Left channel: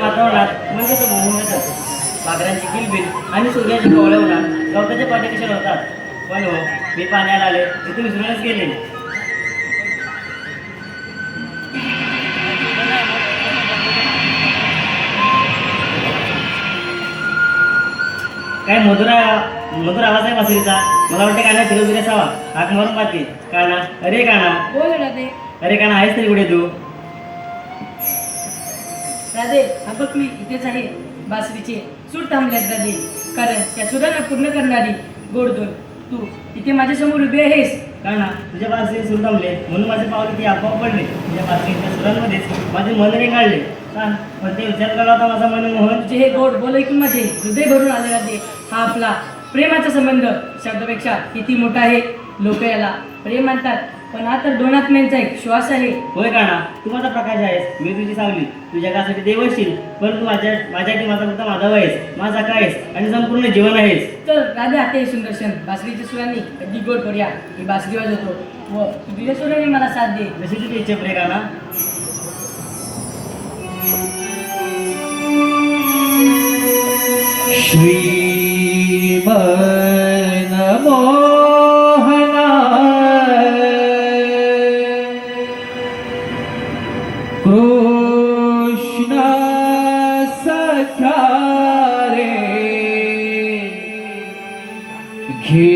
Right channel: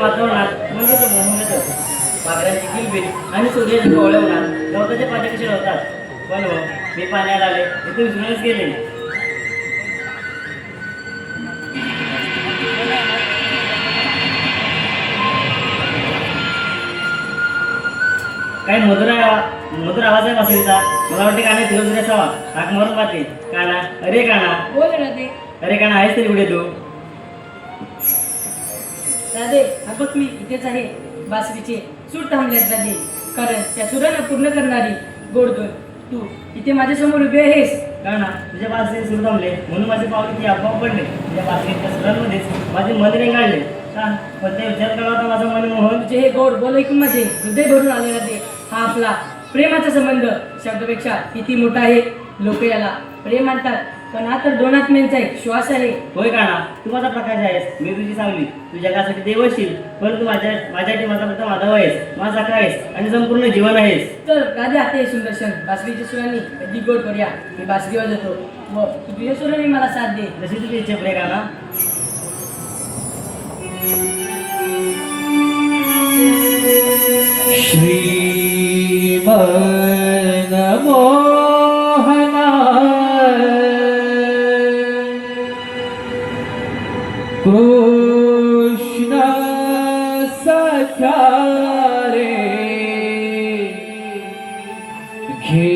वातावरणात म्हणजे मोहनच असतो. पाखरांची किलबिल आणि सूर्याची कोवळवणार गवताचे पाणी कसे होतात. पण हो, मी पाण्यात आले तिथे विसरूनच गेले. काय मधुर आवाज आहे मासळीचा. मला वाटते काना फिरवून असावा. हाक मारून पाहते. काना, अरे काना, बोल ना ते. अरे काना, आहेस तरी कुठे तू? राधे, हा बघ मी इथेच आहे. बासरीचे सूर थांबल्यात राधे, कारण त्या सुराला पूर्ण करणारी गोडधोड तू इथे माझ्यासमोर उभी आहेस. का ना तुझ्या बासरी सुरू थांबले म्हणून माझे पावले ती आपोआप पडले. तुझ्या बासरीच्या सुरांमध्येच माझे मन रेंगाळले. का पण ते विचार करत होता माझा मनमोहन. तुझे हे गोड बोल ऐकून माझे हृदय भरून आलेला ते हा आपला प्रेमाचा संबंध शब्दापेक्षा किती मोठा आहे. लोक याला प्रेम म्हणतात पण हा तर दोन आत्म्यांचा एक श्वास आहे. होय का ना तू माझा प्रकाश आहेस, मी तुझी सावली. तू जगासाठी देव असशील परंतु माझ्यासाठी माझा फक्त माधव आहेस, माझा काय आहेस आणि संपूर्ण जीवन आहेस. तर राजा ते सुंदर्शन बासरीच्या सुरांनी कधी गोड करूया. मी बासरी वाजवतो व तू तुझ्या सुरांनी मला साथ दे. जशी तुझी इच्छा पुढे का ना. कृष्ण सख्या रे घे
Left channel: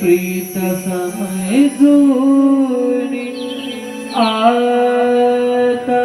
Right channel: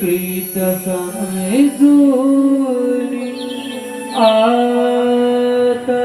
प्रीत समजून आता.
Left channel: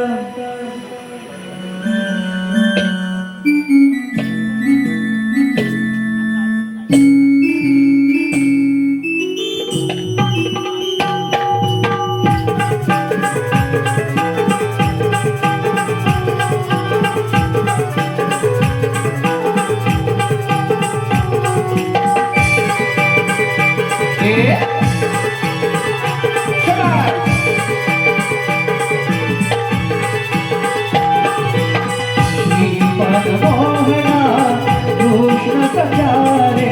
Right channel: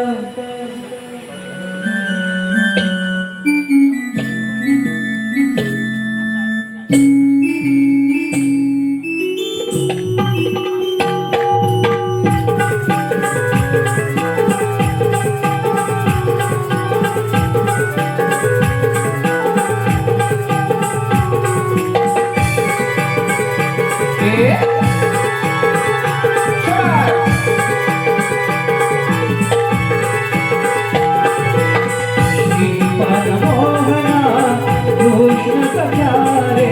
कृष्ण सख्या रे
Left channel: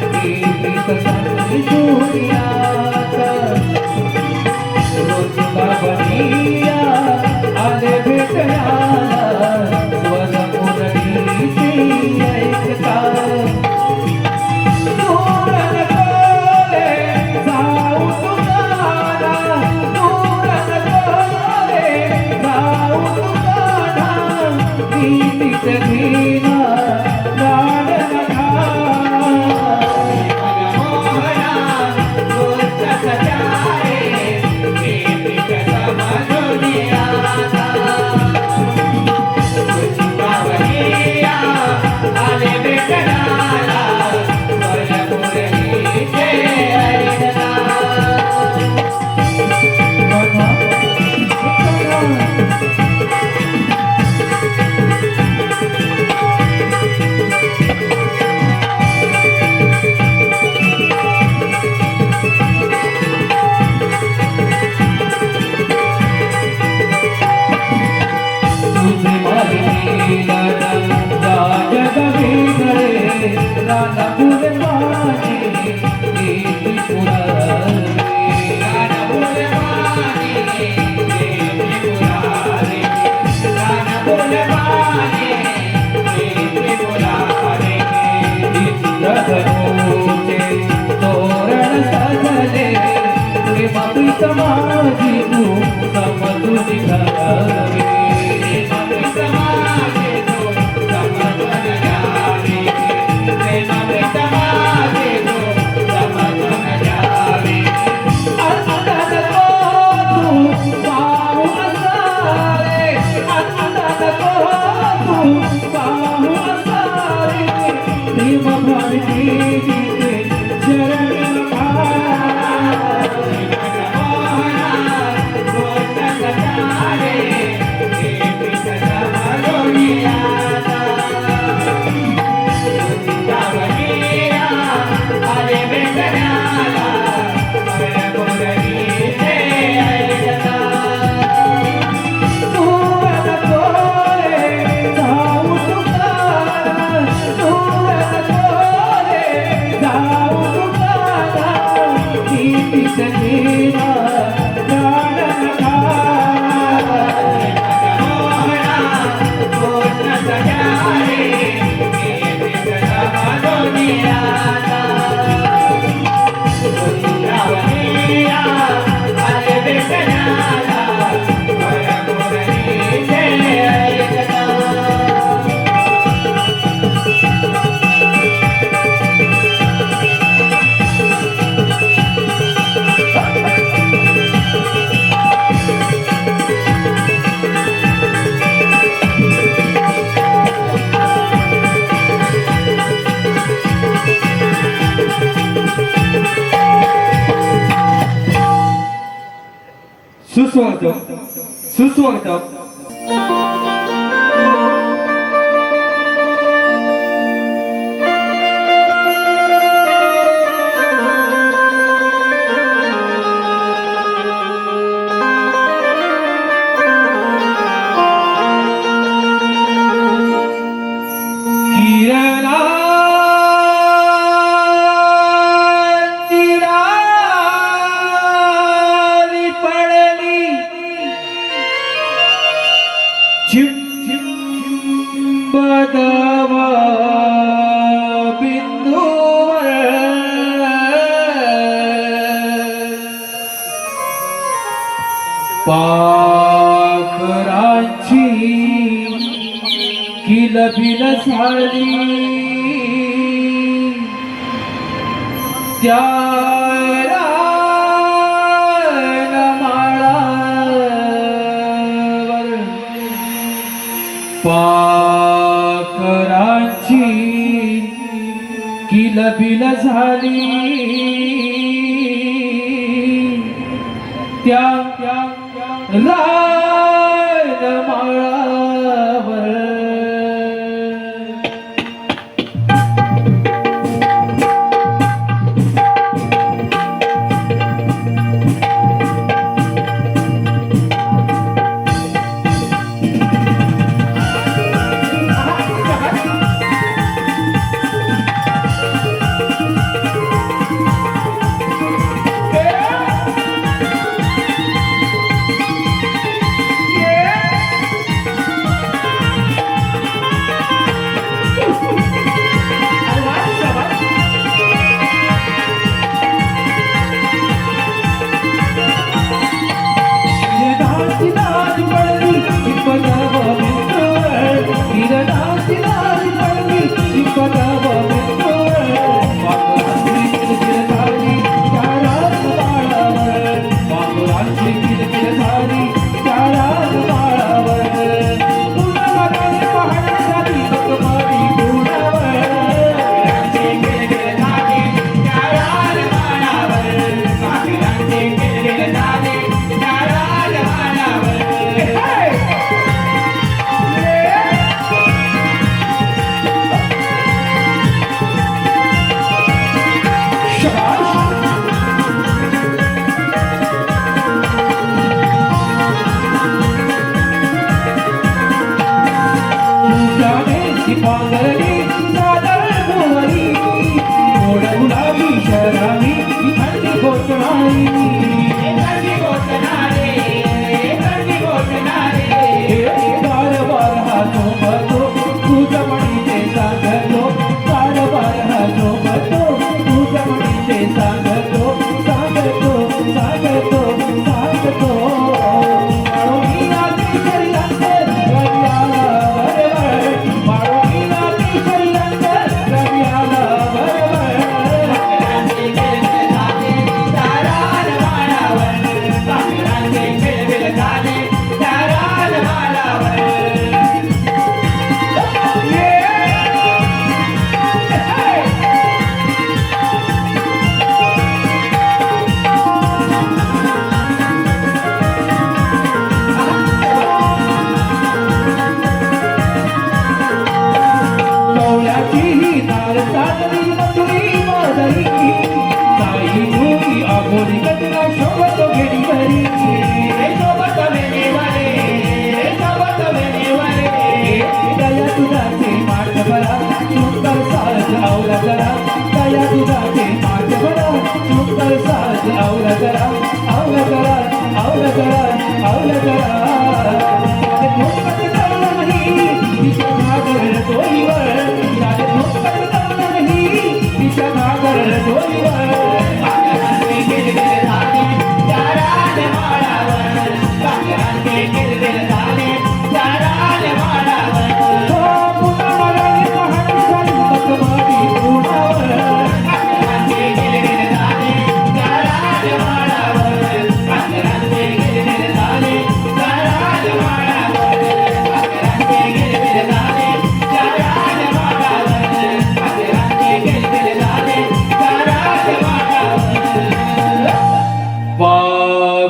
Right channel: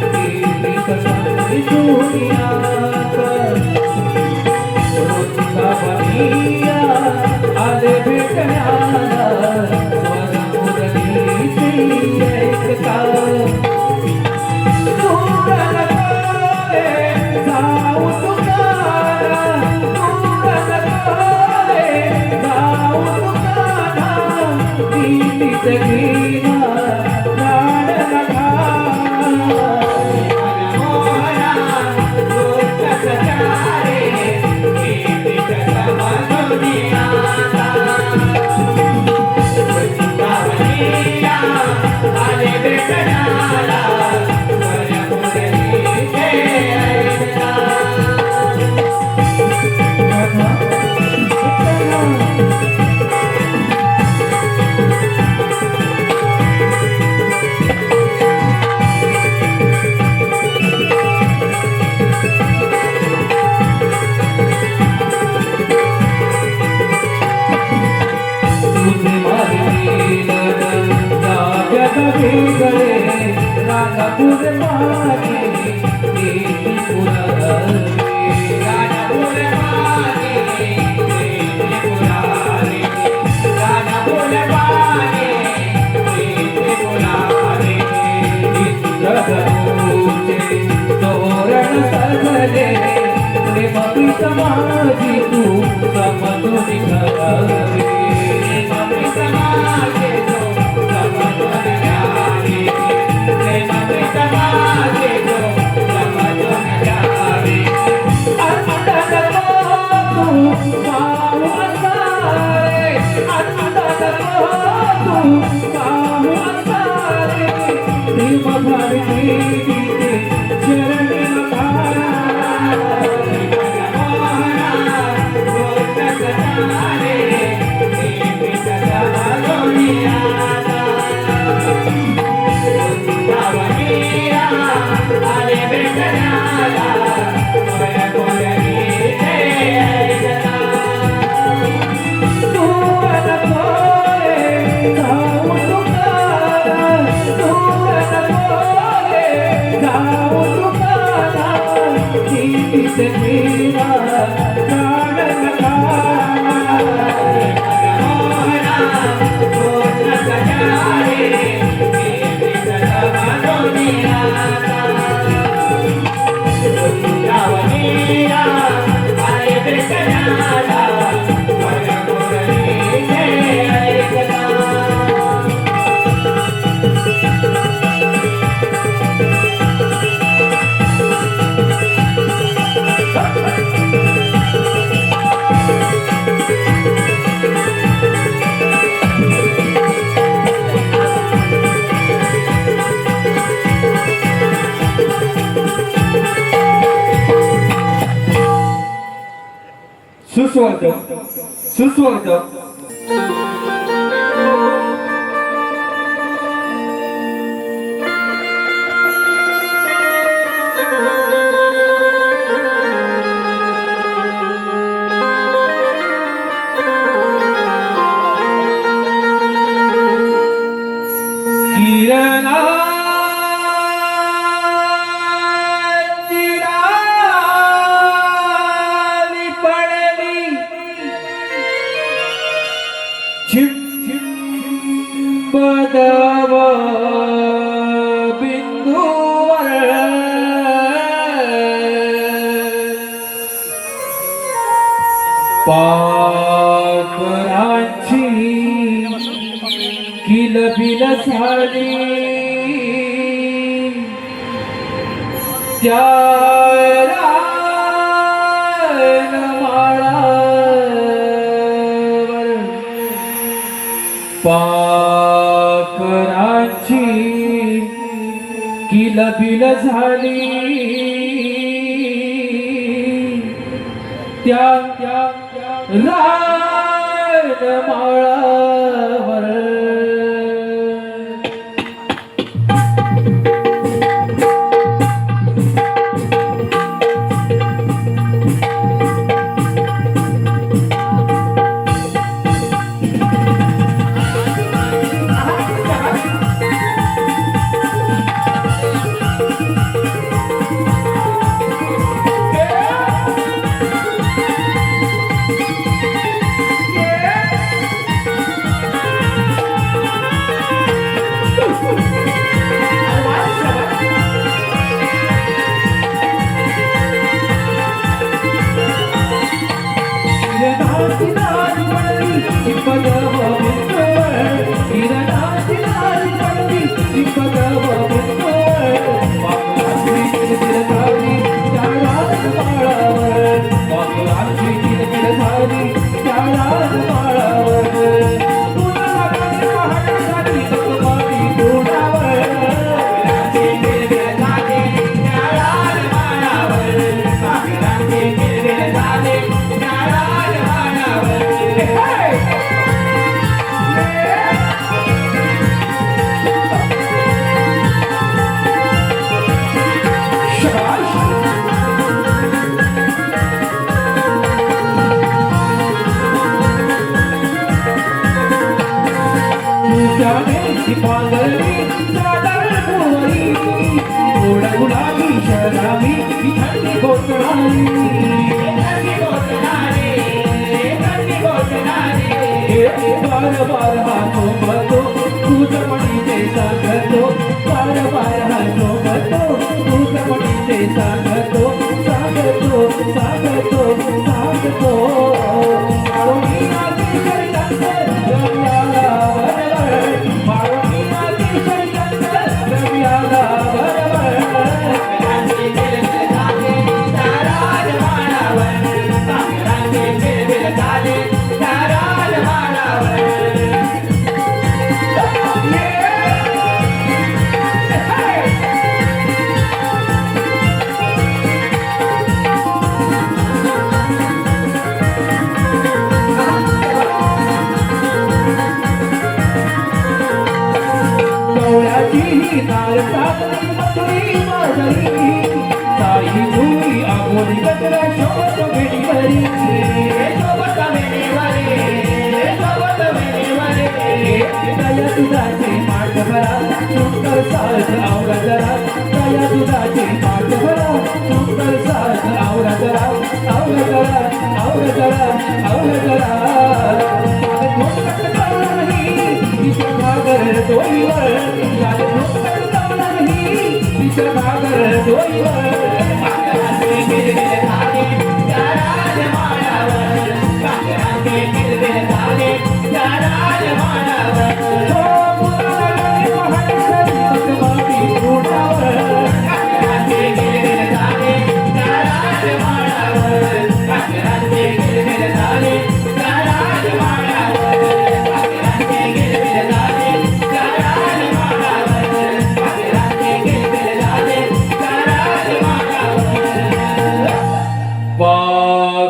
प्रीत समजून आता. आले भेटण्याला स्वरा मुरलीची ऐकता. दूर नको रे जाऊ तुकारा, दूर नको रे जाऊ तुकारा. गीतीत घेणा प्राण नका. मनमोहना कृष्ण सख्या रे प्रीत समजून आता. आले भेटण्याला स्वरा मुरलीचे ऐकता. समाजी तू समजून घ्यावे. समाजे तू समजून घ्यावे. समाजे तू समजून घ्यावे. आता नको तू पाहू असारे, आता नको तू पाहू असारे. प्रेम भावनेची शरणी मघाला. Thank you. सुस्वागतम सुस्वागतम. किरणांची पडली चिंबदव बिंदूवर पाखरांची किलबिल झाली त्या रानमाळावर पाखरांची किलबिल झाली त्या रानमाळावर.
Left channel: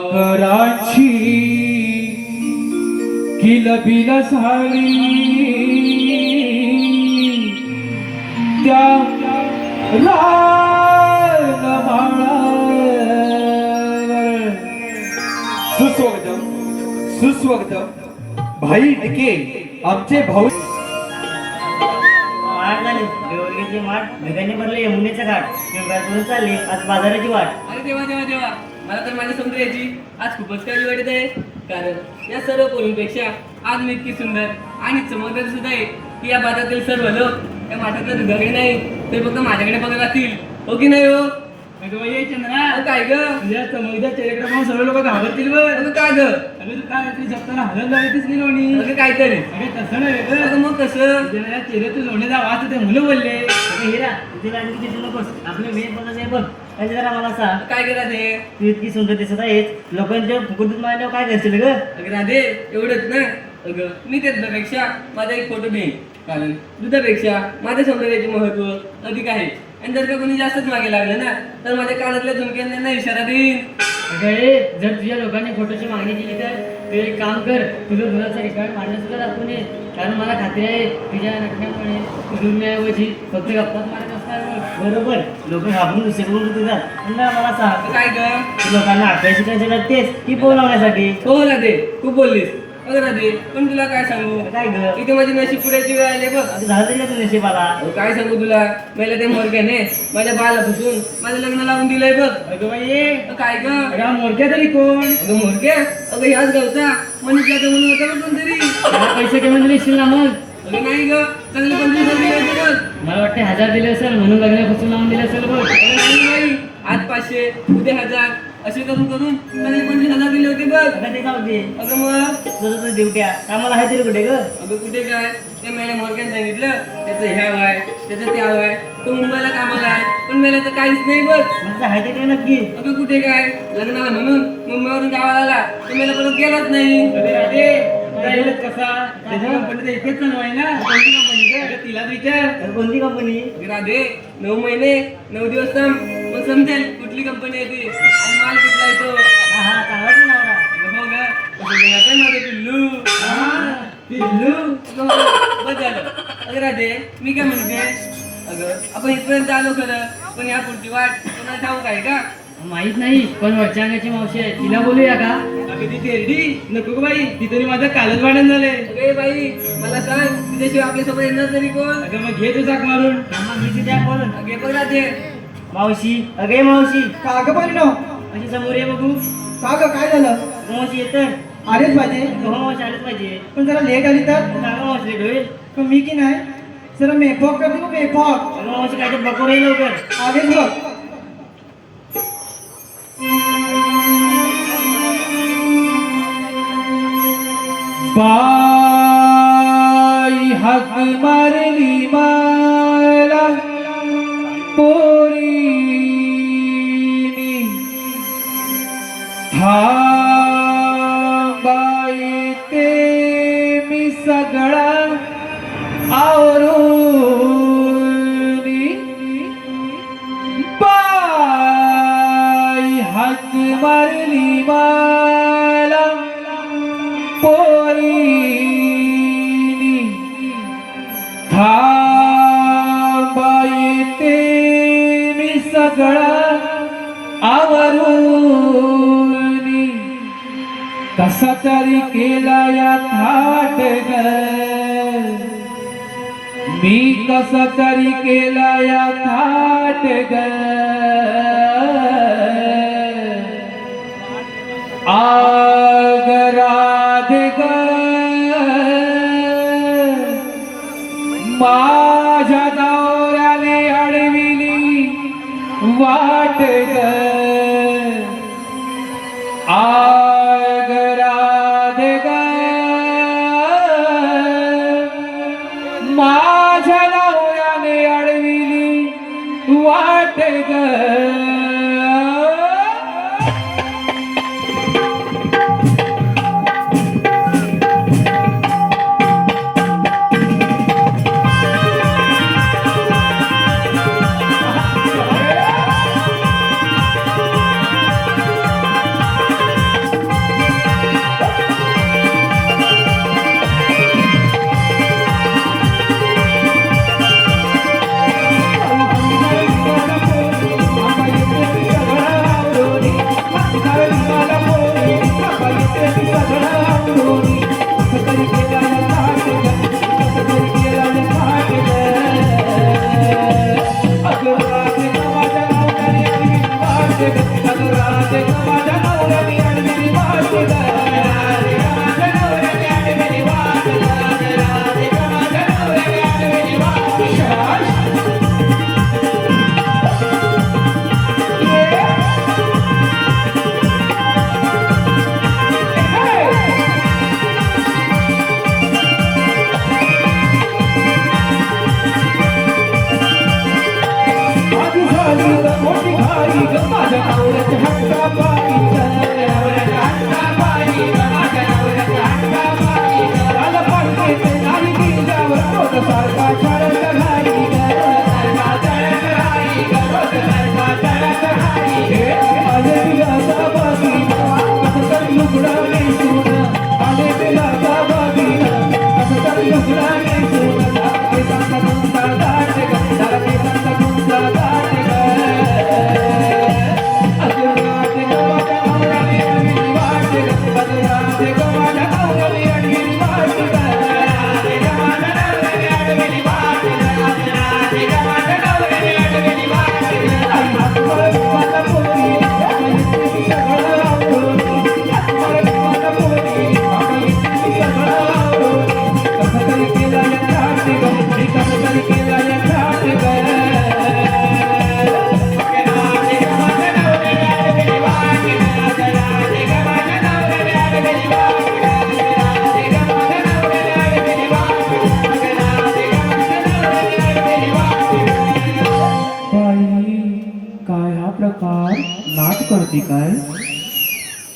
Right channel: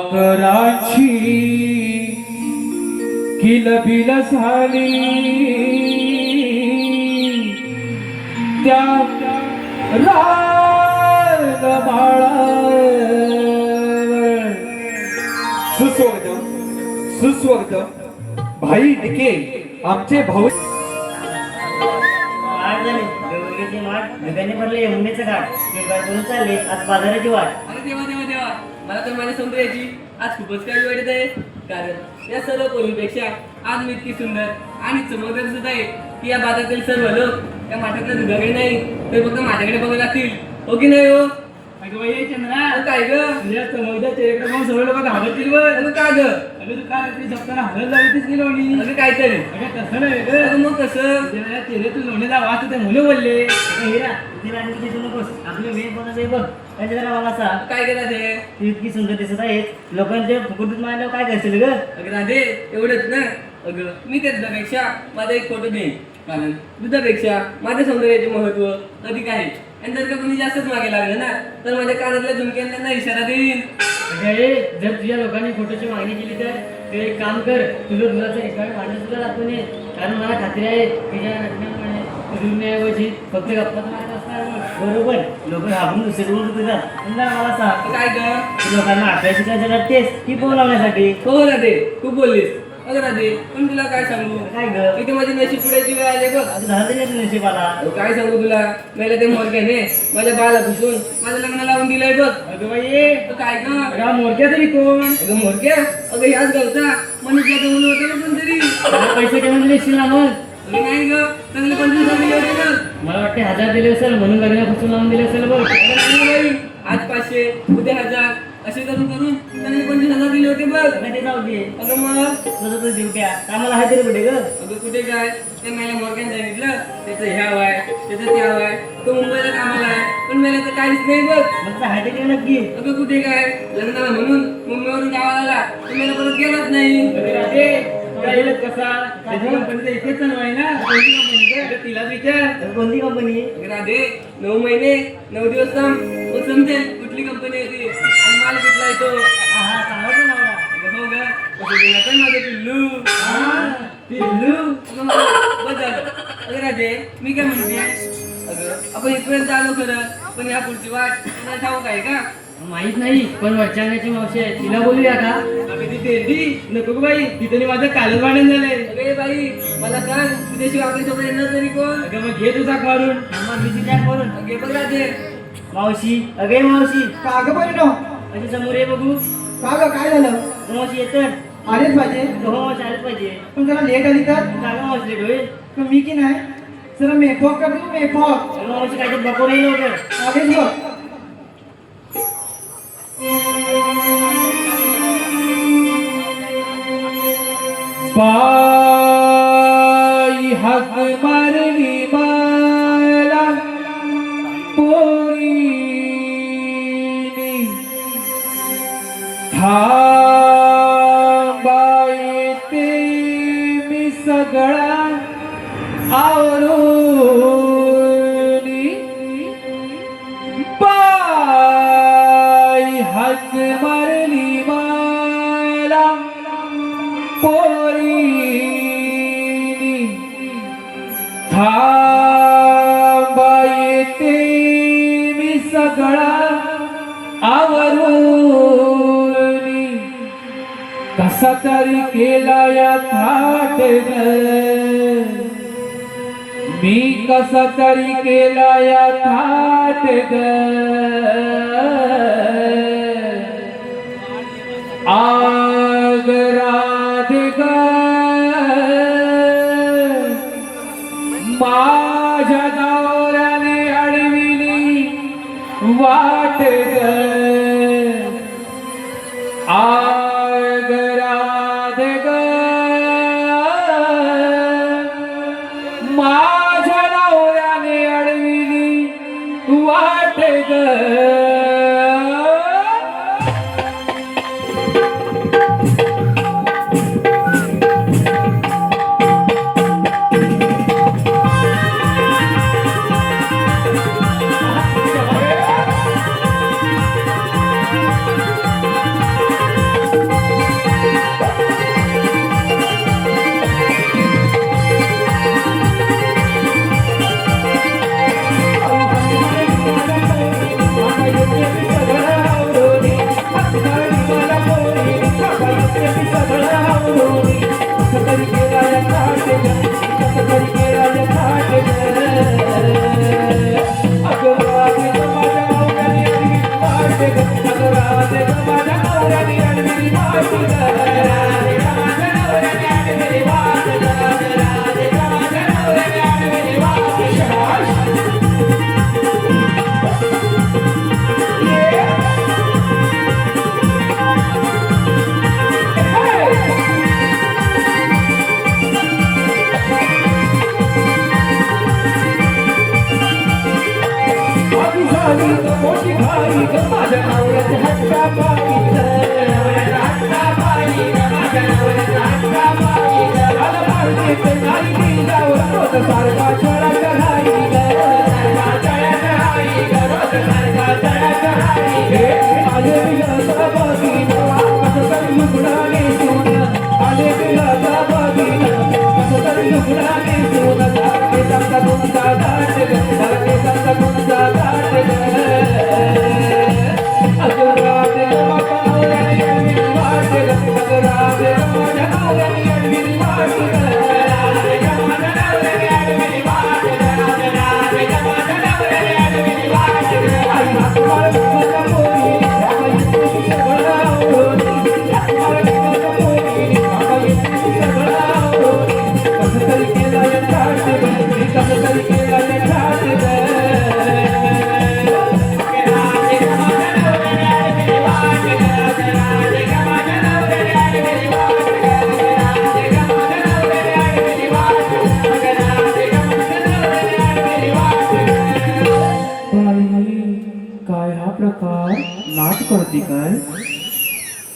पाखरांची बिल बिल झाली त्या सुस्वागतम सुस्वागतम भाई टिके आमचे भाऊ वाट झाली देवळगीची वाट ढगाने भरले यमुनेचं घाट करून चालली आज बाजाराची वाट. अरे देवा देवा देवा, मला तर माझ्या सौंदर्याची आज खूपच काही वाटत आहे. कारण या सर्व पूर्वीपेक्षा आज मी इतकी सुंदर आणि चमकदार सुद्धा आहे की या बाजारातील सर्व लोक या माझ्याकडे दुधाकडे नाही तर फक्त माझ्याकडे बघत असतील. हो की नाही हो? चंद्रा अहो, काय ग? तुझ्या समोरच्या चेहऱ्याकडे पाहून सर्व लोक घाबरतील बघ. अगं का ग? अगं तू काय ती जपताना हलत लागलीस की लोणी. अगं काय तरी? अगं तसं नाही ग. अगं मग कसं? तुझ्या चेहऱ्यातून लोण्याचा वास होते मुलं बोलले. अगं हिरा तिला आणखी दिसू नकोस. आपले मेन कोणाचे आहे बघ. त्यांच्या जरा मला सांग, काय केला ते? तू इतकी सुंदर दिसत आहेस, लोकांच्या फुकटून मारल्यावर काय करशील ग? अगं राधे, एवढंच ना. अगं मी त्या दुधापेक्षा माझा एक फोटो देईन. कारण दुधापेक्षा माझ्या सौंदर्याचे महत्व अधिक आहे. आणि जर का कोणी जास्तच मागे लागलं ना तर माझ्या कानातल्या झुमक्याने त्यांना इशारा देईन. अगं हे, जर तुझ्या लोकांनी फोटोची मागणी केली तर तू एक काम कर, तुझं दुधाचं रेकॉर्ड काढणं सुद्धा दाखवून ये. कारण मला खात्री आहे तुझ्या नटण्यामुळे फिरण्याऐवजी फक्त गप्पाच मारत असणार मग. बरोबर, लोक घाबरून दुसरीकडून तुझ्यात. पुन्हा मला सांग, काय ग? तू लोकांना अभ्यास शिकायचं करतेस की बोलावण्यासाठी? हो राधे, तू बोललीस. अगं राधे, पण तुला काय सांगू? काय ग? इथे माझी नशीब पुढ्याची वेळ आली बघ. आता झालं तरी तुझ्या नशिबाला. अहो, काय सांगू तुला? मला ते मोरक्याने माझ्या बाला फुसून माझं लग्न लावून दिलंय बघ. अगं बाई अगं काय ग? अगं हा मोरक्या तरी कोण. अगं मोरक्या? अगं याच गावचा मनीषला तर म्हणून होता बघ कोणतरी. त्याला पैसे कमी दिले असतील ना मग? अगं नाही ग, चांगले 25,000 दिले होते बघ. मला वाटते 1000 दिले असेल म्हणून लग्नापासून लावून दिले असेल बघ. अगं नाही बाई, आज 500 उद्या 1000 असे करून करून चांगले 25,000 दिले होते बघ. आता ते जाऊ दे. अगं मग तुझं तुझं ड्युट्या कामाला आहे तरी कुठे ग? अगं कुठे काय, ते मला मोरक्याने सांगितलं त्याचं ह्या आहे त्याचं त्या आहे, तो मुंबईला कामाला आहे पण मला तर काहीच नाही बघ. म्हणजे आहे तरी नक्की. अगं कुठे काय, लग्नाला म्हणून मुंबईवरून गावाला आला तर मला परत गेलाच नाही. अरे राधे तुला कसा त्याच्या कंपनीचा इथेच चालू आहे ना. अगं तिलाच विचार. तर कोणती कंपनी? अगं राधे, 9 महिने 9 दिवस थांब मग समजेल कुठली कंपनी आहे ती आणि माल कुठला आहे तो. हा हा, चांगला आहे ना नवरा. अगं हो ग, कसं गेलं तर माझं पिल्लू. पिल्लू अगं हो, बस झालं. अगं राधे, मी काय म्हणते, अगं आपण इथपर्यंत आलो खरं पण या पुढची वाट तुला ठाऊक आहे का? माहित नाही, पण वरच्या अंगाची मावशी आहे, तिला बोलूया का? अगं ती तेरडी नको ग बाई ती तरी माझं कालच वाढण झाले. अगे बाई, मला सांग तुझ्याशिवाय आपल्यासोबत येणार तरी कोण? अगं मग घे तुझा काढून. थांबा मी तिथे बोलून. अगे बघ राधे. मावशी, अगे मावशी, का ग परिणव. अशी समोर ये बघू. का ग काय झालं. मावशी येतं. आलेच माझे हो मावशी आलंच पाहिजे. पण जरा लेट आली तर. चांगला मावशी लेट होईल. पण मी की नाही जरा मेफॉक का तू मेफॉक अगं मावशी काहीतरी बघू नाही लवकर. आलेच बघ. बाई हक मारली मला पोरीनी थांबाई ते मी सगळा आवरूनी बाई हक मारली मला पोरीनी थांबाई ते मी सगळा आवरूनी कसा तरी केला या थाट ग मी कसा तरी केला या थाट ग आग राधे ग माझ्या दाराने अडविली वाट ग आग राधे ग माझ्या नवऱ्याने अडविली वाट ग नवऱ्याची आणलेली वाट ग. राधे ग माझ्या नवऱ्याची आणलेली वाट ग. राधे ग माझ्या नवऱ्याची आणलेली वाट ग. मोठी खाली ग माझ्या नवऱ्याची हट्टा पायी ग. नवऱ्याच्या हट्टा पायी ग माझ्या नवऱ्याच्या हट्टा पायी ग. मला पाडते ते नाही गेल्यावर रोज सारखा चढत राही ग. सारखा चढत राही ग. रोज सारखा चढत राही ग. आले तिला बागीला कसं तरी लुगडा नेसून. आले तिला बागीला कसं तरी लुगडा नेसून. केसांचा तुमचा दाट ग. सारा केसांचा तुमचा दाट ग.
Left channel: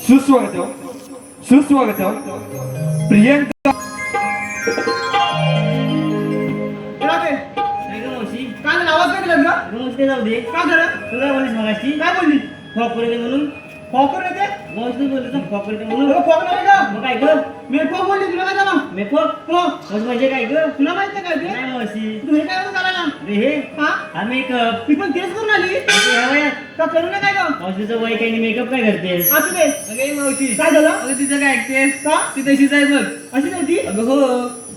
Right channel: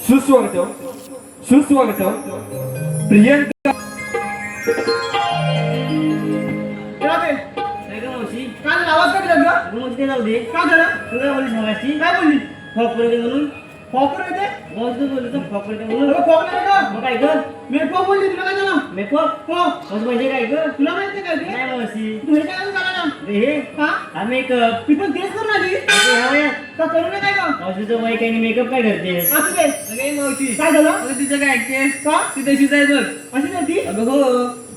सुस्वागतम सुस्वागतम प्रियंका. काय गं मावशी? काय आवाज काय दिला ग? रूम मध्ये जाऊ दे. काय झालं? तू काय बोललीस मगाशी? काय बोलली? फॉक येते म्हणून. फॉकर येते? बॉस तू बोलली तर फॉक येते म्हणून. फॉक नाही का? मग काय गं? मी फॉक बोलली तुला काय झालं? मेकअप? हो मग म्हणजे काय गं? तुला माहित नाही काय ते? नाही मावशी. तू हे काय करून करायला? अरे हे हा हा मेकअप. मी पण तेच करून आली का करू नये काय ग? मावशीचं वय काही मेकअप काय करते? असू दे. अगे मावशी काय झालं? अगं तिचं काय ऐकतेस का? ती तशीच आहे बघ. अशी नव्हती? अगं हो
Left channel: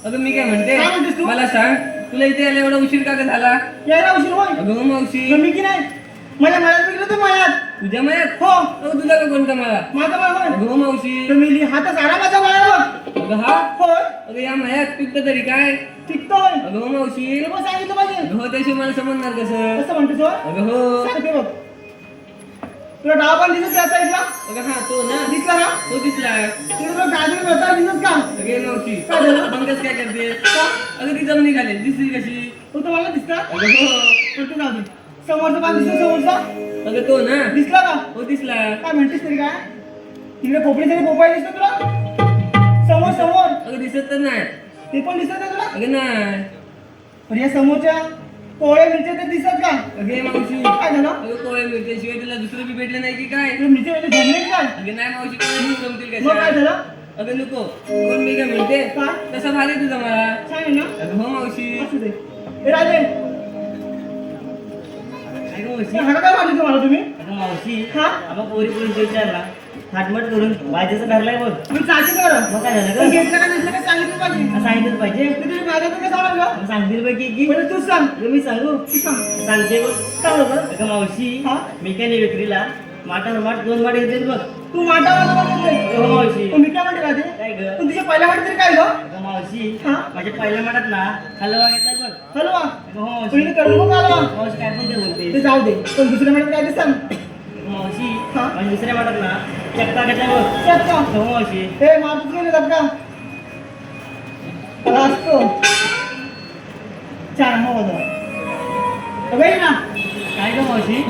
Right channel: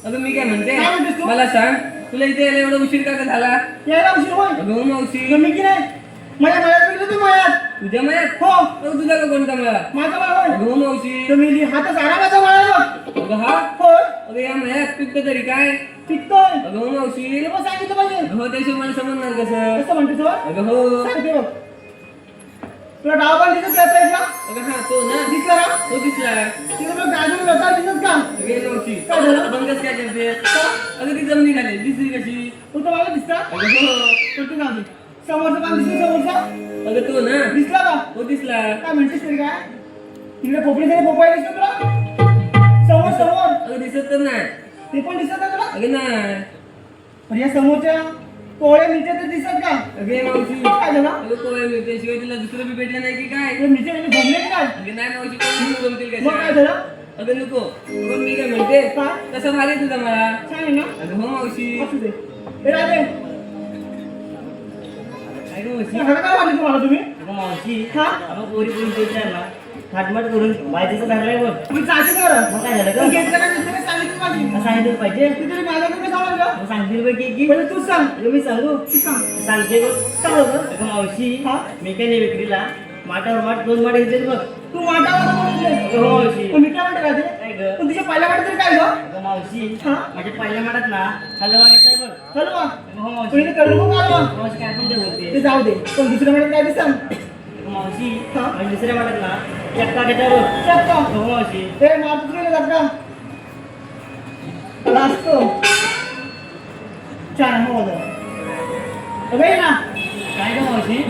अगं मी काय म्हणते काय म्हणतेस तू? मला सांग तुला इथे यायला एवढा उशीर का ग झाला? यायला उशीर होय? अगं हो मावशी मी की नाही माझ्या मळ्यात गेलो होतो मळ्यात. तुझ्या मयात हो अगं तुझा का कोणता मला? माझा बाळ होय. अगं हो मावशी तर मी हातच आला माझा बाळ अगं हा होय अगं या मयात पिकत तरी काय? टिकतोय. अगं हो मावशी ते पण सांगितलं पाहिजे. अगं हो त्याशिवाय मला समजणार कसं? कसं म्हणतो तू? अगं हो सांगते बघ. तुला डाव पण दिसत त्या साईडला? अगं हा तो ना दिसला का? तो दिसला. ते तुला गाजर होता दिसत का? अगं मावशी काय झालं? बंगच काय करते? अगं ती जमिनी खाली दिसली कशी? तू तर मला दिसला? अगं हो कुठे जाऊ दे. समोरचा पान दिसतो समोरचा? अगं तो ना दिसला का? तो दिसला. काय म्हणतेस तरी काय? तिकडे पोपडी तरी पोपाय दिसतो तुला? समोर समोर अगं दिसत तर नाही. ते पण दिसत नाही तुला? अगं नाही. पण या समोरच्या कोवळ्या मिरच्या ते दिसत का? अगे मावशी काय झालं? अगं कोवळ्या मिरच्याशिवाय तुला दुसरं बी भेटलं नाही की काय? ते मिरच्या म्हणजे जमले की काय? अगं नाही मावशी कोण जमतील मग काय कशा? झालं? अगं नको पण मी काय म्हणते काय? कसं भारी तुझा मला. सांग ना. अगं हो मावशी असू दे. ए राजे, काय गं मावशी? हाका काय वाटलं तुम्हाला तुम्ही? अगं मावशी हा? आपण पोरी पोरी विचार ना थाटमाट करून वायचं ठरलंय बघ. तुम्ही चाची करा. मग काय झालं पण गं? घेतलं का घेतलं का सांगितलं पाहिजे. सांगितलं पाहिजे. ते तुम्ही माझ्या तुम्ही जाणार का? मग सांगतील बघ की पहिले तूच सांग. मी सांगू तू सांग. सांगते बघ. काय होतं? अगं मावशी हा? मी काय नाही विक्रीला माठावर माठ 2 माठ घेते बघ. तू माटावर बोलतोय. हो मावशी. पण मी काय म्हणते राजे? काय गं? पण तुझ्या पहिल्या वाटत तरी काय गं? अगं मावशी हा? माझ्या पहिल्या माठात ना हलवा घेतलाय बघ. हलवा. अगं हो मावशी. पहिले करू नको हलवा. मावशी काय पण ते बोलते. ते जाऊ दे. पण दुसऱ्या म्हणत काय ते सांग. मावशी हा? माझ्या दुसऱ्या माठात ना चक्का घेतलाय बघ. सांग का? हो मावशी. हे मापूस गेले जात का? आला असतो. छान हो बघा. अगं ये ना. काय गं मावशी?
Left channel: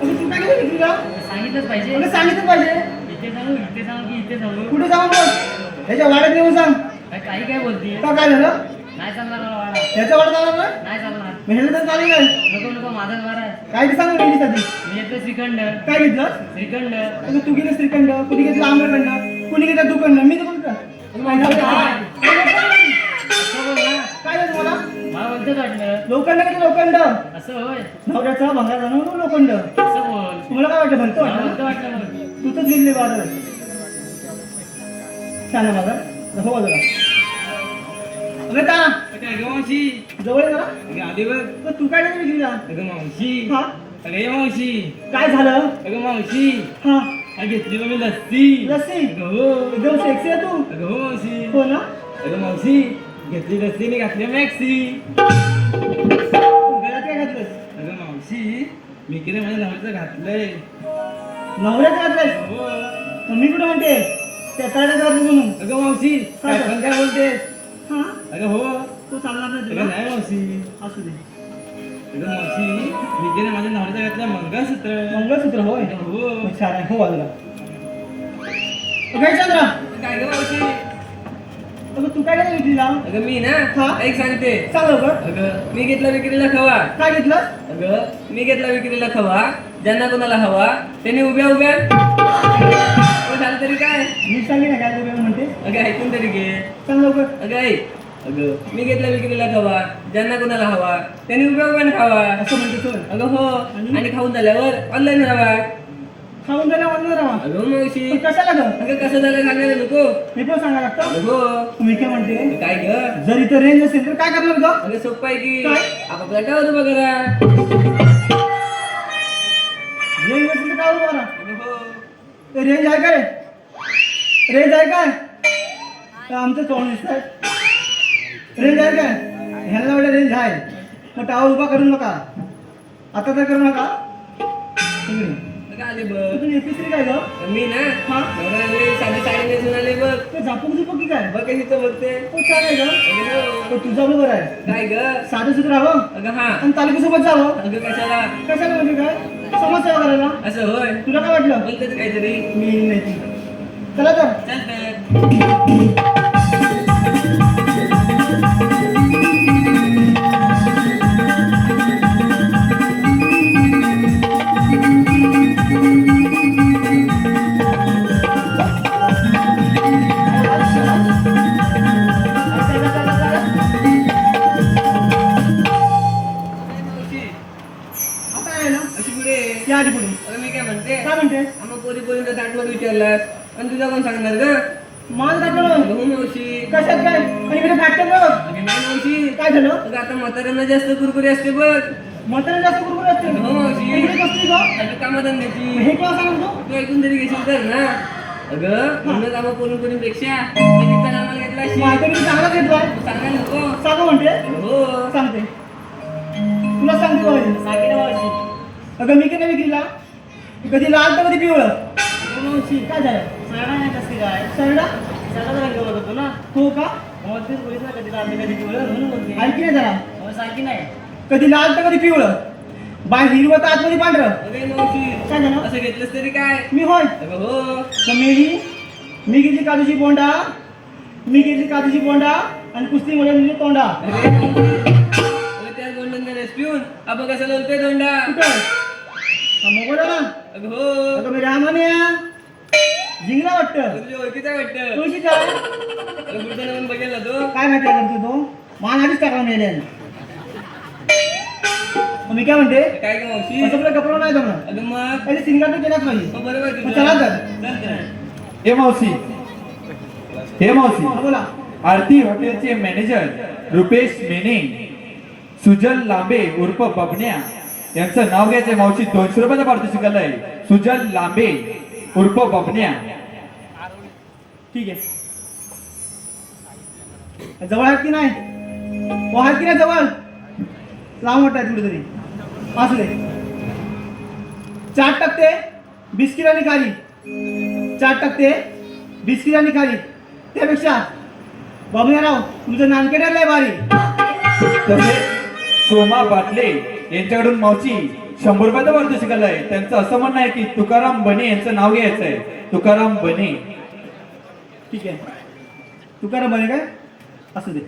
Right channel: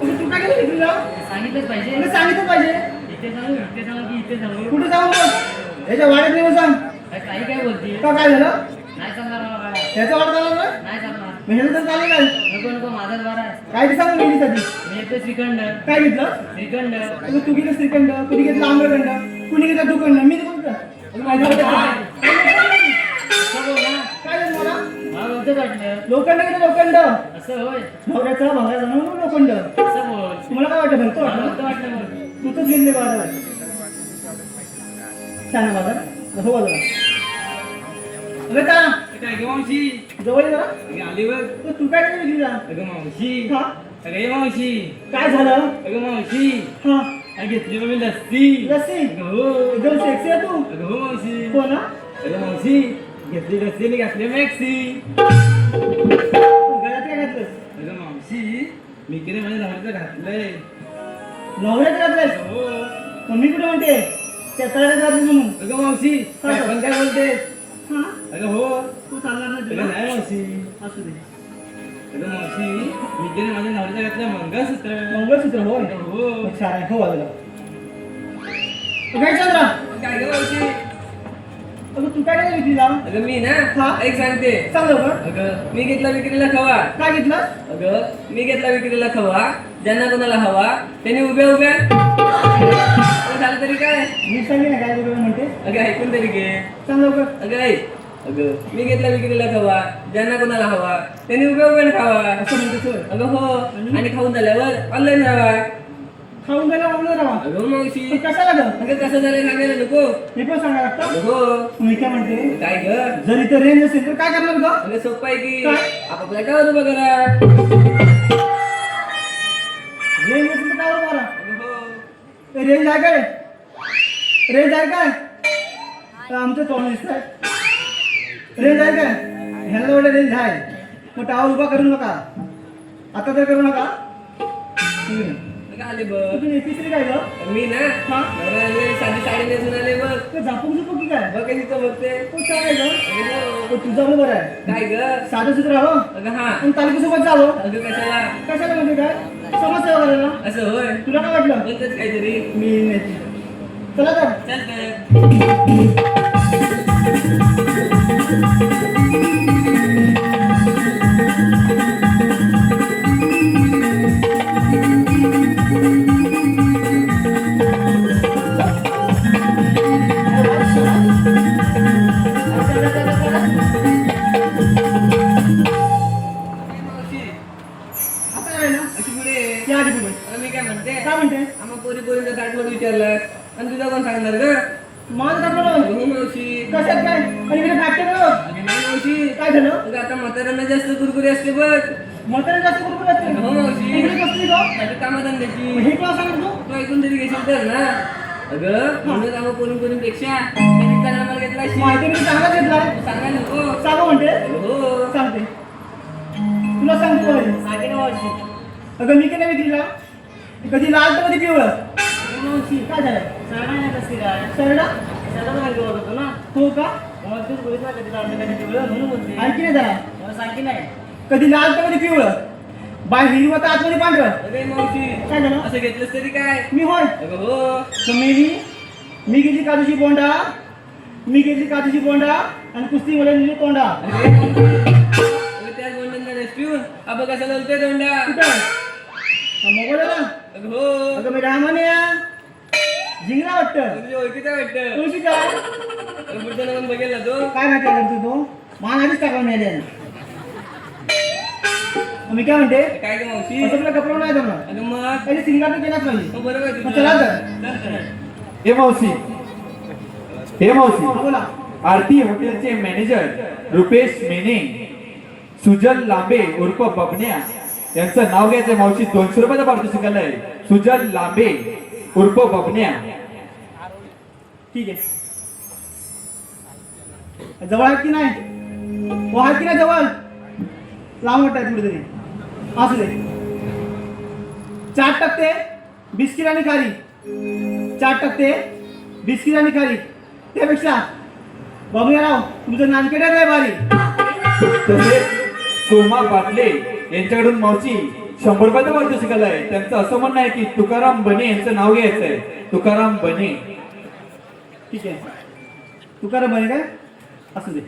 तुम्ही तू काय केलं विक्रीला? सांगितलंच पाहिजे. तुला सांगितलं पाहिजे. इथे सांगू की इथे सांगू? कुठे जाऊ मग? ह्याच्या वाड्यात येऊन सांग. काही काय बोलते? का काय झालं? नाही चालणार मला वाडा. ह्याचा वाडा जाणार ना? नाही चालणार. ह्याला तर चालेल काय? नको नको माझाच वारा आहे. काय ते सांग गेली कधी? मी येतो श्रीखंड. काय घेतलं? श्रीखंड. तू गेलं श्रीखंड, कुणी घेतलं आम्रखंड, कुणी घेतलं दुखंड, मी तर बोलतो. माहिती आहे का? असं बोल ना. काय झालं तुम्हाला? मला बोलतोच वाटलं. लोखंड किती लोखंड? असं होय. नवऱ्याचा भंगार जाणून लोखंड. असं बोल. तुम्हाला काय वाटतं भलतं मला वाटतं? नव्हतं वाटलं मग. तू तर गेले बाजार. सांगा मला. हो बघा. अगं का? काय गं मावशी? जवळ ये ना. अगं आली बघ. तर तू काय केलं विक्रीला? अगं मावशी हा? अगं ये मावशी काय झालं? अगं मावशी हा घेतली मग मी लस्सी. लस्सी अगं हो. एकदम सेक्सी आहे तू. अगं हो मावशी. हो ना. अगं मावशी घेतली लस्सी आणि घातली मॅक्सी. गळ्यात काय घातलंस? अगं मावशी मी केले माझ्या नवऱ्याचं घातलंय. नवऱ्यात घातलंस? हो. मी कुठे म्हणते त्या तळ्यात घातलं म्हणून. अगं मावशी काय पण काय बोलते. हा अगं हो. तू चांगला नाही अगं तुला. नाही मावशी. असू दे. अगं मावशी मी केले माझ्या नवऱ्याचं घातलं मंगळसूत्र. मंगळसूत्र होय. हो. मग छान आहे. हो बाजूला. काय चंद्रा काय गं मावशी. अगं तू काय नाही विकलीला? अगं मी ना हा? एक सांगते. सांग लवकर. अगं मी घेतला विक्रीला खवा. काय घेतलं? अगं मी घेतला विक्रीला खवा. ज्यांना कोणाला हवा त्यांनी उभ्या उभ्या झालं तरी काय. मी सांगे ना काय तुला म्हणते. अगं ऐकून तरी घे. सांग लवकर. अगं ऐक. अगं मी घेतला विक्रीला खवा. ज्यांना कोणाला हवा त्यांनी उभ्या उभ्या खावा. असं म्हणते सर. अगं हो. आणि खाऊन झाल्यावर ऑनलाईन राहा. खाऊन गेला म्हणून राहा. अगं मावशी. पण कशाला ग? अगं कसं झालं सांगायला नको. हे पण सांगा लागतं. अगं हो. मी काय म्हणते काय ग. जर इथे रेंज असेल तर काय करणार ग? अगं सोपं आहे की काय? आपापल्या काय उभं करा. रेंज असेल तर काय होतं मला? अगं हो. रेंज आहे काय? रेंज आहे काय? तर आमचं तोंड दिसतंय. रेंज आहे काय? ह्याला वाटलं रेंज आहे. मग टावर उभा करू नका. आता तर करू नका. अगं आले बघ. तुम्ही एपी3 काय ग? मी ना हा? नवरा आले, साधी साडी नेसून आले बघ. ते झापूक झुपूक की काय? बघ कशी बघते. हो चालेल ग. अगं हो. तो तुझा बरोबर आहे. काय ग. साधं सुद्धा राहावं अगं हा. आणि तालुक्यासोबत जावं. अगं कशाला. कशाला म्हणजे काय? समाजसेवा करायला. असं होय. तुला काय वाटलं? बोलतच काहीतरी. मी नेते. चला तर. चालतं. आता आहे ना? अशी पुढे. या आधी पुढे. अगं मी काय म्हणते. काय म्हणते? आम्हा पोरी पोरीचं ताटलं विचारलं आणि तुझं कोण सांगणार ग. माझं टाकलं. अगं मावशी. कशात काय? आणि इकडे फ्रॅक्चर बघ. अगं नाही मावशी. काय झालं? अगं आता म्हाताऱ्यांना जास्त कुरकुरी असते बघ. म्हातारे जास्त कुरकुर असते. अगं हो मावशी. इकडे बसली का? अगं कामधंद्याची. हे क्लास आहे ना तू? तू ऐकून तरी घेशील तर ना. अगं म्हणून कामं करून करून पेक्षा त्यांनी कामाला घेतला अशी. माहिती मी चांगला घेतलाय. तू सांगायला नको. सांगू म्हणते. अगं हो. सांगते. तुला सांगते बाई. सांगे ना मावशी. अगं मी किती विक्रीला कधी लाल तर कधी पिवळं. अगं मावशी. काय झालं? सांगा नाही कसं काय. सरडा त्याला रंग बघतो ना. हो का? मावशी बोलत ना कधी लाल कधी पिवळं म्हणून बोलते. आणखी नाही जरा. मला सांगी नाही. कधी लाल तर कधी पिवळं. बाय हिरवं तर आतमध्ये पांढरं. अगं मावशी. काय झालं? असं घेतलंस तरी काय. मी होय. अगं हो. तर मी घेतली काजूची बोंडा. मी घेतली काजूची बोंडा आणि कुस्ती मध्ये नेली तोंडा. अरे मावशी. त्याच गोंडन पिऊन आपण कसं लवते दोंडा. कुठं? मोबाईल ना. अगं हो. अगं मी रामान्या जिंकला वाटतं. तुझी ओळखीचा वाटतं. तुळशी काय? अगं बुडताना पण बघेल ना तो. काय माहिती आहे करतो तो? मान आधीच टाकावून नेले. मी काय म्हणते? काय ग मावशी. असं तुला कपडा नाही जमणार. अगं मग. त्याने सिंगार तर केलाच पाहिजे. हो बरोबर आहे मग तुझं. चला तर. चालतं. हे मावशी हे मावशी बोला. आरती हॉटेलचे मॅनेजर रुपेश मेने सुजल लांबे उर्फ बबन्या यांचं नाव घ्यायचंय मावशी. 200 रुपयाचा पारितोषिक आहे. सुजल लांबे उर्फ बबन्या. ठीक आहे. जवळ आहेत की नाही? हो आहेत की नाही जवळ? लांब वाटत आहे कुठेतरी. असू दे. 4 टक्के बिस्किट आणि खारी. 4 टक्के बिस्किट आणि खारी. त्यापेक्षा बाबूराव तुमचं नानकेट आहे भारी. तसेच सोमा बाटले यांच्याकडून मावशी 100 रुपयाचा पारितोषिक आहे. त्यांचं असं म्हणणं आहे की तुकाराम बने यांचं नाव घ्यायचंय. तुकाराम बने. ठीक आहे. तुकाराम बने काय? असू दे.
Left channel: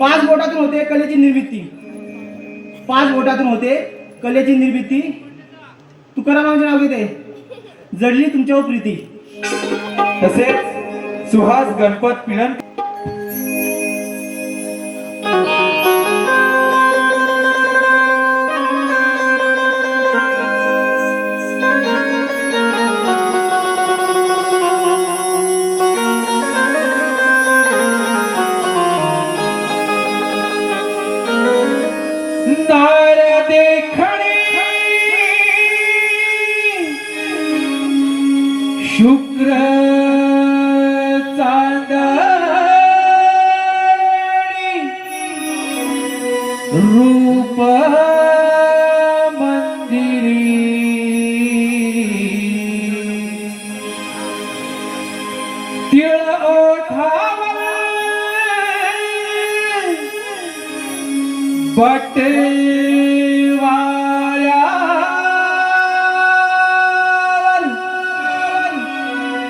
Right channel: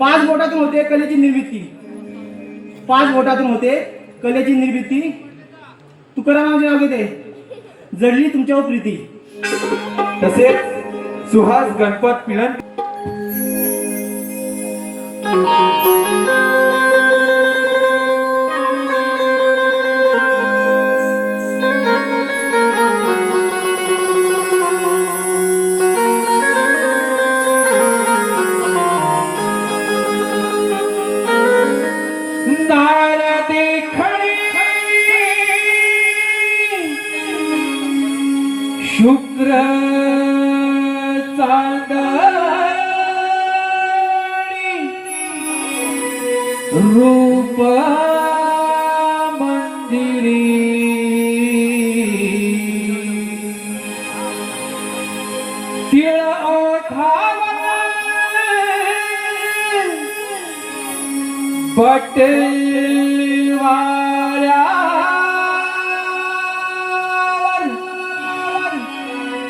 5 बोटातून होते कलेची निर्मिती. 5 बोटातून होते कलेची निर्मिती. तुकारामांचे नाव घेते. जडली तुमच्यावर प्रीती. तसेच सुहास गणपत पिळण नार देखणी शुक्र चांदणी रूप मंदिरी तिळ ओठावा बटवाऱ्यावर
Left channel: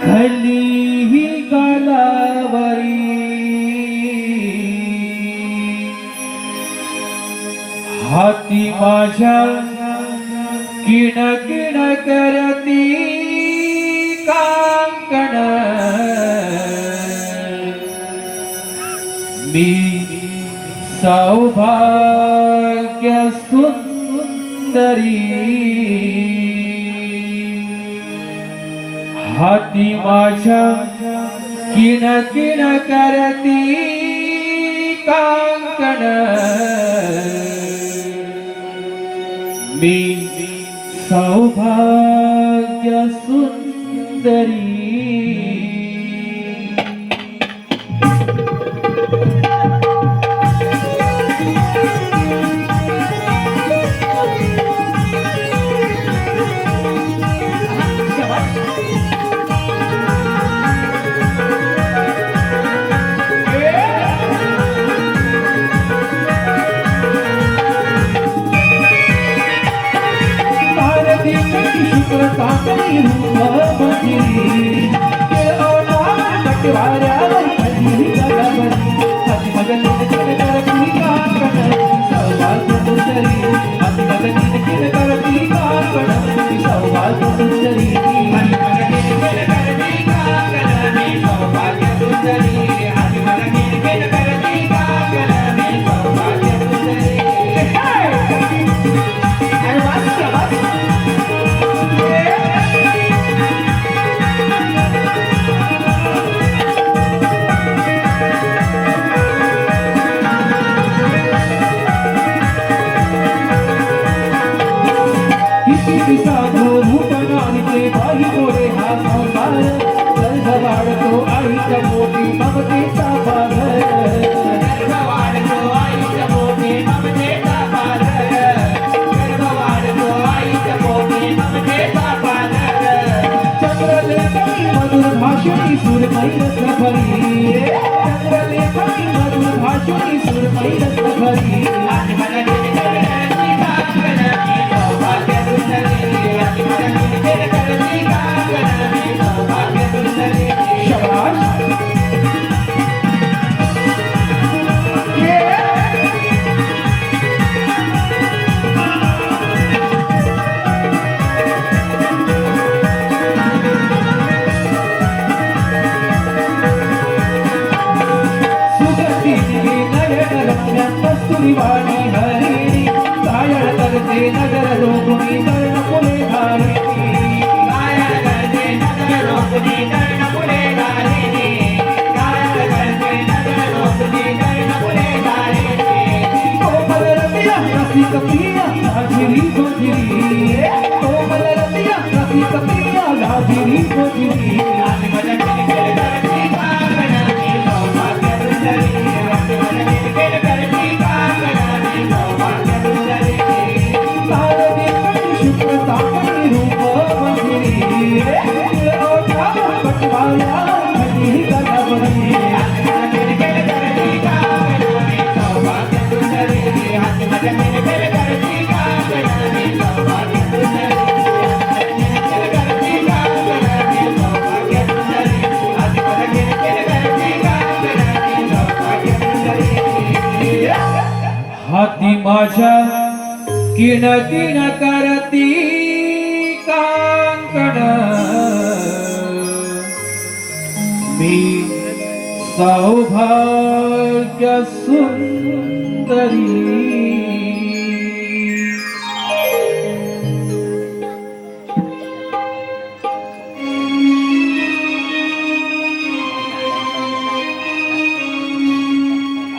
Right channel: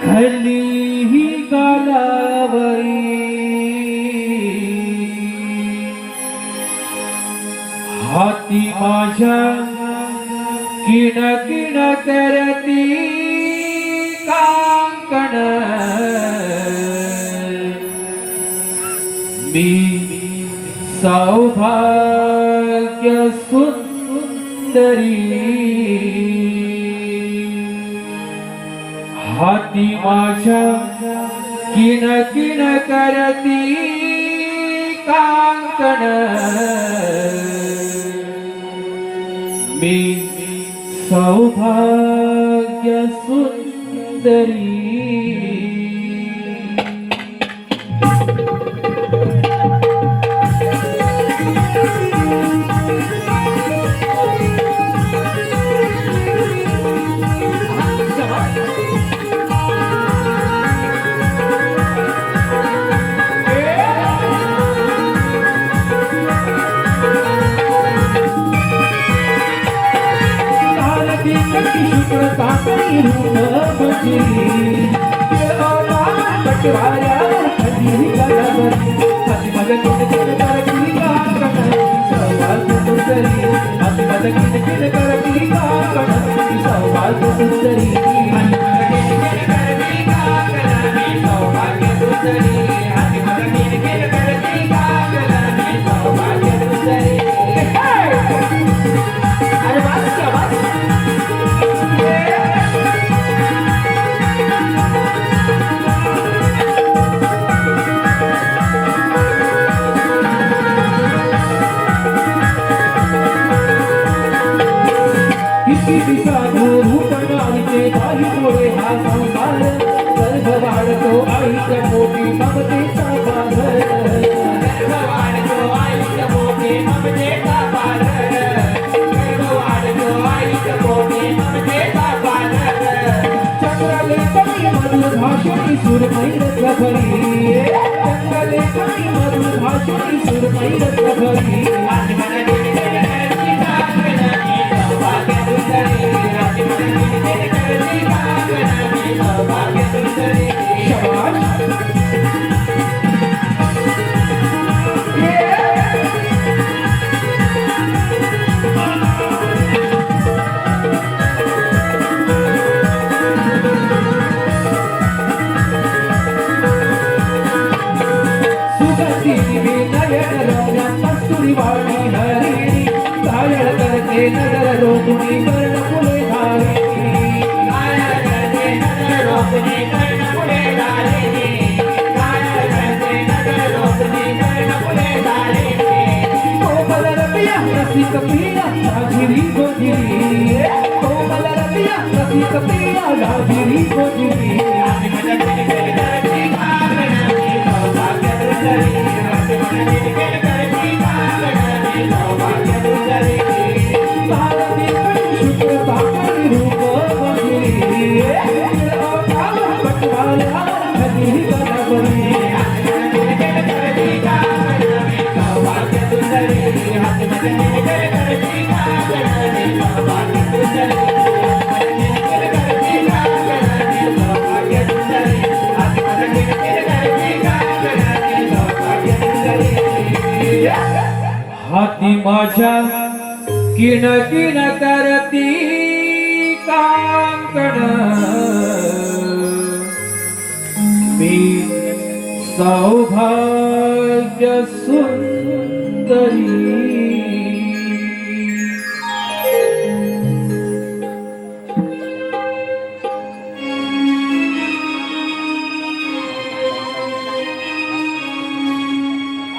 खाली ही गालावरी हाती माझ्या किण किण करती कांकण मी सौभाग्य सुंदरी हाती माझ्या किण किण करती कांकण मी सौभाग्य सुंदरी शुक्र चांदणी रूप मंदिरी बटवाऱ्यावर खाली गालावरी हाती माझ्या किण किण करती कांकण सौभाग्य सुंदरी हाती माझ्या किण किण करती कांकण सौभाग्य सुंदरी हाती माझ्या किण किण करती कांकण सौभाग्य सुंदरी हाती माझ्या किण किण करती कांकण सौभाग्य सुंदरी अरे वाच किती साधू रूप नाहीचे बाई थोडे हा संसार गर्भ वाढतो आईच्या मोठी ममतेचा बाजार गर्भ वाढतो आईच्या मोठी ममतेचा बाजार गर्भ वाढतो आईच्या मोठी ममतेचा बाजार चंद्रलेखनी मधुर भाषणी सुरमयी रत्नभरी चंद्रलेखनी मधुर भाषणी सुरमयी रत्नभरी आज मला कस्तुरी वाणी हरिणी कायळ करते नगर रोकुणी कर्ण पुढे घालिनी कायळ करते नगर रोकुणी कर्ण पुढे घालिनी कायळ करते नगर रोकुणी कर्ण पुढे घालिनी कोमल रतिया रसिक प्रिया लाजिरी गोजिरी कोमल रतिया रसिक प्रिया लाजिरी गोजिरी आज माझ्या किण किण करती कांकण सौभाग्य सुंदरी आज माझ्या किण किण करती शुक्र चांदणी रूप मंदिरी बटवाऱ्यावर खाली गालावरी किण किण करती कांकण सौभाग्य सुंदरी हाती माझ्या किण किण करती कांकण सौभाग्य सुंदरी हाती माझ्या किण किण करती कांकण मी सौभाग्य सुंदरी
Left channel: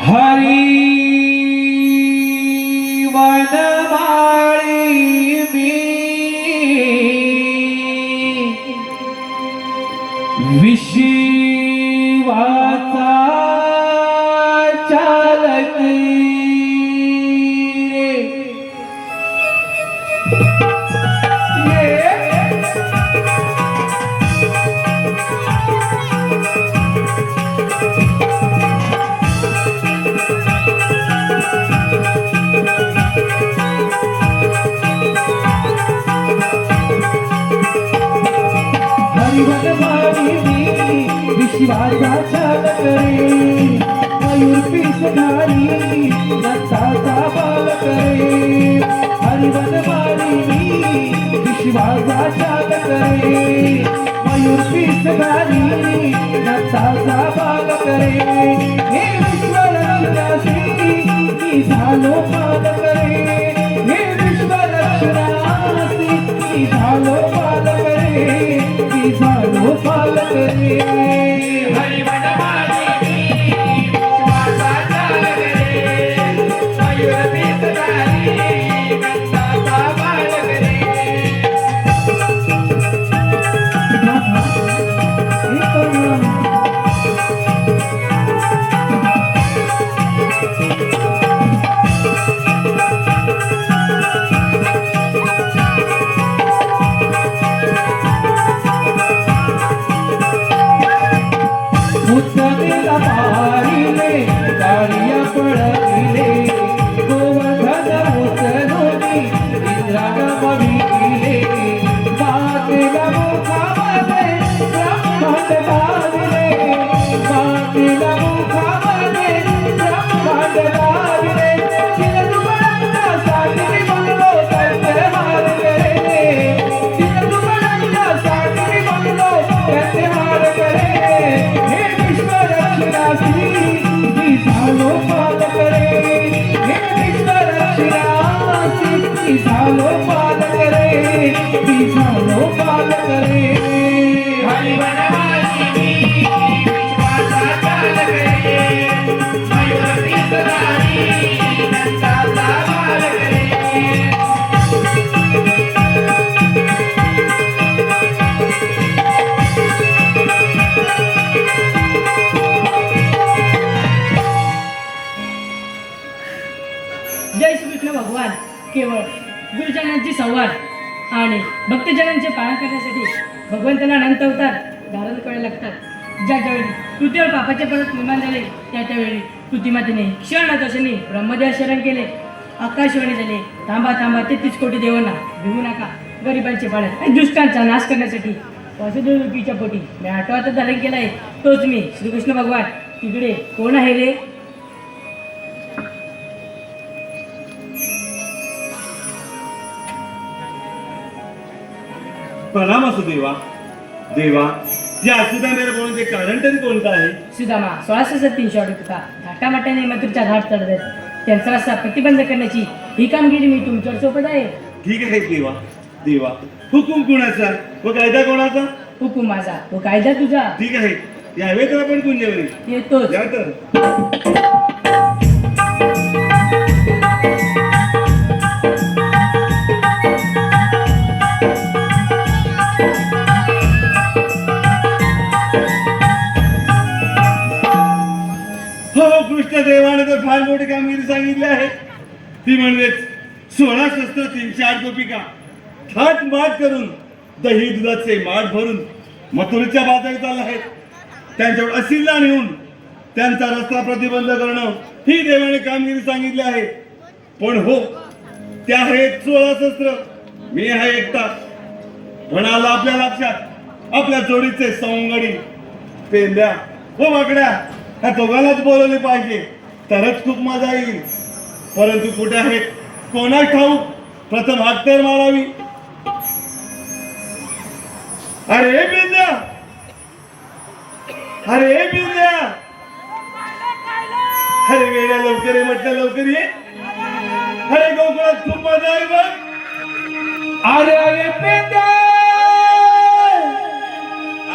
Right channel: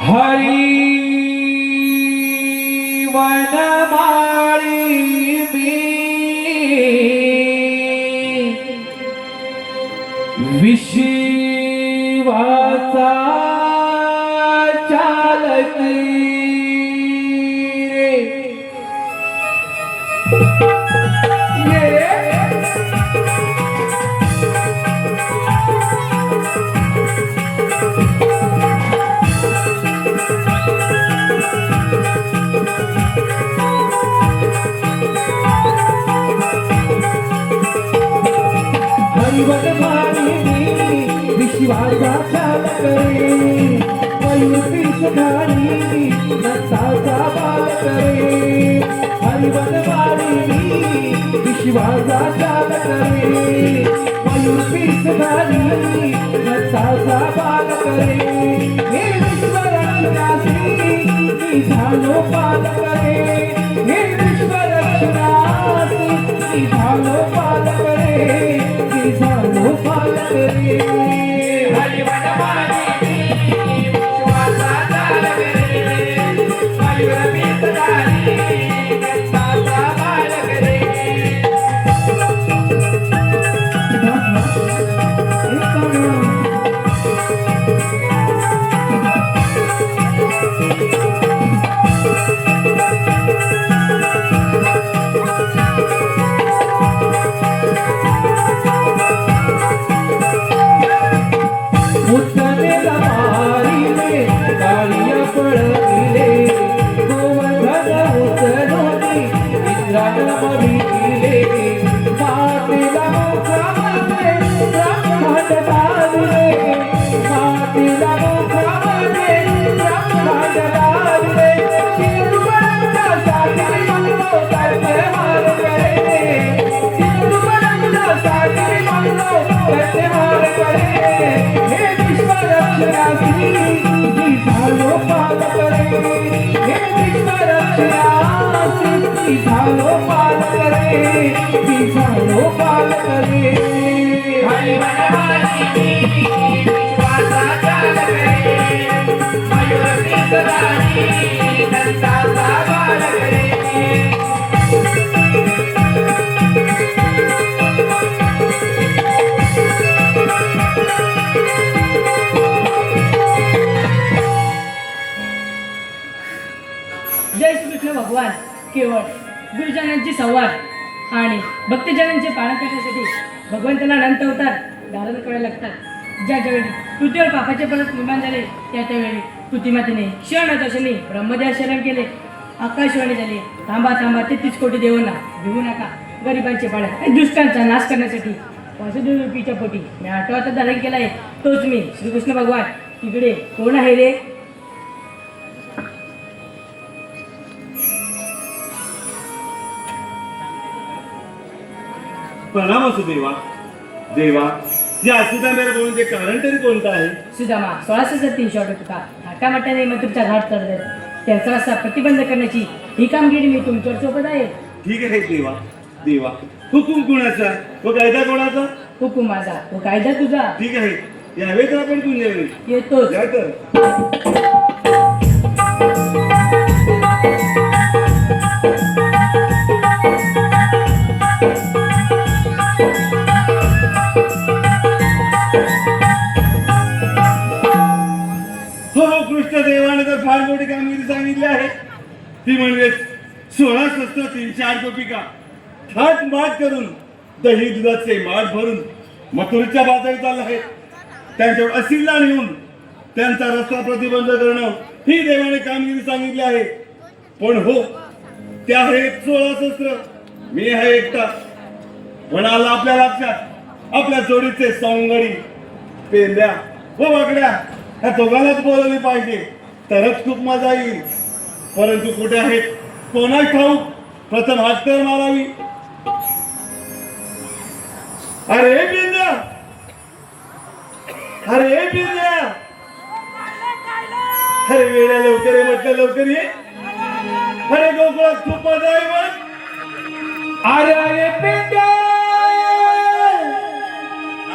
हरी विश्वाचा चालक रे हरिवत मारी विश्वाचा चालक रे मयूर पिसधारी नचाचा बालक रे हरिवत मारी विश्वाचा चालक रे मयूर पिसधारी नचाचा बालक रे हे विश्वरक्षणासी मी झालो पालक रे हे विश्वरक्षणासी मी झालो पालक रे मी झालो पालक रे हरिवत मारी विश्वाचा चालक रे मयूर पिसधारी नचाचा बालक रे मुद्दलेला मारिले गाडिया पळविले गोवर्धन उचलूनी इंद्राला बघितले मातेला मुखामध्ये ब्रह्मांड दाविले मातेला मुखामध्ये ब्रह्मांड दाविले चिरंजीवासाठी मंगलो करते हार करे चिरंजीवासाठी मंगलो करते हार करे हे विश्वरक्षणासी मी झालो पालक रे हे विश्वरक्षणासी मी झालो पालक रे मी झालो पालक रे हरिवत मारी विश्वाचा चालक रे मयूर पिसधारी नचाचा बालक रे जय श्रीकृष्ण भगवान केवळ गुरुजनांची संवाद आणि भक्तजनांचे पालन करण्यासाठी भगवंताला अनंत अवतार धारण करायला लागतात. ज्या ज्यावेळी पृथ्वीवर पापाचे पर्वत निर्माण झाले त्यावेळी पृथ्वीमातेने क्षणदर्शनी ब्रह्मदेव शरण केले. आकाशवाणी झाले थांबा थांबा 33 कोटी देवांना भिवू नका गरिबांचे पालन आणि दुष्टांचा नाश करण्यासाठी वासुदेव रूपीच्या पोटी मी 8वाचा धारण केला आहे. तोच मी श्रीकृष्ण भगवान. तिकडे कोण आहे रे? प्रणाम असो देवा. देवा या असुदांना बोलण्याचे कारण तरी कोणतं आहे? सुदामा 1603 होता घाटामाट्याने मथुरच्या घाट चढत त्यांचा रस्ता प्रतिबंध करण्याची ही कामगिरी मी तुमच्यावर सोबत आहे. ठीक आहे देवा. देवा हुकुम कुणाचा व कायदा कोणाचा? हुकुम माझा व कायदा तुझा. ठीक आहे यावे तर आपण पुण्यवरी येतोच. या तर हो कृष्ण देवाने तर फार मोठी कामगिरी सांगितली आहे. ती म्हणजेच 16 शस्त्र 308 गोपिका थाट माट करून दही दुधाचे माठ भरून मथुरेच्या बाजारी चालले आहेत. त्यांच्यावर असिल्ला नेऊन त्यांचा रस्ता प्रतिबंध करणं ही देवाने कामगिरी सांगितली आहे. पण हो त्या आहेत 16 शस्त्र, मी आहे एकटा. म्हणाला आपल्या लक्षात आपल्या जोडीचे सवंगडी पेंद्या व वाकड्या ह्या दोघांनाच बोलवली पाहिजे तरच खूप मजा येईल. परंतु कुठे आहेत कोणा ठाऊक. प्रथम हात तर मारावी. अरे बिंद्या, अरे बिंद्या, अरे वेड्या लवकर ये म्हटलं लवकर ये. अरे गोकुळात खूप मजा आहे बघ. अरे पेट्या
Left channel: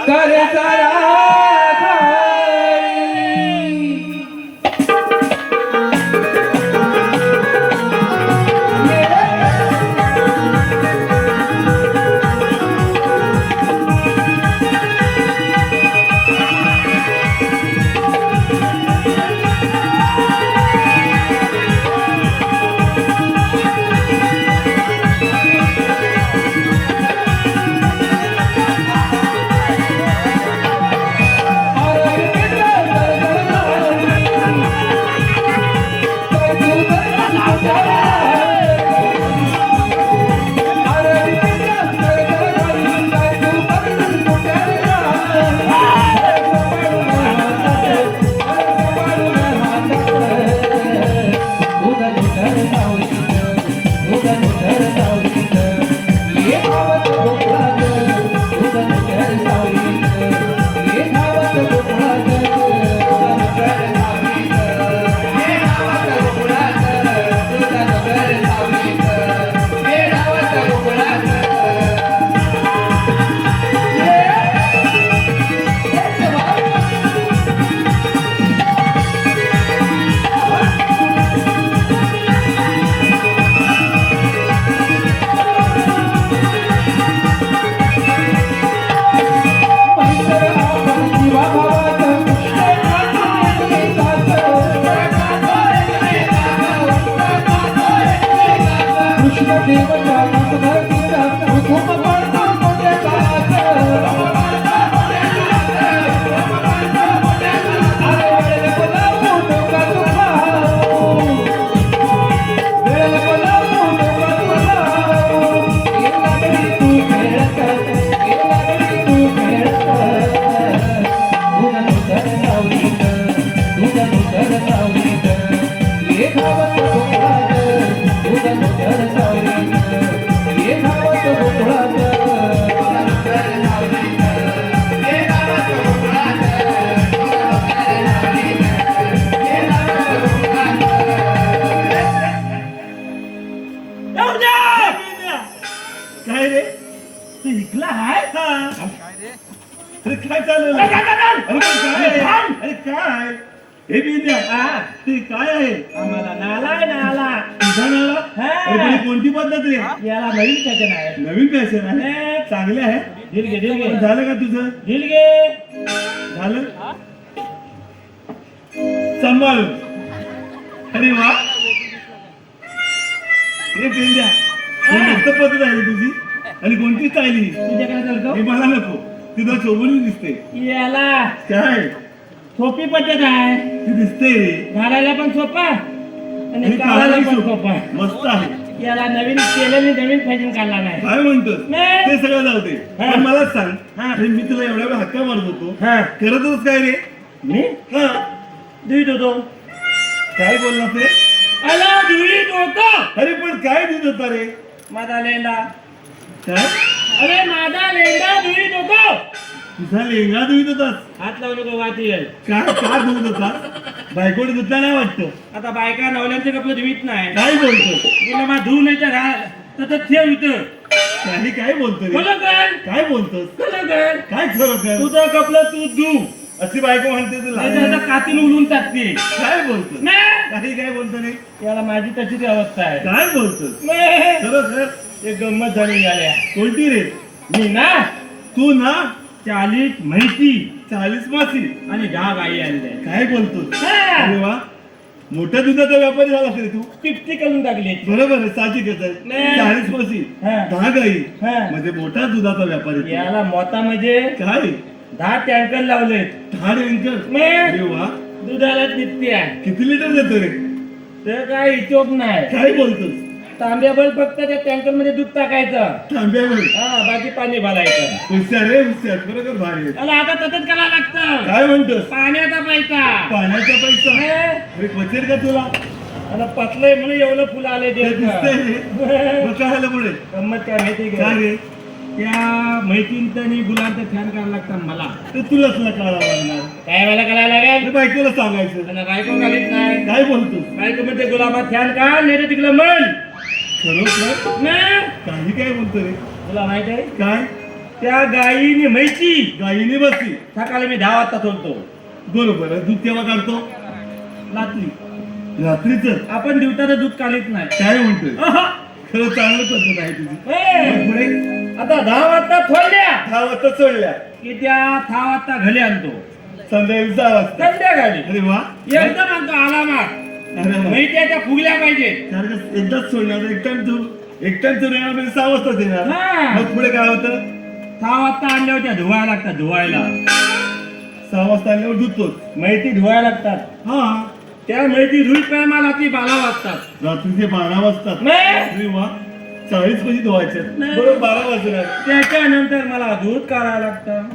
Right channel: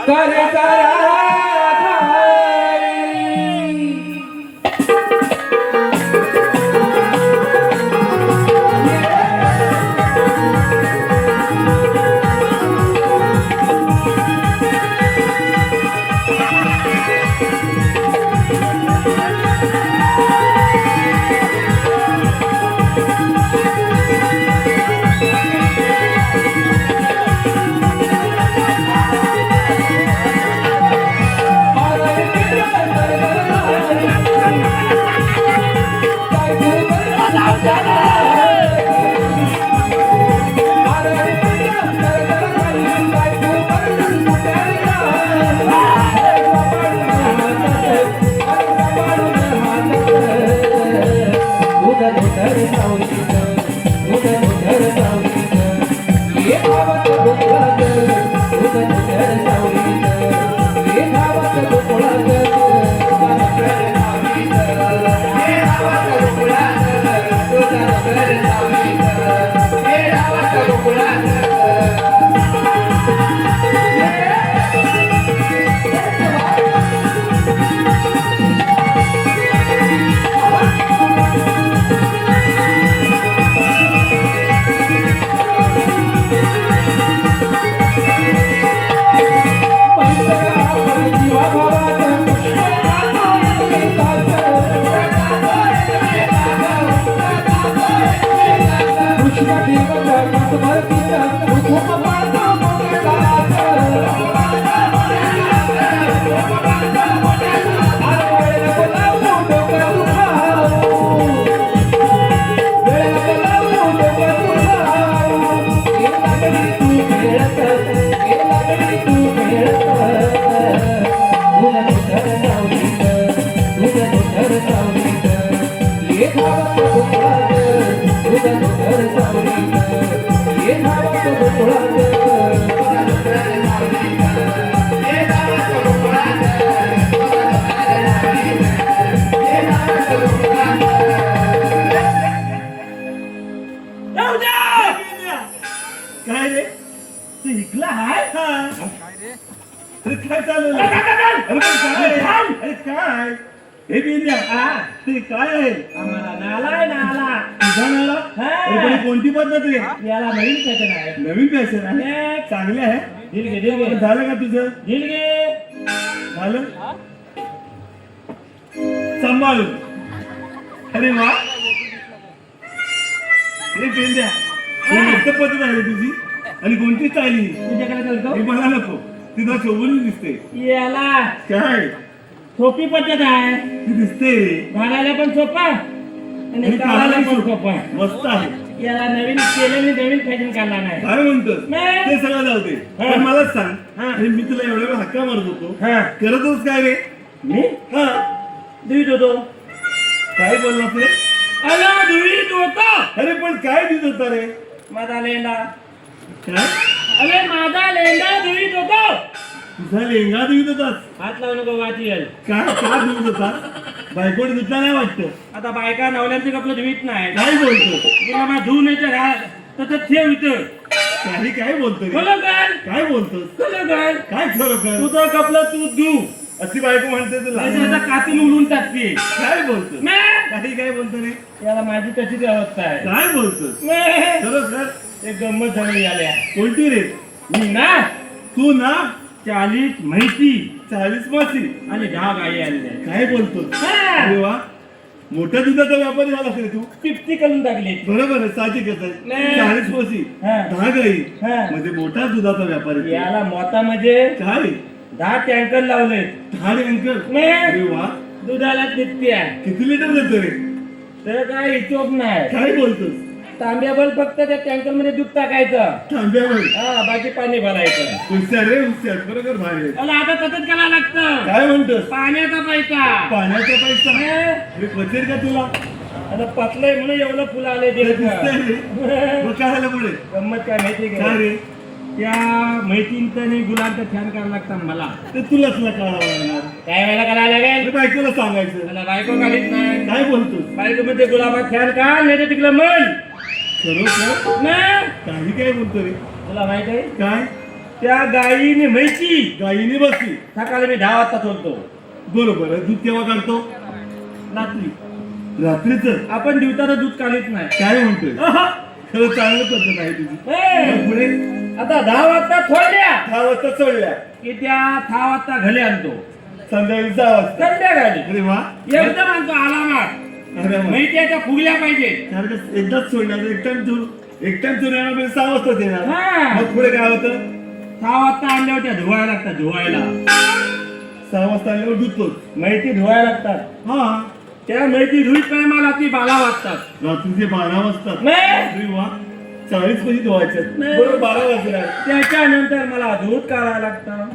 करे जरा काय रे तू इकला हाय का अरे काय चालू अरे पण काय अरे काय हे बिंद्या ते काय आहे आम्हाला नाला तुझा नाला अरे पण ही कोणती पद्धत रे याला नवीन पॅटर्न आहे. नवीन फॅशन आहे चांगले आहे दिल पण झालं का तुझं घे झालं सांभाळ अरे वा हे बिंद्या ही मस्त पद्धत आहे रे तुझी आणि कोणती स्टाईल ही तुझ्याकडे चालतो हे मला नको ती तुला शोभून दिसते याला काय सोपी पद्धत आहे. ती दिसते घालायला पण सोपा आणि आणि काढायला काढायला पण सोपं. सोपा. मस्त आहे याला नवीन केल्याने नवीन फॅशन काढला नाही. काय म्हणतोस नाही. ते सगळं जाऊ दे हा. पण मला सांग हा. अरे मी तुला एवढ्या वेळ हक्का मारत होतो हा. करत होतोस काय रे मी हा दुईत होतो. काय बोलला ते अला दुईत होतो. अरे पण काय देत होता रे माझा लेंडा काय अरे माझा लेंडा दुईत होतो. तुझा लेंगा धुत होतास हात लावू नको वाटेल. काय का धुत होता बायकोने धुतला नाही वाटतं आता बायका नवऱ्यांचे कपडे धुवीत नाही. काय बोलतो तुला मग धुवून येतं घाल तर ठेव इथं. काही काय बोलतो रे खरं कर काय बोलतोस खरं कर. काय खरं कर तुझं कपलं तू धु. अशी बायको म्हणते तुला नाहीतर आता कातीन उडून टाकते. काय बोलतोस नाही. काही काय बोलतो रे याला माझी तशीच अवस्था आहे. काय बोलतोस नाही. खरं एक गंमत झाली आल्या. कोणती रे मी ना तू ना 40 म्हैती 40 मासी आणि 10 गाई आणल्या. काय बोलतोस हा. अरे वा मोठ्या दुधाचा व्यापारी झाला रे तू 50 करून टाकले. बरोबर आहे साहजिकच आहे नाही. 40 म्हशी हा. 10 गाई हा. म्हणजे मोठा दुधाचा व्यापारी तू. याला मोता म्हणजे काय 10 टँकर लावलेत. 10 एंकर नाही. अरे वा दुधाला निघते आहे. किती लिटर देतो रे तर काय हिशोब नाही. काय बोलतोस तांब्याभर फक्त त्या टँकर मध्ये दूध टाकायचं. थांब्यावर हा बाकी पाणी भरायचं. हुशार रे हुशार खरोखर भारी आहे आणि आता तसंच करायला लागतं. काय म्हणतोस पाण्याचा पैसा. पाण्याचा पैसा हे? अरे पचेल का तुला आता पतलंय म्हणून एवढं फुलं आले ते दिसतंय ते. रे मग काय झालं पुढे गंमत काय माहिती काय का? रे त्या मैत्रीणचं आणि गुलाबचं छान करायला लागतं मला. ते तुलाच तुला कळावं लागणार काय वेळेला करायला अरे लागेल. बायकोला सांगायचं आणि बायको काढीत नाही. काय बोलतोस बायको मध्ये गुलाबात छान का नाही तर तिकडं मन खरोखर ना. काही काय बोलतो रे तुला माहित आहे काय त्या गायीने म्हैसी गाईने बसली सकाळी मी 10 वाजता सोडतो. बरोबर आहे दूध केव्हा काढतो रात्री रात्रीच आपण दिवसाला दूध काढीत नाही. काय म्हणतोय अहं. खरं चांगलं पद्धत आहे तुझी ए, मग पुढे आता 10 वाजता थोड्या 10 वाजता सोडल्या की त्या 6 वाजता घरी आणतो. संध्याकाळी 6 वाजता संध्याकाळी अरे वा एकदम आणतो आलामा. अरे वा. मैत्याच्या फुगल्या पाहिजे. सारखं एकदाच सोडणार एक टाइम तू येणार 6 वाजता येणार हा. मग पुढे काय होतं 6 वाजता आणल्या होत्या धुवायला लागतात. धुवायला 6 वाजता आल्यावर धुतोच मैती धुवायला लागतात. हा त्या मैती धुईत टायमाला ती 12 वाजतात. रात्रीचे 12 वाजतात नाही. अरे वा 40 कधी धुवायचे नाही. बरोबर 12 वाजणार त्याच्यानंतर मला दूध काढायला लागतं.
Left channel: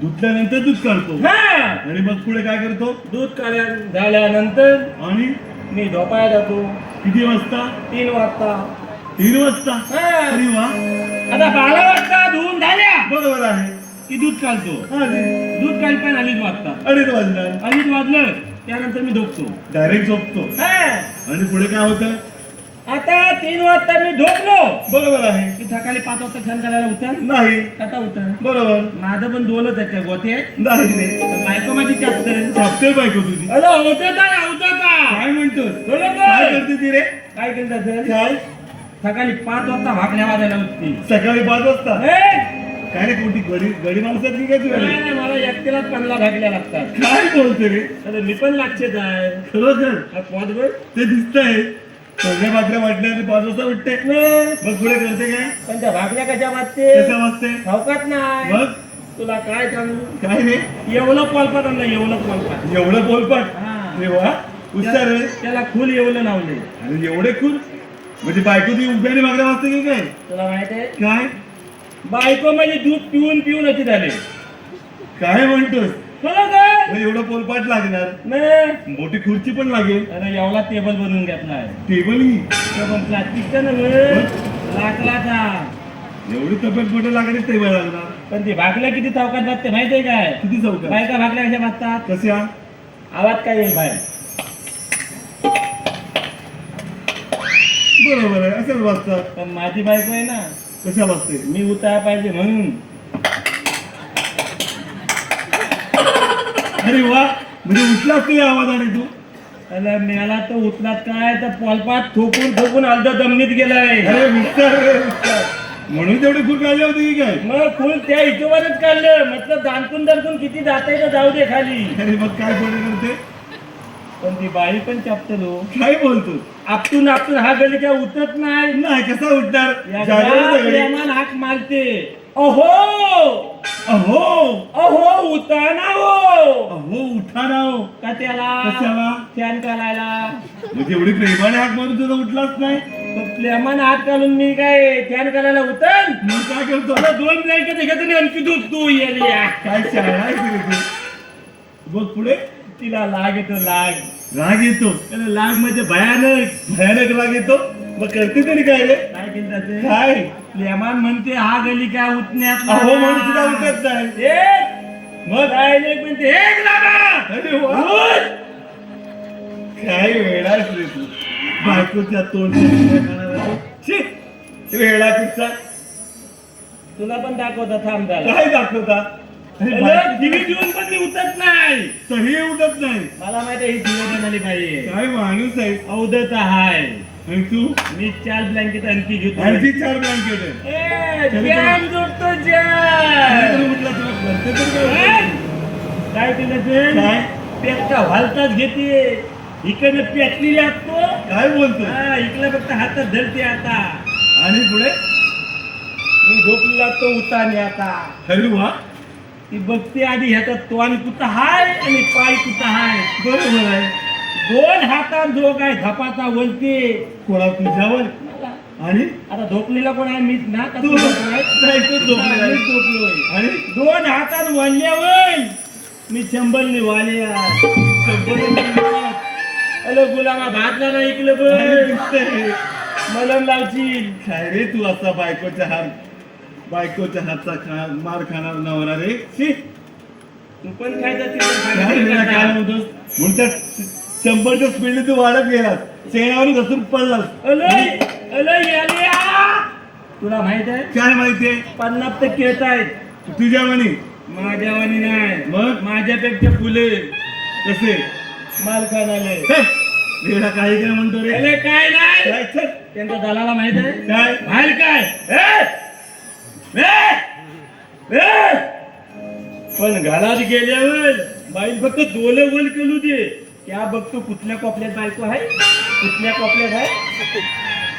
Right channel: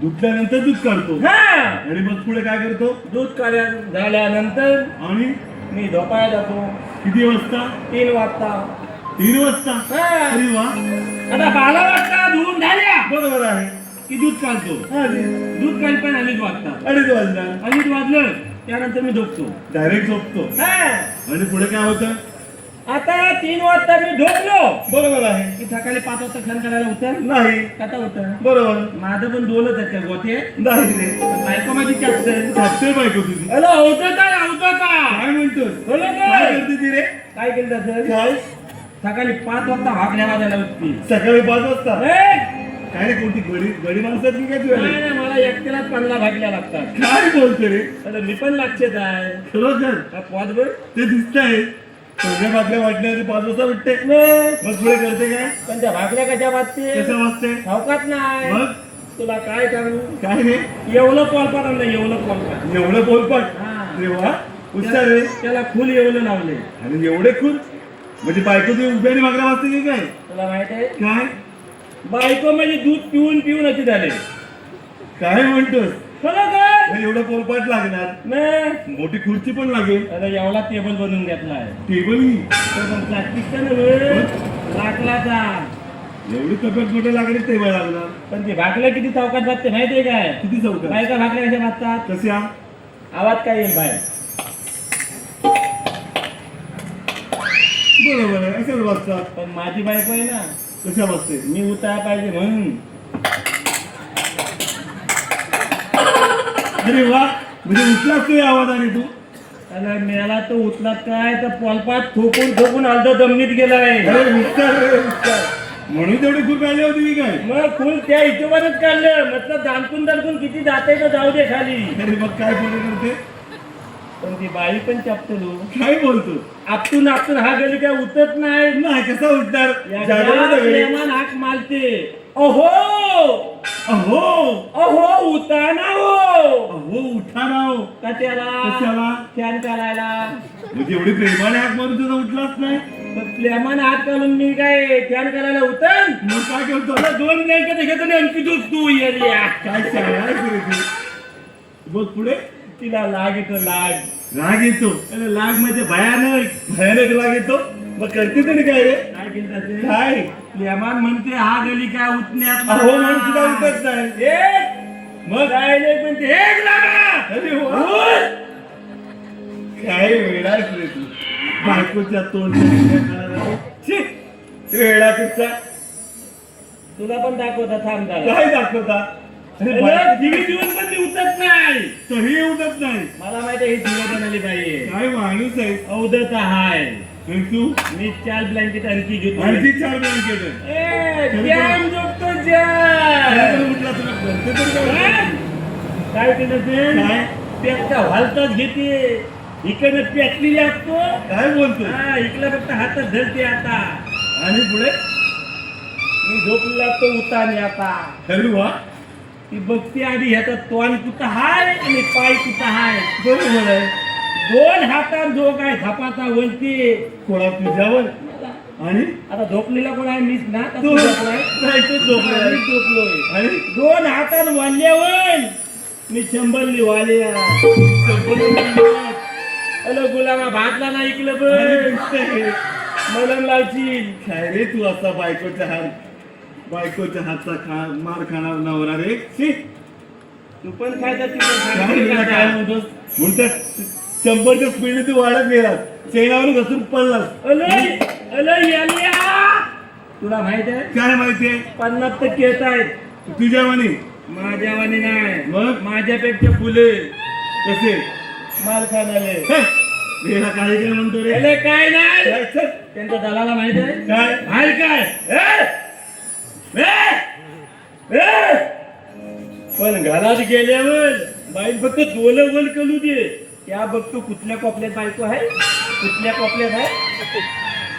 धुतल्यानंतर दूध काढतो हा. आणि मग पुढे काय करतो दूध काढ्या झाल्यानंतर आणि मी झोपायला जातो. किती वाजता 3 वाजता. 3 वाजता हा. अरे वा आता 12 वाजता धुवून झाल्या बरोबर आहे की दूध काढतो. अरे दूध काढ पण 2:30 वाजता. 2:30 वाजणार 2:30 वाजलं त्यानंतर मी झोपतो. डायरेक्ट झोपतो हा. आणि पुढे काय होतं आता 3 वाजता मी झोपलो बरोबर आहे की सकाळी 5 वाजता छान करायला उतर. नाही आता उतर. बरोबर माझं पण 2च आहेत त्या गोते. नाही रे बायको माझी चापते. सापते बायको तुझी अरे होतं काय म्हणतोस बरोबर. काय करते ती रे काय केलं असेल काय सकाळी 5 वाजता भाकल्या वाजायला उठती. सकाळी 5 वाजता ए, काय रे कोणती गडी गडी माणसात की काय तुला नाही, नाही, मला एकट्यालाच 15 भाकल्या लागतात. काय बोलतो रे आता मी पण लागते काय खरोखर पोट बघ. ते दिसतंय सगळे बाटल्या वाटण्याचे 5 वाजता उठते मग पुढे करते काय पण त्या भाकऱ्या कशा वाजते कसं वाजते ठाऊकात नाही मग तुला काय सांगू काय रे एवढं पोलपाट आणलं एवढं पोलपाट एवढं बोलपाट हा. रे वा हुशार रे त्याला फुल एवढं लावले आणि एवढे खूप म्हणजे बायको ती उभ्याने मागण्या वाजते की काय तुला माहित आहे काय बायको माझी दूध पिऊन पिऊन अशी झाले काय म्हणतोस खरं मग एवढं पोलपाट लागणार नाही मोठी खुर्ची पण लागेल अरे एवढा टेबल बनवून घेतला आहे टेबल पण प्लास्टिकचा नव्हे लाकडाचा एवढी तब्येत मोठं लागली टेबल लागणार पण ती भाकऱ्या किती चौकात वाजते माहितीये काय किती चौकात बायका भाकऱ्या कशा वाजतात कशा आवाज काय येईल बाहेर बरोबर आहे असंच वाजतात पण माझी बायको आहे ना कशा वाजते मी उतारा पाहिजे म्हणून अरे वा म्हणजे उठलाच ते आवाजाने तू त्याला मिळाला तो उचलात काय तर पोलपात थोकून थोकून अर्ध जमिनीत गेलाय अरे विचार रे विचार म्हणून तेवढी खूप काढली होती की काय मग फुल त्या हिशोबानेच काढलं म्हटलं दांतून दांतून किती जाते तर जाऊ दे खाली अरे मग काय पुढे करते पण ती बाई पण चपतलो काय बोलतो आपटून आपटून हा गली काय उतरत नाही नाही कसा उठणार या जागेवर घरात सगळे. प्रेमान हाक मारते अहो अहो अहो उताना हो अहो उठा ना हो. का त्याला कशाला फॅन काढायला म्हणजे एवढी प्रेमाने हाक मारून तुझा उठलाच नाही पण प्रेमान हात घालून मी काय फॅन काढायला उतर मग काय करतो आता 2 ब्लँकेट घेतो आणि आणखी दूध तू येरिया काय शाळा आहे की रे तू बघ पुढे तिला लाग येतो लाग राग येतो अरे लाग म्हणजे भयानक भयानक राग येतो मग करते तरी काय रे काय केलं ते काय प्रेमान म्हणते हा गली काय उठण्यात अहो म्हणून तुला उठत नाही मग डायलेक्ट म्हणते एक लागा अरे वा. काय वेळा आहेस रे तू बायकोच्या तोंड वेळा कुठचा तुला पण दाखवता थांब काय दाखवता अरे बायको- दिवी देऊन पण ती उठत नाही तरी उठत नाही मला माहिती ही दिवी झाली पाहिजे काय माणूस आहे अवधत हाय आणि तू मी 4 ब्लँकेट आणखी घेतो आणखी 4 ब्लँकेट आहे जॅम जोडतो जॅम उठला तुला करते तर काय काय केलं ते काय? पेटका व्हालताच घेते इकडे पेटली लागतो काय बोलतोय हा, इकडे फक्त हातात धरते आता आणि पुढे मी झोपली लागतो उताने आता अरे वा ती बघते आधी ह्याचा तोंड कुठं हाय आणि पाय कुठं हाय बरोबर आहे 2 हातात जो काय झपाचा वलते कोणा तुझ्यावर आणि आता झोपलेला कोण आहे मीच ना का तू तू झोपलाय? नाही, तू झोपलाय. हा, मीच झोपलोय आणि 2 हातात वाल्यावर मी चंबलनी वाल्या हॅलो गुलामा भातला नाही ऐकलं अरे बघ दिसतंय. मलम लावची काय रे तू असा बायकोच्या हातचा मार खाणार नवरा रे शी, तू पण खायचा काय वेळा काय नव्हतंस म्हणून त्या 100च्या स्पीडने तू वाढत गेलास चेनावर घसरून पडलास तुला माहित आहे काय माहितीये 50% येत आहेत तुझ्या म्हणी माझ्या वाणी नाही मग? माझ्यापेक्षा फुले कसे माल खाणाले वेळा काही केलं म्हणतो रे अरे काय नाही काय छे? त्यांच्या दलाला माहित आहे काय बाहेर काय पण घरात गेल्यावर बाई फक्त डोलं वल कलू दे त्या बघतो कुठल्या कोपऱ्यात बायको आहे कुठल्या कोपऱ्यात आहे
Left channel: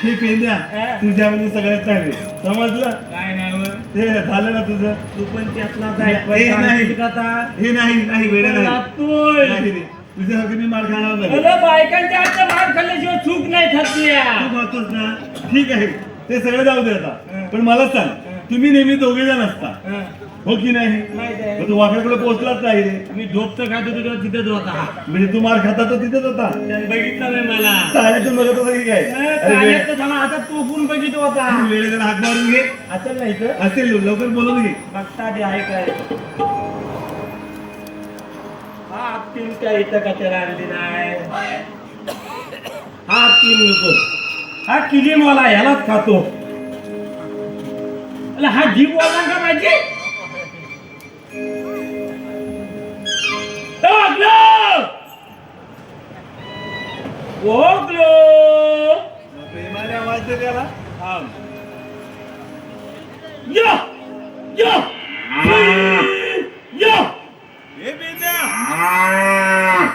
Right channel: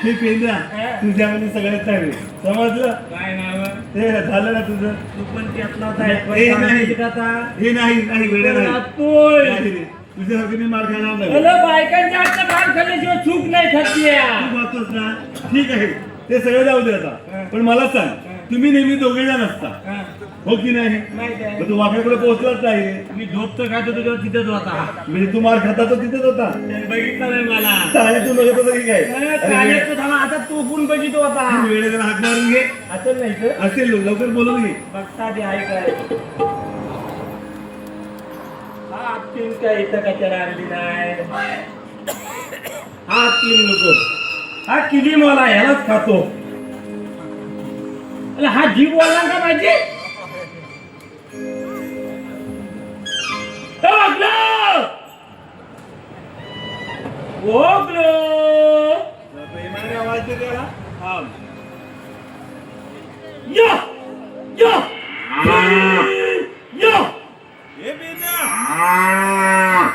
हे पेंद्या हा. तुझ्या म्हणजे सगळ्यात चांगले समजलं काय नाव ते झालं ना तुझं तू पण त्यातलाच हे आहे नाही. का आता? हे नाही वेळ नाही राहतोय. नाही रे. तुझ्यासारखं मी मार खाणार नाही अरे बायकांच्या हातात मार खाल्ल्याशिवाय चूक नाही खाती तू म्हणतोस ना ठीक आहे ते सगळं जाऊ दे आता हा. पण मला सांग तुम्ही नेहमी दोघे जण असता हो की नाही माहित आहे मग तू वाकड्याकडे पोहोचलाच नाही रे मी झोपचं खातो तुझ्यावर तिथेच होता म्हणजे तू मार खाता तर तिथेच होता त्याने बघितलं नाही मला आणि तू बघत होता की काय अरे पाण्याचं थांबा आता तो पण बघित होता वेळेला हाक मारून घे असं नाही तर असेल लवकर बोलून घे बघता आधी आहे काय हा तीन काय इथं कशाला आणली नाही हा तीन नको हा किलीमवाला ह्यालाच खातो अरे हा जीववाला का पाहिजे प्रेमाने आवाज दे त्याला यो यो यो हे पेंद्या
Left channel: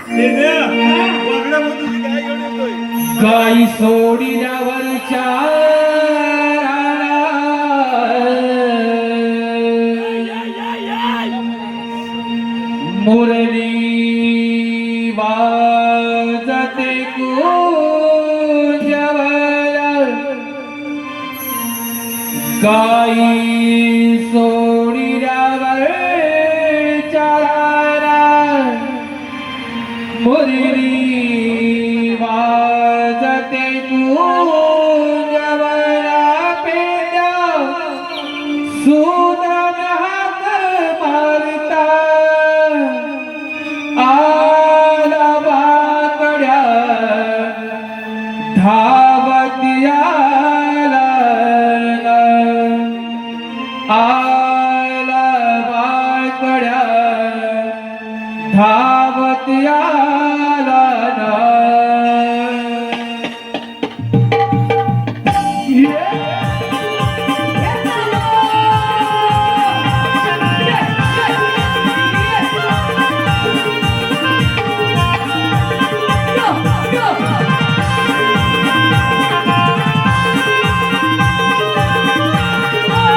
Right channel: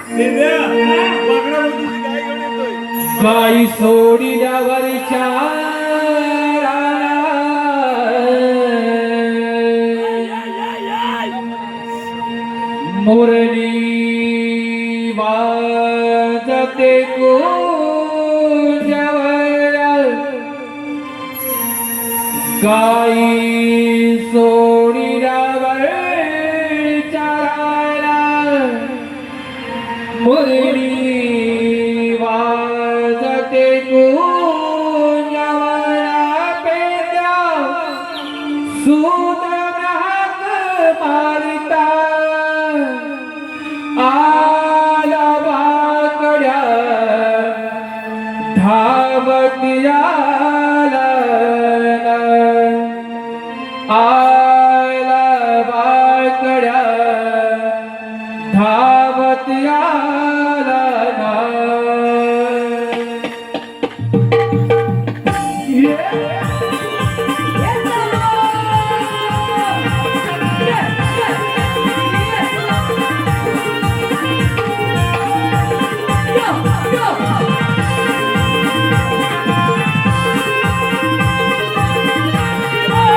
पेंद्या वाकड्या बोलतो काय घेऊन येतोय गाई गाई सोडिल्यावरच्या मुरली वाजते कुंजवर गाई सोडिल्यावरच्या मुरली वाजते कुंजवरा पेंड्या सुदाम्या हात मारता आला वाकड्या धावत आला आला वाकड्या धावत आला ना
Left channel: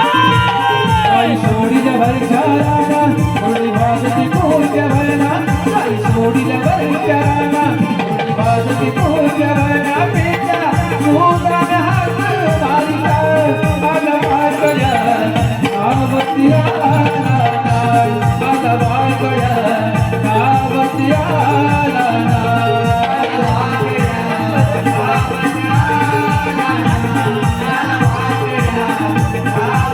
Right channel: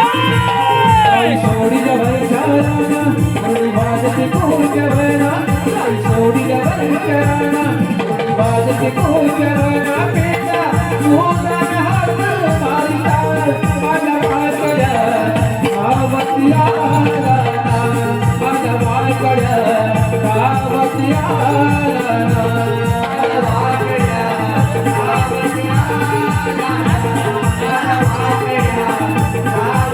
आई सोडील्या भरचाराना मुरली वाजते कुंजवरा आई सोडील्या भरचाराना मुरली वाजते कुंजवरा पेंड्या सुदाम्या हात मारिता आला वाकड्या धावत आला ना आला वाकड्या धावत आला ना वाकड्या धावत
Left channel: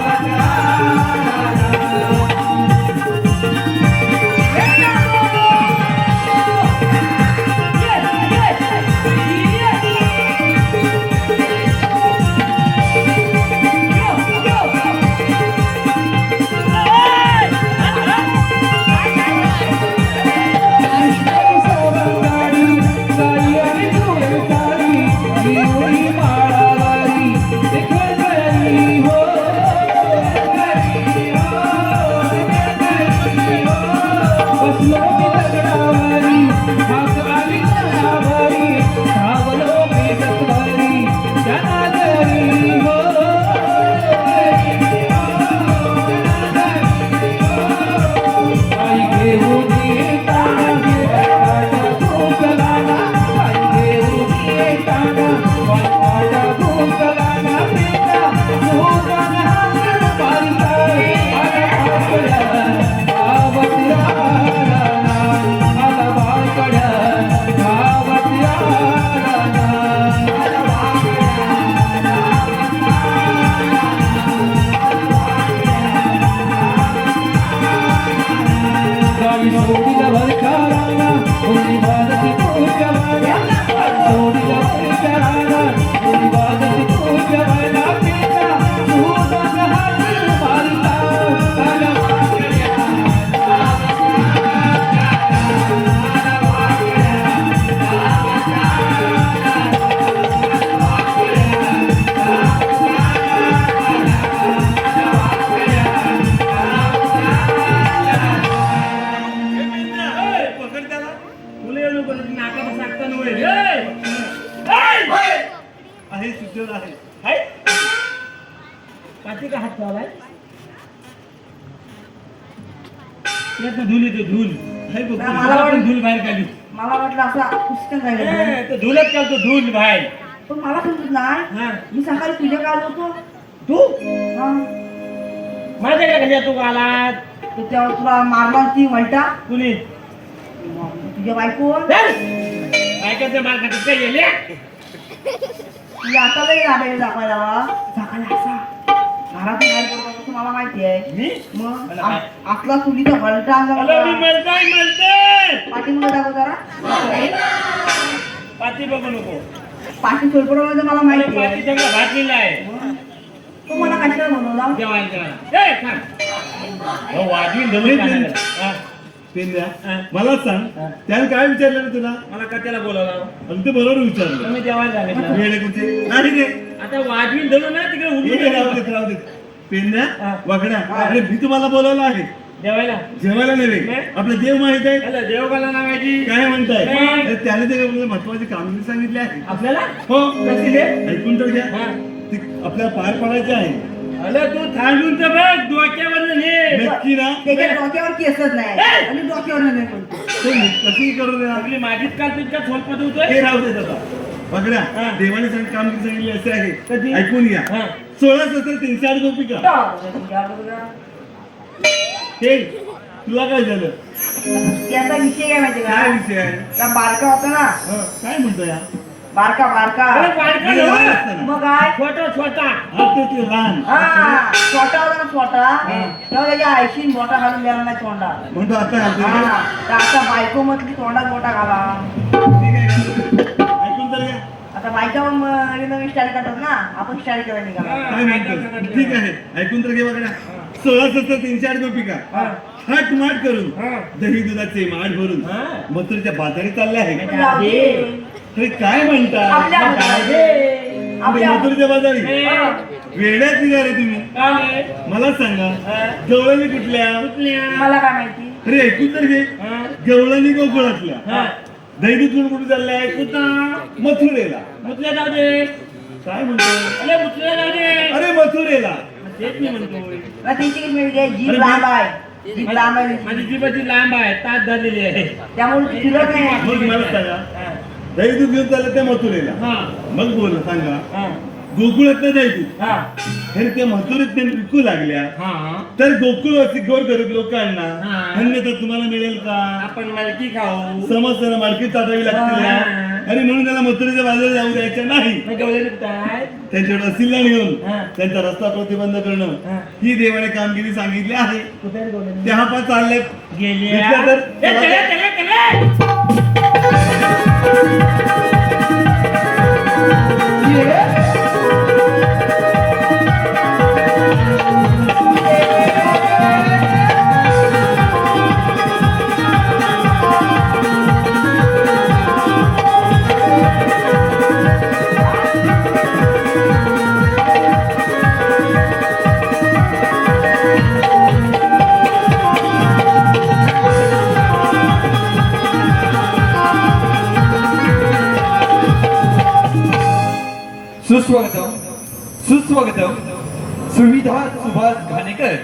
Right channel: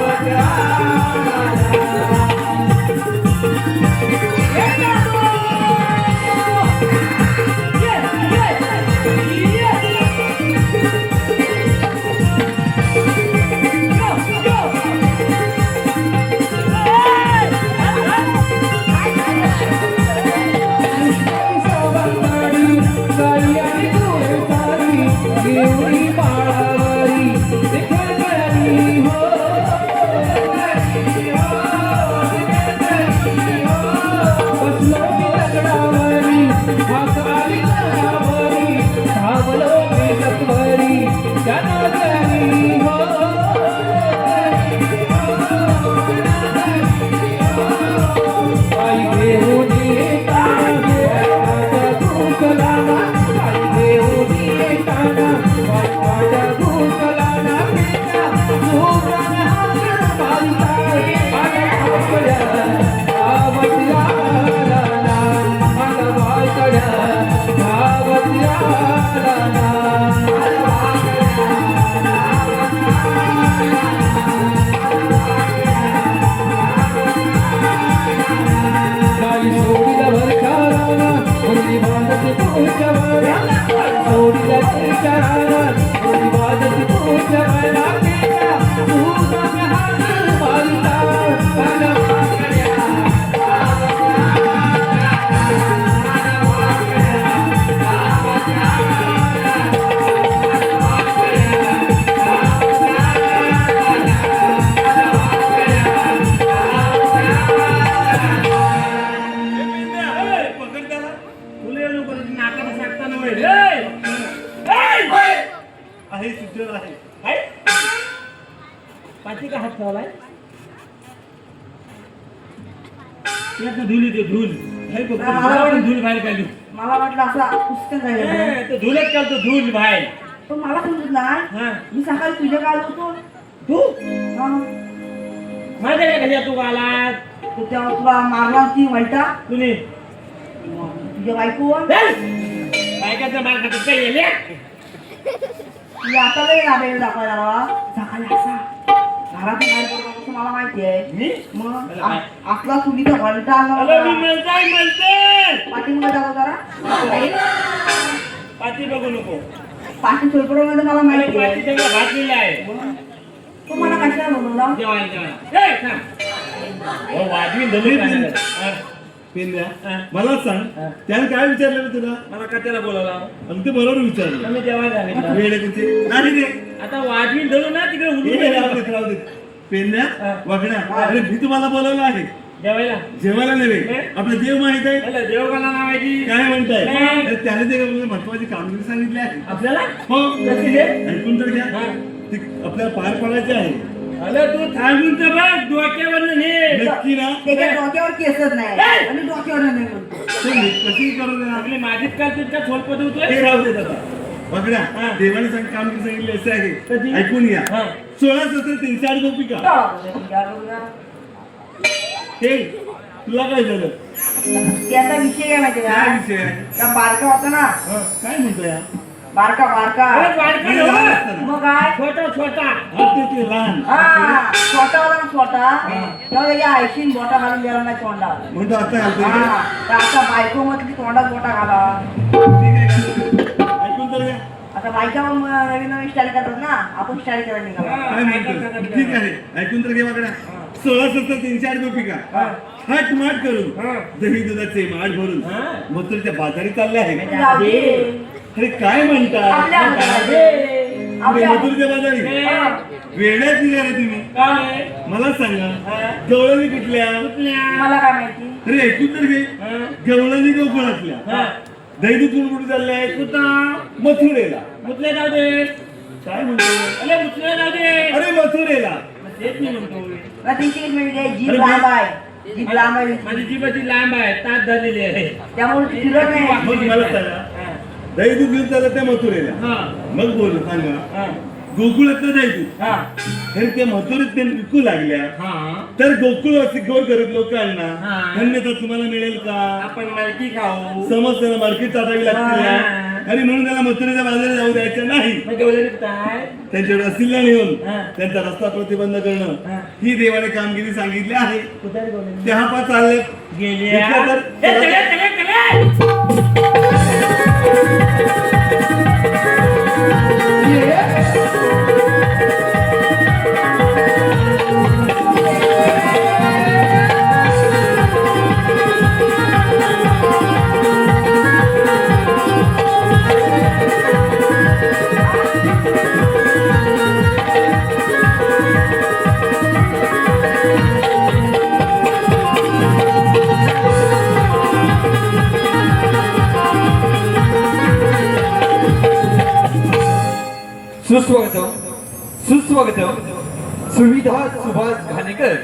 आहे सुजल आहे पाठी का हात ठेवलाय यातनं धूल येते धूल आहे बघ मला पण धूल बाहेर काढली मला वाटलं असा पुस्तक आहे तो धूलच करतो धूल बाहेर तो मला समजत नाही हा मी सकाळी तुझ्या काल होतो तू हा. माझ्या कशा तू आला तर तेव्हा तुला मारला ती वलटा कुणी तुझ्या बायको ऐकायचं मार खातात काय येले ती आता नाही नाटक दाखवायला मला सकाळी असा घरात बाहेर पडतो असं मला माहिती आहे मी मग आपला चुलीचा वलटा अगं मी आणला म्हणताय पाठीमध्ये दाखव जरा पाठी बघू नको पाठी सोडपडवलं मला मला माहिती पाठी आहे सगळं घातलेलं आहे तो मला कशाला बनवला जेवायला जेवायला ए थांब हो वाजवी दलून खाण्याला. हा. पेंद्या हा. मला सांग त्याने काय विचारलं तुला मला का त्याला बोलावला आणि ते बरोबर विचारलं तुम्ही जेवायला सांगितलं वेळे कुठे नाही रे आता वाजवी दलू ना तिकडे हे उडून राहू देत पेंद्या हा. वागड्या अरे मी तुम्हाला बोलवलं आहे जेवायला नव्हे आपलं देव माहित आहे देवकाला नावाची काय म्हणताय नाही. तर त्याने ते आपल्याला महत्वाची कामगिरी सांगितली आहे आपल्याला हो कशी रे? ऐकून तर घ्या हा. ती आपल्याला पार पाडायची आहे अरे तू थांबून तर बघ डोक्यावर नक्की ना त्याच्या डोक्यावर केसच नाही आणि डोक्यावर नाही म्हणतो तर मी कशी करू दे आपली माझीच का तुझ्या झोलपत होतोय हे राहू देत आता बघड्या हा. देवाने कामगिरी सांगितली असं आहे कधी? ऐकून घ्या हा. 16 सत्र 308 गोपिका हे तुला काय झालं त्याचा विषय काय माहिती काय का विषय आहे त्या बारका होता ना हा, काय म्हणतो या बारका अरे बारका म्हणजे लहान नव्हं. असताना. मग काय छोटा हा ते लहान हा छोटा होता ना छोटा तेव्हा त्याच्या आईशी बोटा घालून द्यायला नाही तोंडा म्हणतो आता घालतोय का? हा तर आता बायको म्हटली तोंडात बोटा घाला ठीक आहे का? ऐकून तर घ्या आता बायका मग नवीन नवीन स्टाईल करतात ना आपण स्टाईल करायला निघाला काय म्हणतो ठीक आहे ऐकून तर घे बघड्या 16 सत्र 308 गोपिका हट माट करून दही दुधाचे माठ भरून मथुरेच्या बाजारी चालले आहे जाऊ दे. अरे काय म्हणता आपल्या पुढे आपल्या मथुरेच्या बाजारी वेड्यात निघाले तुम्ही मला सांगा गवळणी कुठल्या मला काय माहिती अरे ऐकून तर घे गवळणी गोकुळातल्या दही दूध कुठे चालले आहे मथुरेला मुतल्या जाऊ दे काय म्हणतो अरे मुतल्या जाऊ दे अरे मथुरेला तेच नाही म्हणतो मग तिची म्हणजे जीभ लांब आहे जीभ लांब आहे माझी जीवाची लांब आहे ताट झालेली आहे त्यामुळे ती फिरत नाही मग मला सांगा दही दूध घेऊन चाललं त्या मथुरेला हा मग बोल सांगा हा गोकुळातलं दही दूध हा हे त्या मथुरेत ते विकू लागल्या हा तर गोकुळवासी गोर गरीब लोकांना हा. धन्यता तुम्हाला मिळेल का आपण मालकी खाऊ समजताना मार्केट टाकावी लागते हा. आणि म्हणून त्याला मथुरेच्या बाजारात जाऊ द्यायच्या नाही मग गवळणी काय त्यांच्याकडे असिलला नेऊन हा. त्यांचा रस्ता प्रतिबंध करणं हा. ही देवाने कामगिरी सांगितली आहे कुठे रे गवळणी? त्या पा चालल्यात गेल्या घेतल्या तर- ए, चला. सुस्वागतम सुस्वागतम सुविधा सुभाष घाणेकर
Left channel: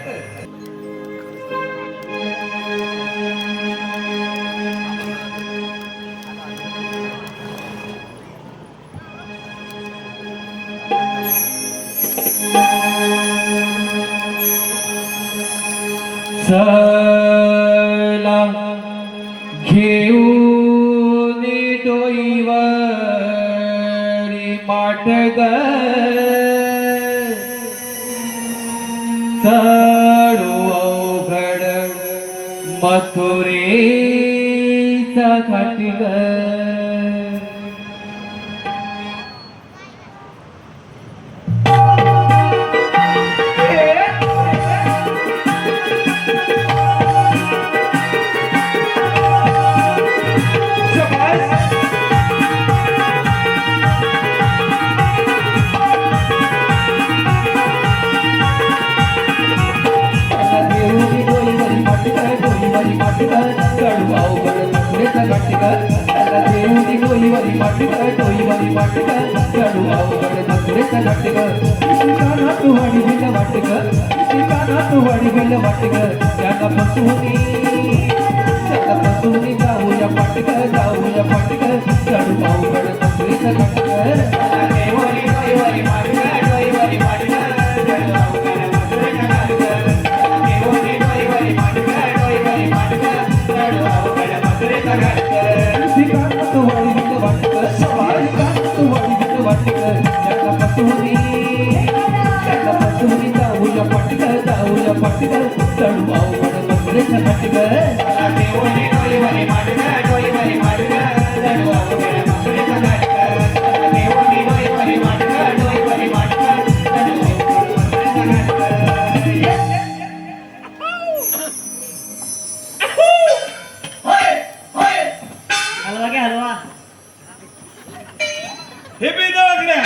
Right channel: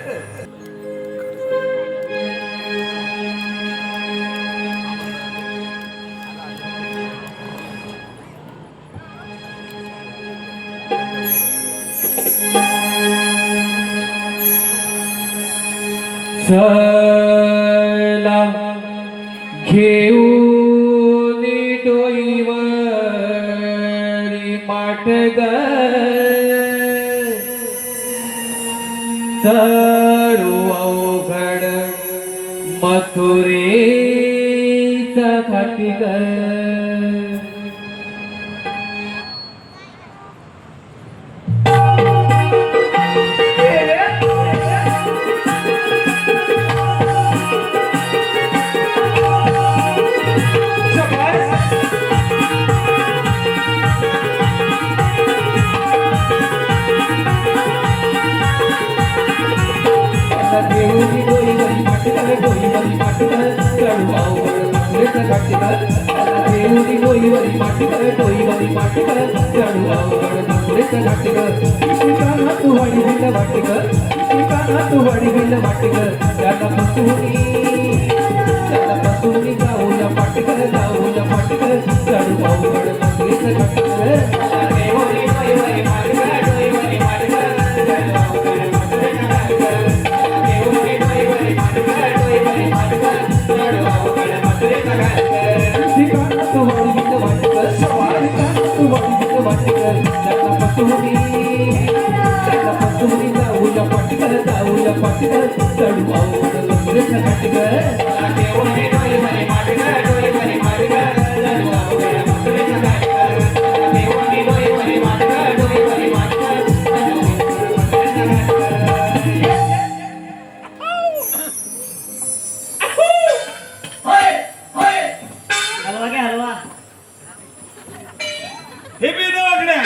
चला घेऊन डोईवरी माटग चढू अवघड मथुरेचा घाटिग देऊनी डोईवरी माटग डोईवरी माटग चढू अवघड मथुरेचा घाटिग देऊनी डोईवरी माटग डोईवरी माटग चढू अवघड मथुरेचा घाटिग ठिकाणा तू वाडी बेल वाटिग ठिकाणा तू वाडी बेल वाटिग त्याला पसुनी जाऊया पाटिग चढू अवघड मथुरेचा घाटिग देऊनी डोईवरी माटग डोईवरी माटग चढू अवघड मथुरेचा घाटिग हलवा घे हलवा हे बी दवाखान्या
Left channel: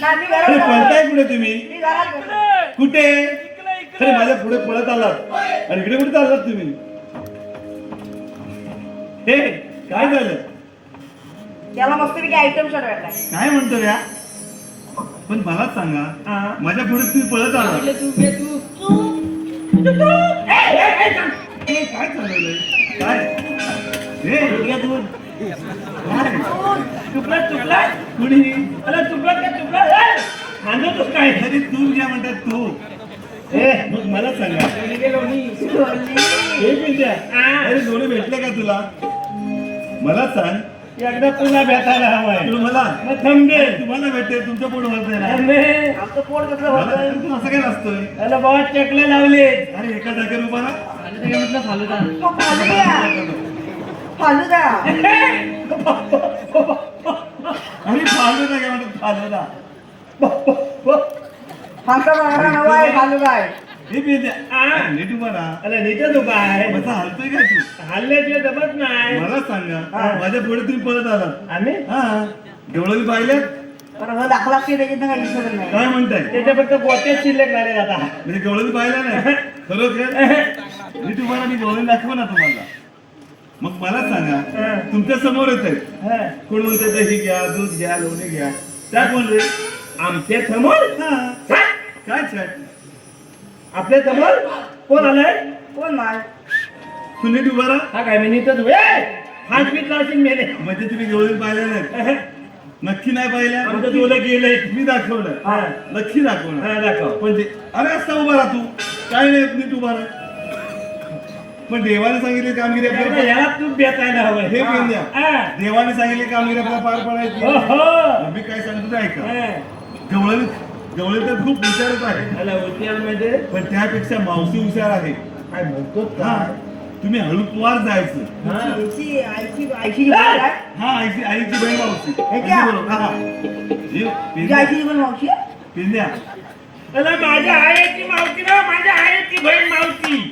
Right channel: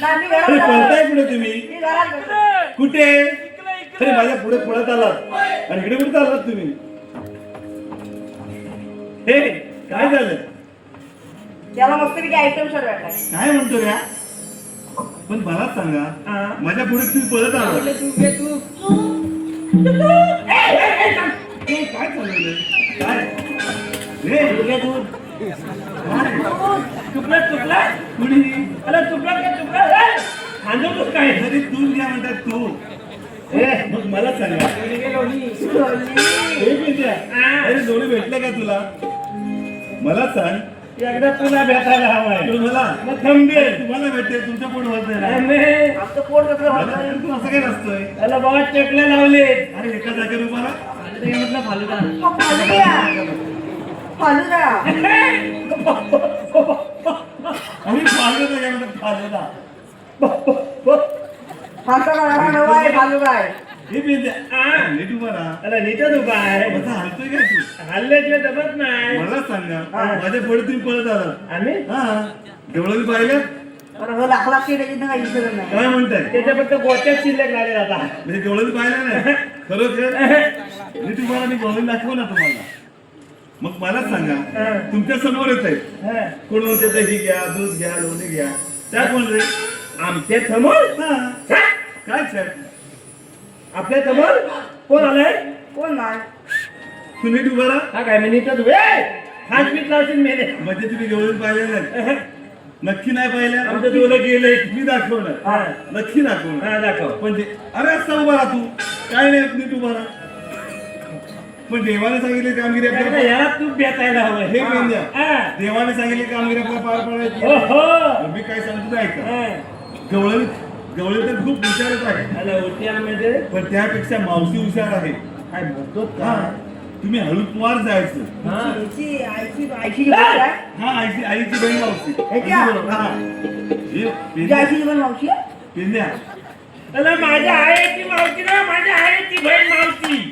नाही, मी अरे घरात पळताय कुठे तुम्ही मी घरात कुठे अरे माझ्या पुढे पळत आलात आणि इकडे कुठे चाललात तुम्ही? हे काय झालं? त्याला मस्तपैकी आयटम शॉट भेटलाय. काय म्हणतो रे हा? पण मलाच सांगा, हा. माझ्या पुढे तुम्ही पळत आला म्हटलं तू घे तू. काय चालवलंय? काय हे घे तू. काय? कुणी काय तरी तू घ्या म्हणतात तू. मग मला सांगा, हे पिंट्या, अरे दोन्ही भेटले का तुला? मला सांग. एकदा तुला भेटायला हवाय पण मला मग थांबे तुम्हाला भेटते, तुमच्या पोट भरतंय ना. आमचं पोट कसं मला होतंय? तू असं काय नसतोय. त्याला बाबा चकले लावले. अरे एका जागेवर उभा राहा. फालुदा घे म्हटलं फालुदा. फालुदा. आणि फालुदा घ्या म्हणतात, फालुदा. फालुदा मला नवा आहे फालुदा आहे. हे पिंट्या, नीट उभा राहा. त्याला नीटच उभा आहे माझा हलतोय काय तू? हल्ल्याशिवाय जमत नाही. मला सांगा, माझ्या पुढे तुम्ही पळत आलात. आम्ही हा गवळणी पाहिल्या? तर हो लाख लाख त्याच्यात काही विसरत नाही. काय म्हणताय? त्याच्या फक्त गोट्यात शिल्लक झाले आता. म्हणजे गवळणी पाहिल्या नाही खरोखर? मी तुम्हाला मी गवळणी दाखव ना तुम्हाला. मग मला सांगा, तुमच्या समोरच आहेत. हा. कोण म्हणते दही घ्या, दूध घ्या, लोणी घ्या. त्या कोण रे? आमच्या समोर हा. काय छाट? आपल्या समोर कोण आलंय? कोण नाही. तू नीट उभा राहा. हा काय मी नीटच उभे. 5 मिनिट लावशील मेले. म्हणजे तुम्ही गवळणी पाहिल्या नाहीत? नक्की नाही पाहिल्या? आमचं डोलं गेलंय. मी दाखवणार. हा. नक्की दाखवणार. हा दाखव. पण अरे असता उभा राहा तू. काय नाही नीट उभा राहा. पण देवाने सांगितले कामगिरी त्याला आपल्याला याला तू बेतायला हवंय. हे पेंद्या. हा. देवाने सांगितले कामगिरी आपल्याला पार पाडायची. ओहो. मी काय सांगतो ते ऐका. हा. गवळणी गवळणी तर खूप हुशारच आहे, त्याला उद्यान म्हणजे पण त्यापेक्षा मावशी हुशार आहे. काय म्हणतो हा. काय? तुम्ही हळूवार जायचं. हा. आईची आईची बोल आहे. हा आईची बहीण मावशी. हे क्या? अगदी बरोबर. हा. हे तुझ्या पेंद्या, आईची पण मावशी आहे? पेंद्या त्याला माझ्या आईची मावशी ना माझ्या आईची बहीण मावशी.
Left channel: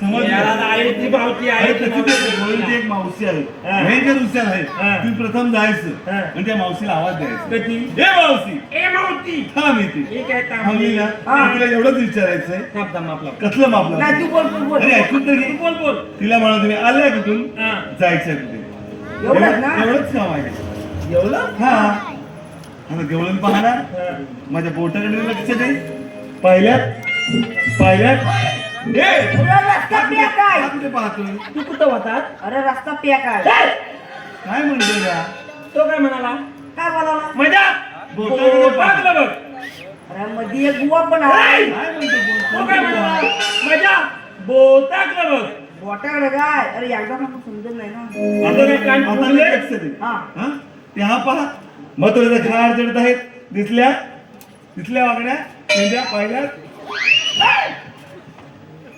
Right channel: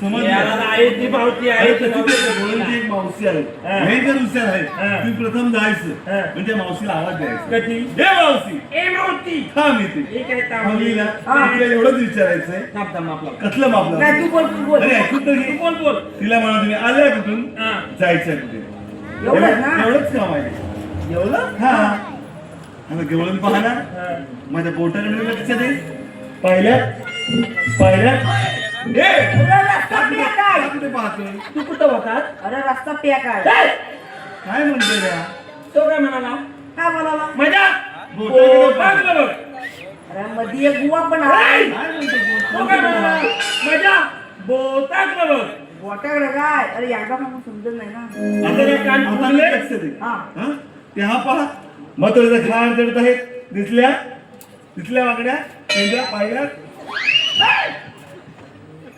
समजलं? याला आईची मावशी अरे आईची तशी ते मावशी. गवळणीची एक मावशी आहे, हा. भयंकर हुशार आहे. हा. तुम्ही प्रथम जायचं हा. आणि त्या मावशीला आवाज द्यायचा. कधी? हे मावशी ए मावशी. थांब इथे. ठीक आहे थांबली ना? हा. तिला एवढंच विचारायचंय, थांब थांब आपला. कसलं मापलं? नाही तू बोल तू बोल. अरे ऐकून तर घे. बोल बोल. तिला म्हणा तुम्ही आल्या कुठून, हा. जायचंय कुठे. एवढंच ना? एवढंच काम आहे. एवढं? हा आता गवळण पाहणार, हा. माझ्या बोटाकडे लक्ष दे. पाहिल्यात ए! अरे रस्ता पॅक आहे. हा कुठे पाहतोय? तू कुठं होता? अरे रस्ता पॅक आहे. काय म्हणतो या तो काय म्हणाला? काय बोलाला? मजा बोटाकडे पाह. बघ बघ. अरे मध्ये एक बुवा पण आहे. काय म्हणतो तो काय म्हणाला? बोट? मजा बोटाकडे बघ. बोटाकडे काय? अरे एकदा पण समजत नाही ना. आता नाही लक्ष दे. हा. हा? ते हा पहा मथुरेचा खाड चढत आहेत. दिसल्या वागड्या पेंद्या पाहिल्या.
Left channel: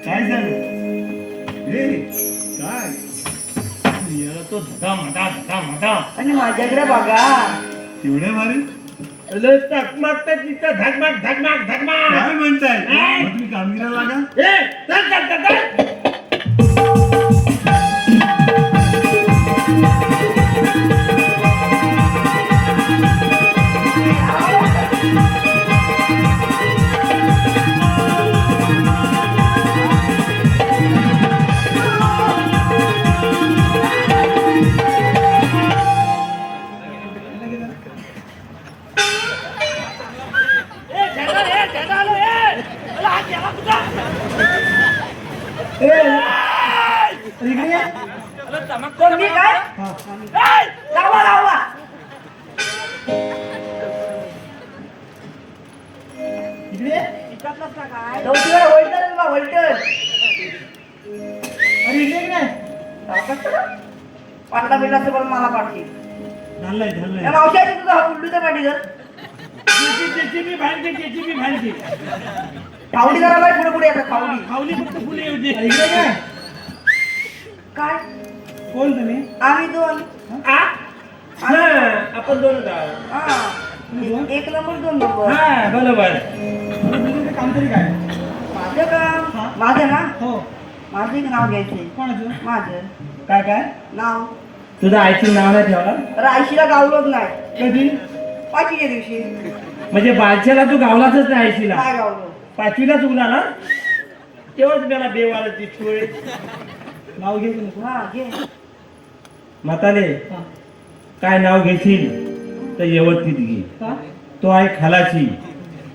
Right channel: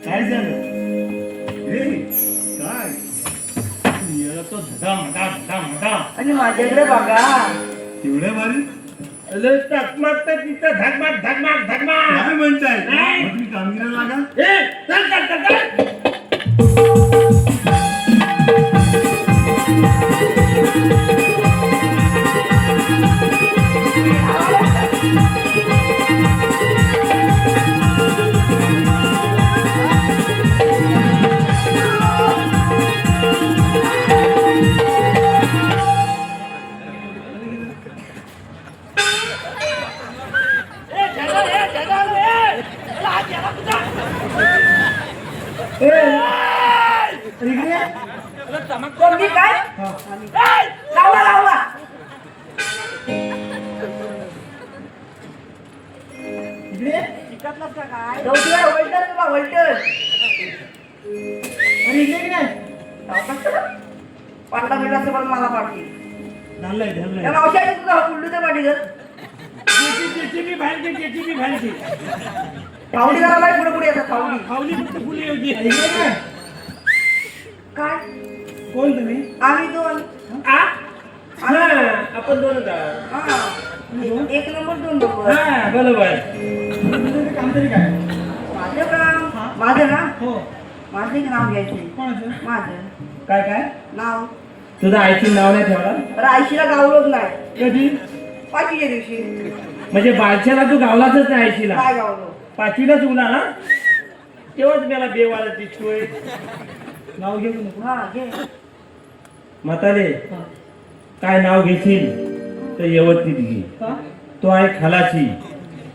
काय झालं? हे काय याला तो धडा. आणि माझ्याकडे बघा. एवढ्या भारी चकमक तर तिथं धगमग. काय म्हणताय? मग तुम्ही कामगिरीला लागा. ए, चल. इकडे ये. तुम्ही काय? लावा. इकडे ये. शिकतलास का काय? वैटर का वैटर? अरे इकडे की नाही? पाटला बिलाचं पण मला पाडते. झालंय. या मावशाची तुझा उल्लूचं पाठी कर. जेसीबी भांडते. फावली करायला पुढे येतात फावली. फावली फक्त फुले होती. इकडे काय? काय? कोण तुम्ही? आम्ही दोन. आपण दोन आहोत. हा. एक नंबर 2 नंबर. हा बरोबर. काम तरी काय? माझं काम माझं ना हो. माझं एक नाव घ्यायचंय. कोणाचं? माझं काय नाव. तुझं आईची नाव नाही ठेवला? तर आयशीला गावलोच नाही. कधी? पाचवीच्या दिवशी म्हणजे बादशाला तू गावलाच नाही आईशीला? काय गावलो? 5वीला चुकला ना? तेव्हाच मला बेवाला ती छोय नाव घेऊ नको. हा घे. म्हातारे हा. काय नाव घेशील तर यवतीत घे. का? तो आहे खालाची,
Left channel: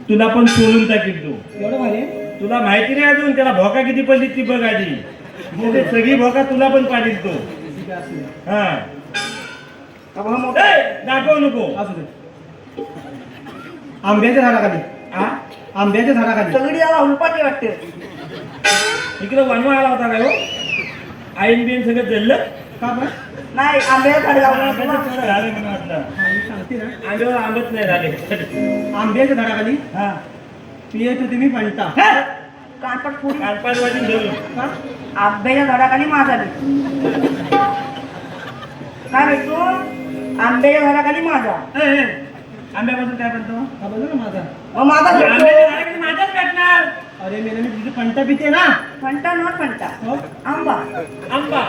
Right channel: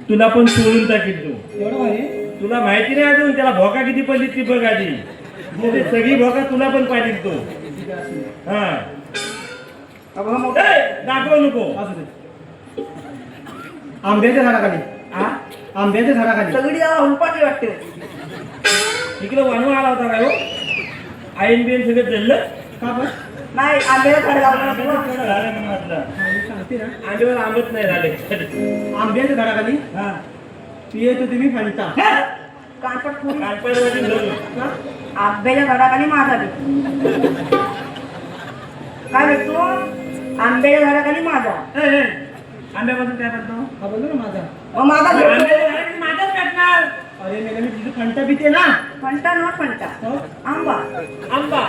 तुला पण सोडून टाकील तो. एवढं भारी? तुला माहिती नाही अजून त्याला भोका किती पडली ती बघ आधी. म्हणजे सगळी भोका तुला पण पाडील तो. ठीक आहे, असू दे. हा अहो, हा मोठा. ए, दाखव नको. असू दे. आंब्याच्या झाडाखाली. हा आंब्याच्या झाडाखाली. सगळी याला उलपाटी वाटते. इकडे वनवा आला होता काय हो? आईन बिन सगळं जल्लं का बरं? नाही आंब्याच्या झाडाखाली. आंब्याचं थोडं झालं म्हणून म्हटलं. सांगते ना. आंब्यावर आंबत नाही झाले. आंब्याच्या झाडाखाली हा पिये तो तुम्ही म्हणता. कानपट पुरी. कानपाडवाडी धरून. का? आंब्याच्या झाडाखाली माझा काय भेटतो? आंब्याच्या झाडाखाली माझा. ए, ए, आंब्यापासून काय करतो? हा बोल ना माझा. मग माझा भेटतो. आंब्याच्या झाडाखाली माझ्याच भेटणार. अरे मेला मी तिथे फंटा पिते ना. फंटा नॉट फंटा हो? आंबा आंबा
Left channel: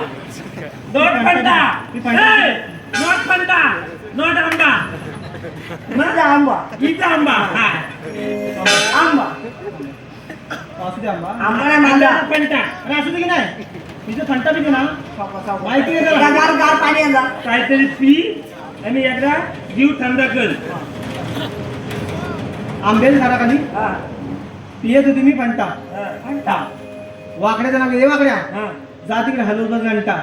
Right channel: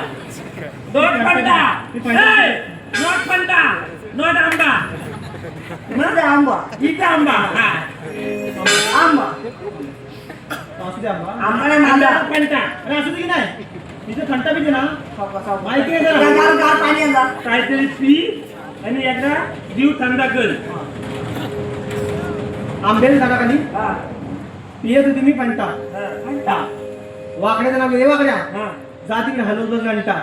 not Fanta. Me Fanta. A, not Fanta not आंबा. इथं आंबा इथं आंबा. हा. आंबा असू दे आंबा. आंबा नाही मांदा आंब्याचा फंटा. अरे असू दे की नाही. तिथे फंटा पिते ना. माहिती आहे गार जरा. गार गार पाणी आणला काहीतरी पी आणि एकदा जीव थंडा कर. आंब्याच्या झाडाखाली हा पिये तो तुम्ही फंटा. हा. फंटा वाकड्याचं नाव घे वाकड्या. हा. जा तिकडे हलवतो घंटा.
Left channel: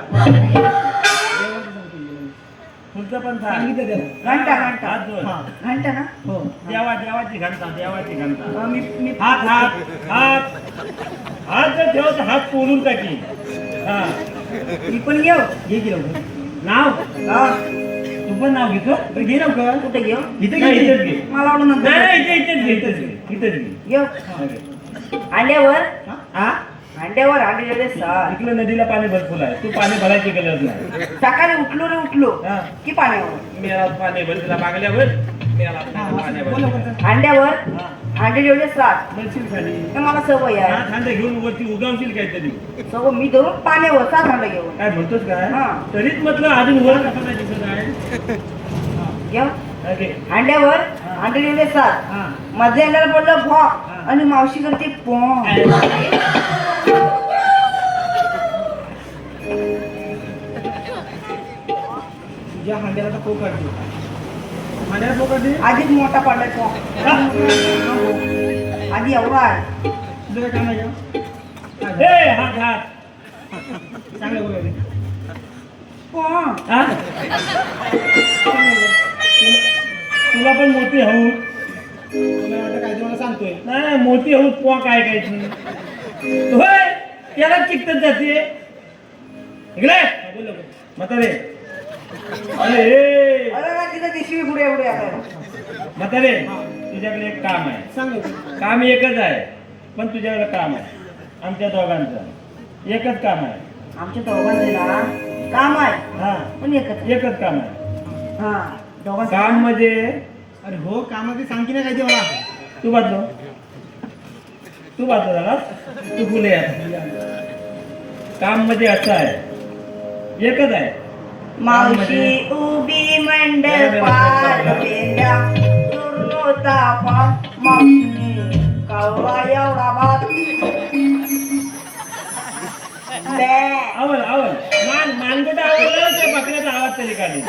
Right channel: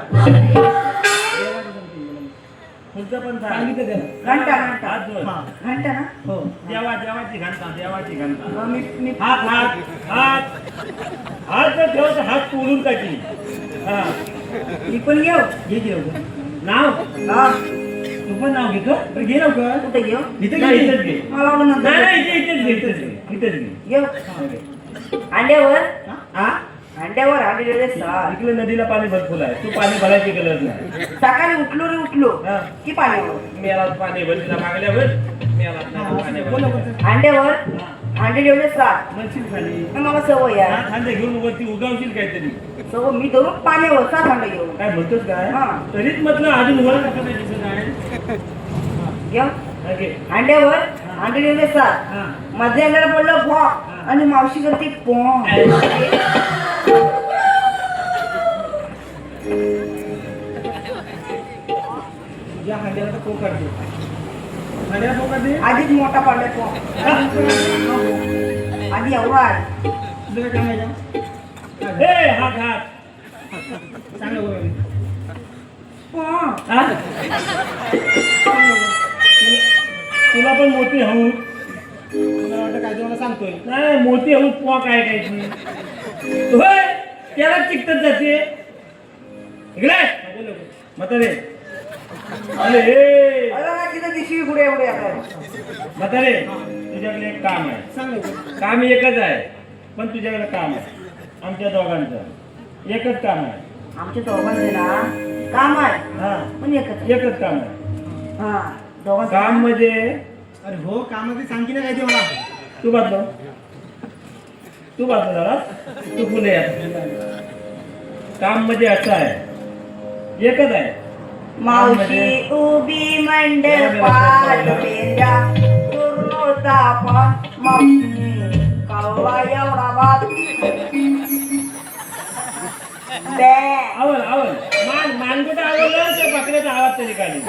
पुढचं पण सांग. सांगितलं त्याला. घंटा घंटा हात जोड. हा. घंटा ना हो. देवाची घंटा देवाची घंटा. मी हात हात हात हात जर ठेवत हात तोडून टाकी. हा. मी पण घेऊ घे की लवकर. नाव हा तू पण नाव घेतो. बरं घे लवकर. कुठे घेऊ इथे नाही, घे. इथेच घे. मला वाटलं नंतर नाही नाही, इथेच घे इथेच घे इथेच घे. घेऊ अंड्यावर हा अंड्यावर अंड्याचे साल इकडे नदीला पाणी भरपूर आहे. तू पाणी भरायची गरज नाही. सकाळी उठलो रे उठलो हा. की पाणी मेला पाणी भर तिला मागल्यावर मेला पाणी बोल भर. लवकर. अंड्यावर हा. अंडे जेवढे सात म्हणशील खाली. तर मला सवय आहे हा, खांदे घेऊन वरती उगावशील काहीतरी. सवय मी धरून पाण्यावर सात अंडे घेऊन काय म्हणतोस काय? हा. तरीच म्हटलं अजून वर कसं नाही दिसत आहे. घेऊ हा, घे. अंड्यावर अंडे जेवढे सात हा. माझ्या अंड्याला बोललं भॉ आणि मावशी करते पॉ तुझ्या हांड्याला तर खूप काढते. हांड्याला खूप काढते. आधीच मोठा पडलाय पॉ आधी एवढा आहे तुझं काय काम आहे का? ए, हात हात. सांग लवकर. पॉ हा? तुला पण मोठी हऊ. मला वाटतं काय ते मला सांगतोय. नाही नाही, मोठी हऊ पुवा काय काय ती. होय त्याला चिकटत जाते. इकडे हा, बोल लवकर. म्हातारे. अरे ए, अरे तिथं दिसवी पुढे एवढे आहे म्हातारे तुझ्याकडे एक काम आहे. सांग लवकर. काम एकच आहे पण तुझ्याकडे काम आहे. आमच्या दोघांचं एकच काम आहे. आमच्या दोघांचे ना काम आहे हा पण एकच एकच काम आहे. हा दोघांचं काम म्हणजे अरे हो कामाचे सांग की नाही काय ते मला. तू बांधलो झाला तू फुले. काम म्हणजे असं आहे एकच आहे. मावशी उभी मंडपात पेंड्या पूर्ण तापा मावशी कव्वा एवढा भात बे आवड मानगट आवडलं तर बकऱ्याचा आवाज तरी काढली.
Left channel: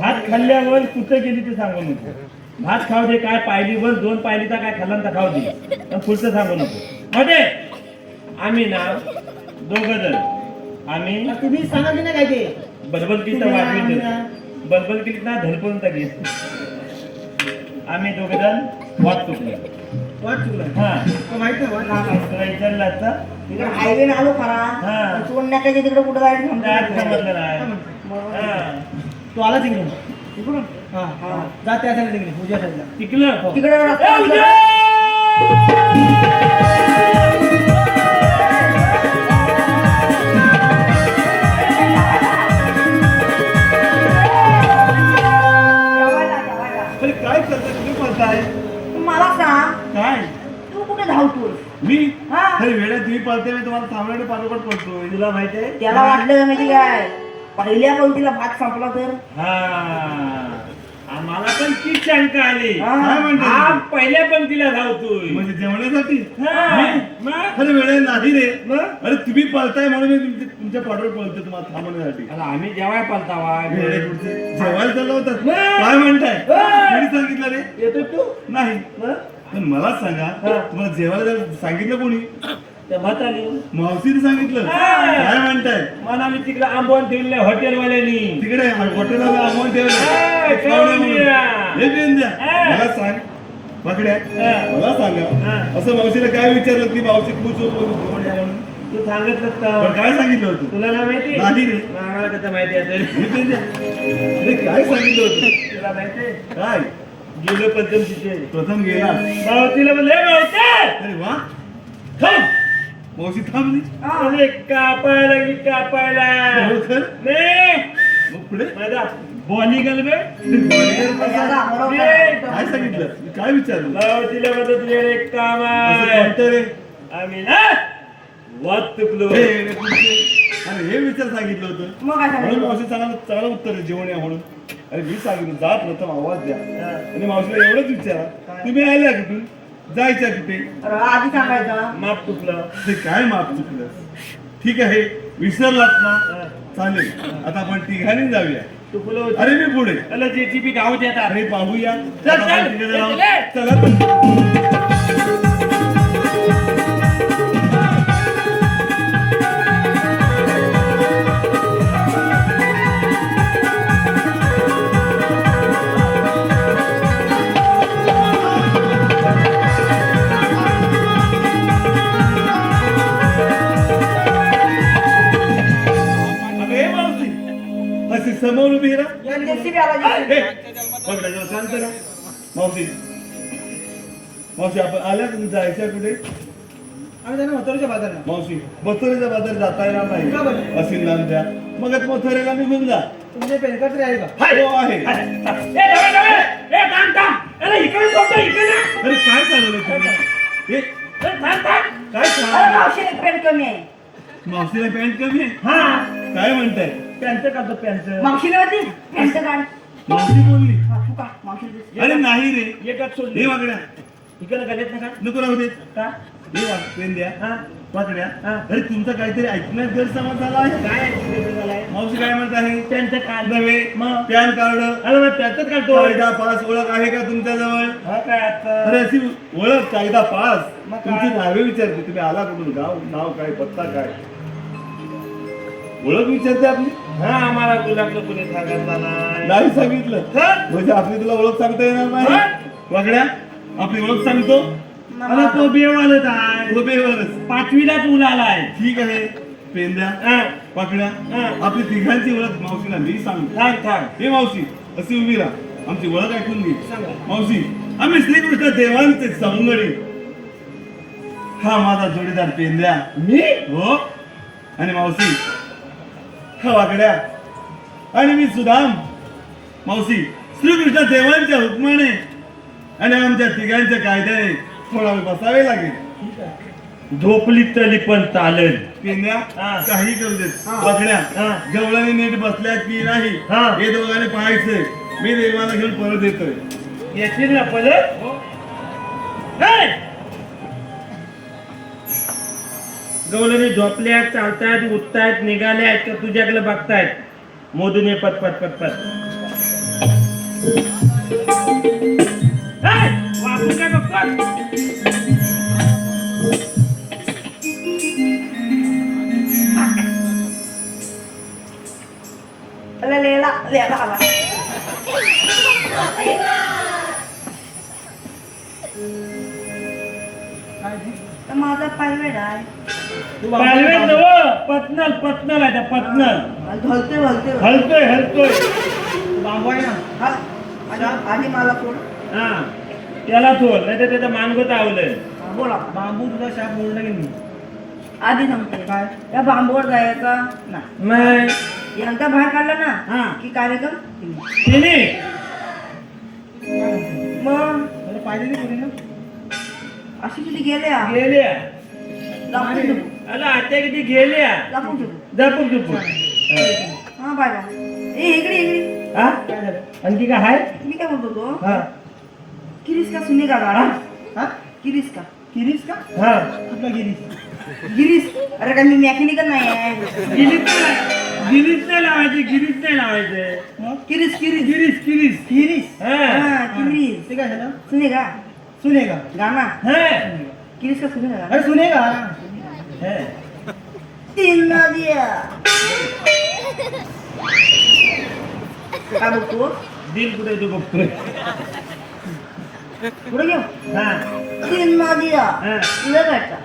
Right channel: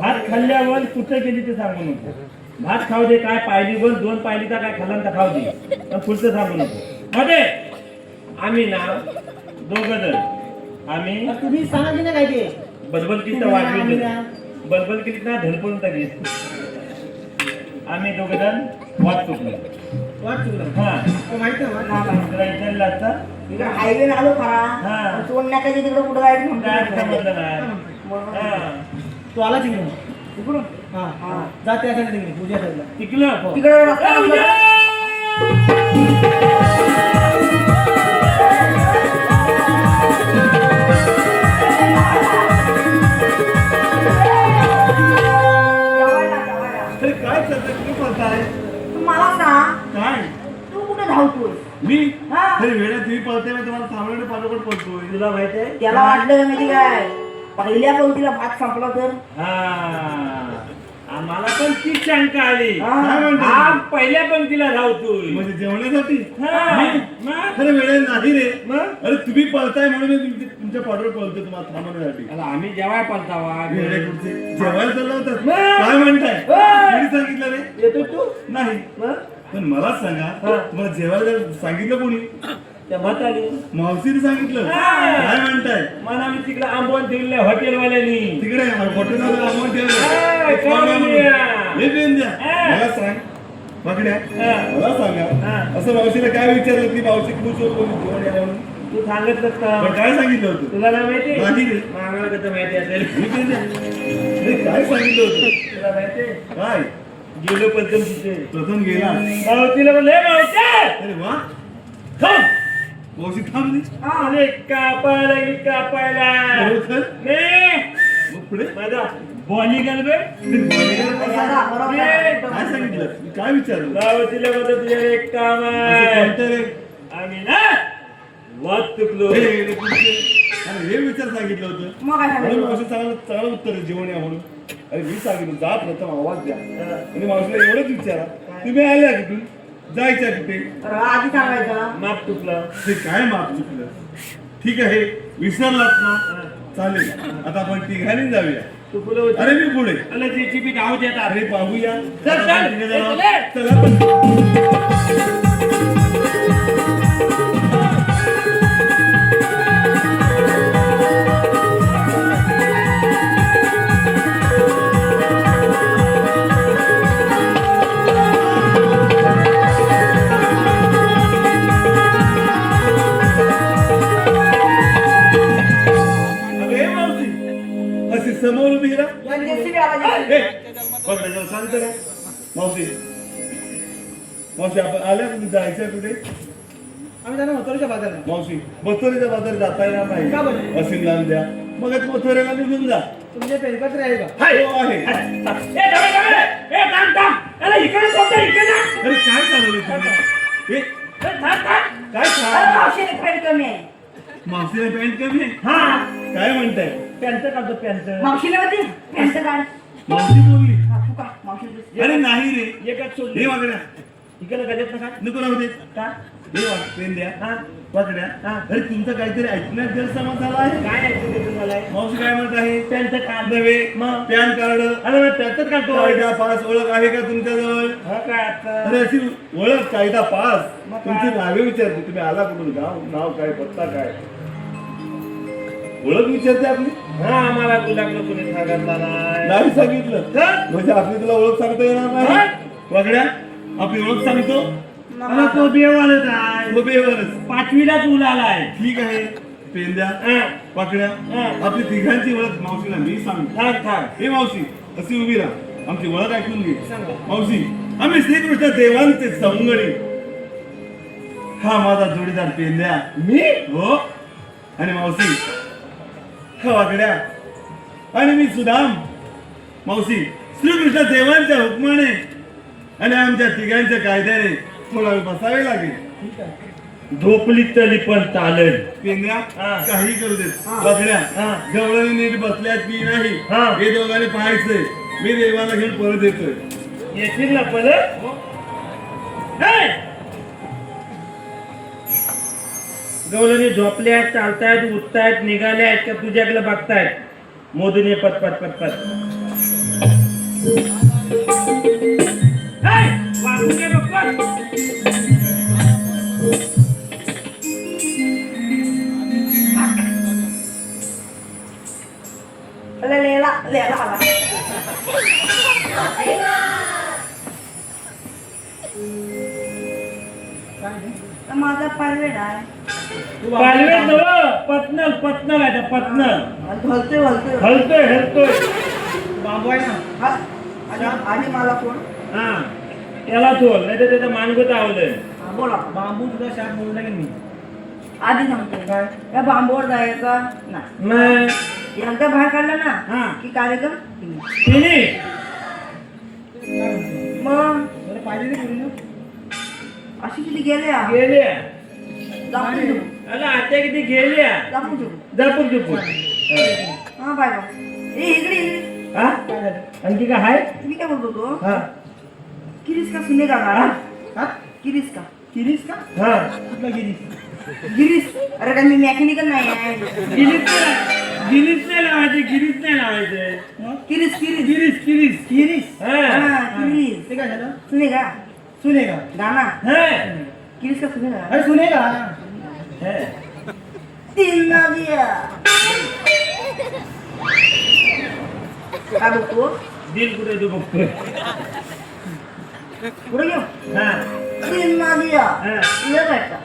भात खाल्ल्यावर कुठं गेली ते सांगू नको. भात खाऊ दे काय पाहिली वर 2 पाहिली तर काय खाल्लं तर खाऊ दे पण पुढचं सांगू नको. मध्ये आम्ही ना दोघं जण आम्ही तुम्ही सांगा की नाही काय ते. बलबल किती वाजवी बलबल किती ना धडपडून टाकेल. आम्ही दोघं जण वाट चुकली. वाट चुकलं. हा माहित नाही वाट. तुला विचारलं असतं इकडे हायवे आलो हा. खरा सोडण्याकडे तिकडे कुठं काय जायचं समजलं नाही. हा तू आला तिकडे. तिकडून हा हा. जा त्या साईडला तिकडे पूजा साईडला. टिकलं तिकडे रस्ता नसला. जेवायला. अरे काय करताय तुम्ही बोलताय तू मला सांग काय तू कुठे धावतोय मी हा. अरे वेळा तुम्ही पळते मी तुम्हाला थांबल्याने पाठोपाठ पळतोय. तुला माहिती आहे त्याला वाटलं माहिती काय पहिल्या पंक्तीला भात संपला तर हा आम्हाला पण तीच शंका आली हा. काय म्हणतो हा पहिल्या पंक्तीला धावतोय म्हणजे जेवणासाठी हा. मी- मग? खरं वेळ नाही रे मग? अरे तुम्ही पळताय म्हणून मी तुमच्या पाठवर पळतो तुम्हाला थांबवण्यासाठी आता आम्ही जेवाय पालतावा वेळे कुठचे जेवायला चालला होतात मग? काय म्हणताय हा. कोणी सांगितलं रे येतो तू नाही मग? पण मला सांगा हा. तुम्हाला जेवायला जायला सांगितलं कोणी त्या भात आली मावशीने सांगितलं हा. काय म्हणताय मला मी तिकडे आंबवून ठेवले हॉटेलवाल्यांनी तिकडे हॉटेलला आम्हाला हा, ठेवलं खाऊन या. हे पिऊन द्या हा. मला सांग पकड्या हा. मला सांगा हा. असं मावशीने काय विचारलं की मावशी खुश होतो जेवण या म्हणून तू सांगितलं पण तर काय सांगितलं होतं तुला नाही माहिती नाही रे. मग आम्हाला कसं माहिती असेल हे पिऊन द्या. हे काय सांगितलं होतं तुला माहिती काय गेलो पंचम तिथे प्रथम गेला मावतीला म्हणले मावते अरे वा थांब. मावशी थांबली अरे कापायला की कापायला खरोखर नाही मग पुढे माझा बॉली गल बे याला बरोबर आहे. काय सांगितलं काय विचारलं मावतीला म्हणतो तुझ्या एक काम असं आहे कोणतं रे आम्ही ना वाद तुकलो हे रे तुमचे. अरे हे विचार सांगितलं होतं मग काय म्हणून सांगितलं? मावशी चांगलं उत्तर आहे जेवण या म्हणून अरे मी सांगितलं जा प्रथम आवाज द्या आणि मावशीला एवढंच विचारा तुम्ही आल्या कुठून जायच्या कुठे अरे आधी सांगायचं माप तुकलं ते काय माप चुकलं ठीक आहे विसरलात ना चालेल आता आपण तिघांनी जाऊया तुकलो अरे मी पुढे अला जेसीबी धाव देतात अरे पाहूया चल, आता आपण चल. तिघं जाऊ. चल. चला तर. अगं हे मावशी अशी समोर उभी राहा जेसीबी आला हे, बघ ना, जरा शांत राहा. मावशी मावशी आपण आल्या का तुम्ही जायचं कुठे आम्ही त्यांना होतोच्या बाजारला मावशी मथुरेच्या बाजार जाता येणार का बरं? नाही असीम नाम द्या मग आता मथुरेला निघून जा तुमचे पेनपत्र आहे का हो आहे अरे काय चालवलं तुम्ही हे, काय चालवलं? मावशीने पेन कमी आहे मावशीला पॅन्ट कमी आहे काय म्हणताय पॅन्ट काढतो पॅन्ट मावशीला होती पेनचं काढ मावशी बोलली हा, तू काढ मावशी अरे नाही रे एकच हे सोडली वागड्या इकडे गल्यात नका नको राहू दे का हे पेन द्या हा वागड्या हा. अरे तुमचा काहीतरी ऐकण्यात गैरसमज झाला आहे काय ऐकलं झालंय मावशी काय म्हणत आहे पॅन्ट काढ नव्हे मग? पॅन कार्ड अरे मग पॅन्टच काढतो कायदा पास ओळख आहे का तुमच्याजवळ हा काय आता? अरे अशी ओळख कायदा पास मग काय? तुमची नावे विचारते तुम्ही आला कुठून गाव नाव काय पत्ता काय ओळख विचारते आपली हा आम्हाला गुलाबला कुणी सांगितला नाही नाही सांगितलं हा? म्हणजे आपली तुला ओळख सांगता येणार नाही वागड्या आपली ओळख सांगतो अरे तो बेवालच आहे तो बेवरच पाचवीलाच मुलं आलाय ठीक आहे पेन द्या हा पाकड्या हा. आपली तिघांची ओळख मावशीला मी सांगतो थांब थांब हे मावशी अशी उभी राहा आमची ओळख ऐकून घे सांगा. मावशी आम्ही श्रीकृष्ण देवांचे सवंगडी हा माझा जोडीदार पेंद्या मी हो आणि मावशी हा वाकड्या आणि मी सुदाम मावशी श्रीकृष्ण देवांच्या हुकमाने आणि आमच्या तिघांच्या कायद्याने थोडा वेळ बसावे लागेल झोपली तरी पण चालेल पेंद्या हा. काही करू देत वाकड्या हा. गवळणी नीट बसल्या की नाही हा. हे दोघांनी पाहायचंय मी देवाला घेऊन परत येतोय येतील ना परत हे! गवळणी झोपल्यात चालतायत उठतायत निघाल्यात का तुझ्याकडे बघतायत मोदून ये पटपट पटपट हे! वागू काय बघतो अरे लेला लेला आला माझा पायवेड आहे पालवे नव पटनल पटनल आहे पटनल हलते हलते हलतोय हलतोय हा आणि मला कोण हा त्याला थोड नाही तर त्याचं मानगोत आवलं हा, बोला बांबू तुझा शाप बोलला की मी आधी नव्हते या बांबूवर जायचा ना मग यांचा बाहेर काढला हा. ना की कार्यक्रम तिने मग अशी किती गेल्या गेल्या लपून ठेवू. अला आता किती गेल्या लपून ठेवू. जपून जपून हा बाय बाय ए इकडे इकडे हा आणखी काय आहे मी काय बोलतो तो हा किरीस का सुने का हा? हा? किरीस का गिरीश का हा कुठला गिरीश गिरीस अरे काय मी मॅकॅनिकल नाही आहे गिरीश नाही लावायचे गिरीश नाही लावायचे किरीस किरीस गिरीश गिरीश गिरीश हा किरीस ते काय झालं सुने का सुनेगा गाना है किरीस का सुने का अरे सुनेगा है तीन नदिया काय बोलतो दिल कुठे तू बघतोय पुढे घेऊ हा तीन नदिया हा तुला भेटता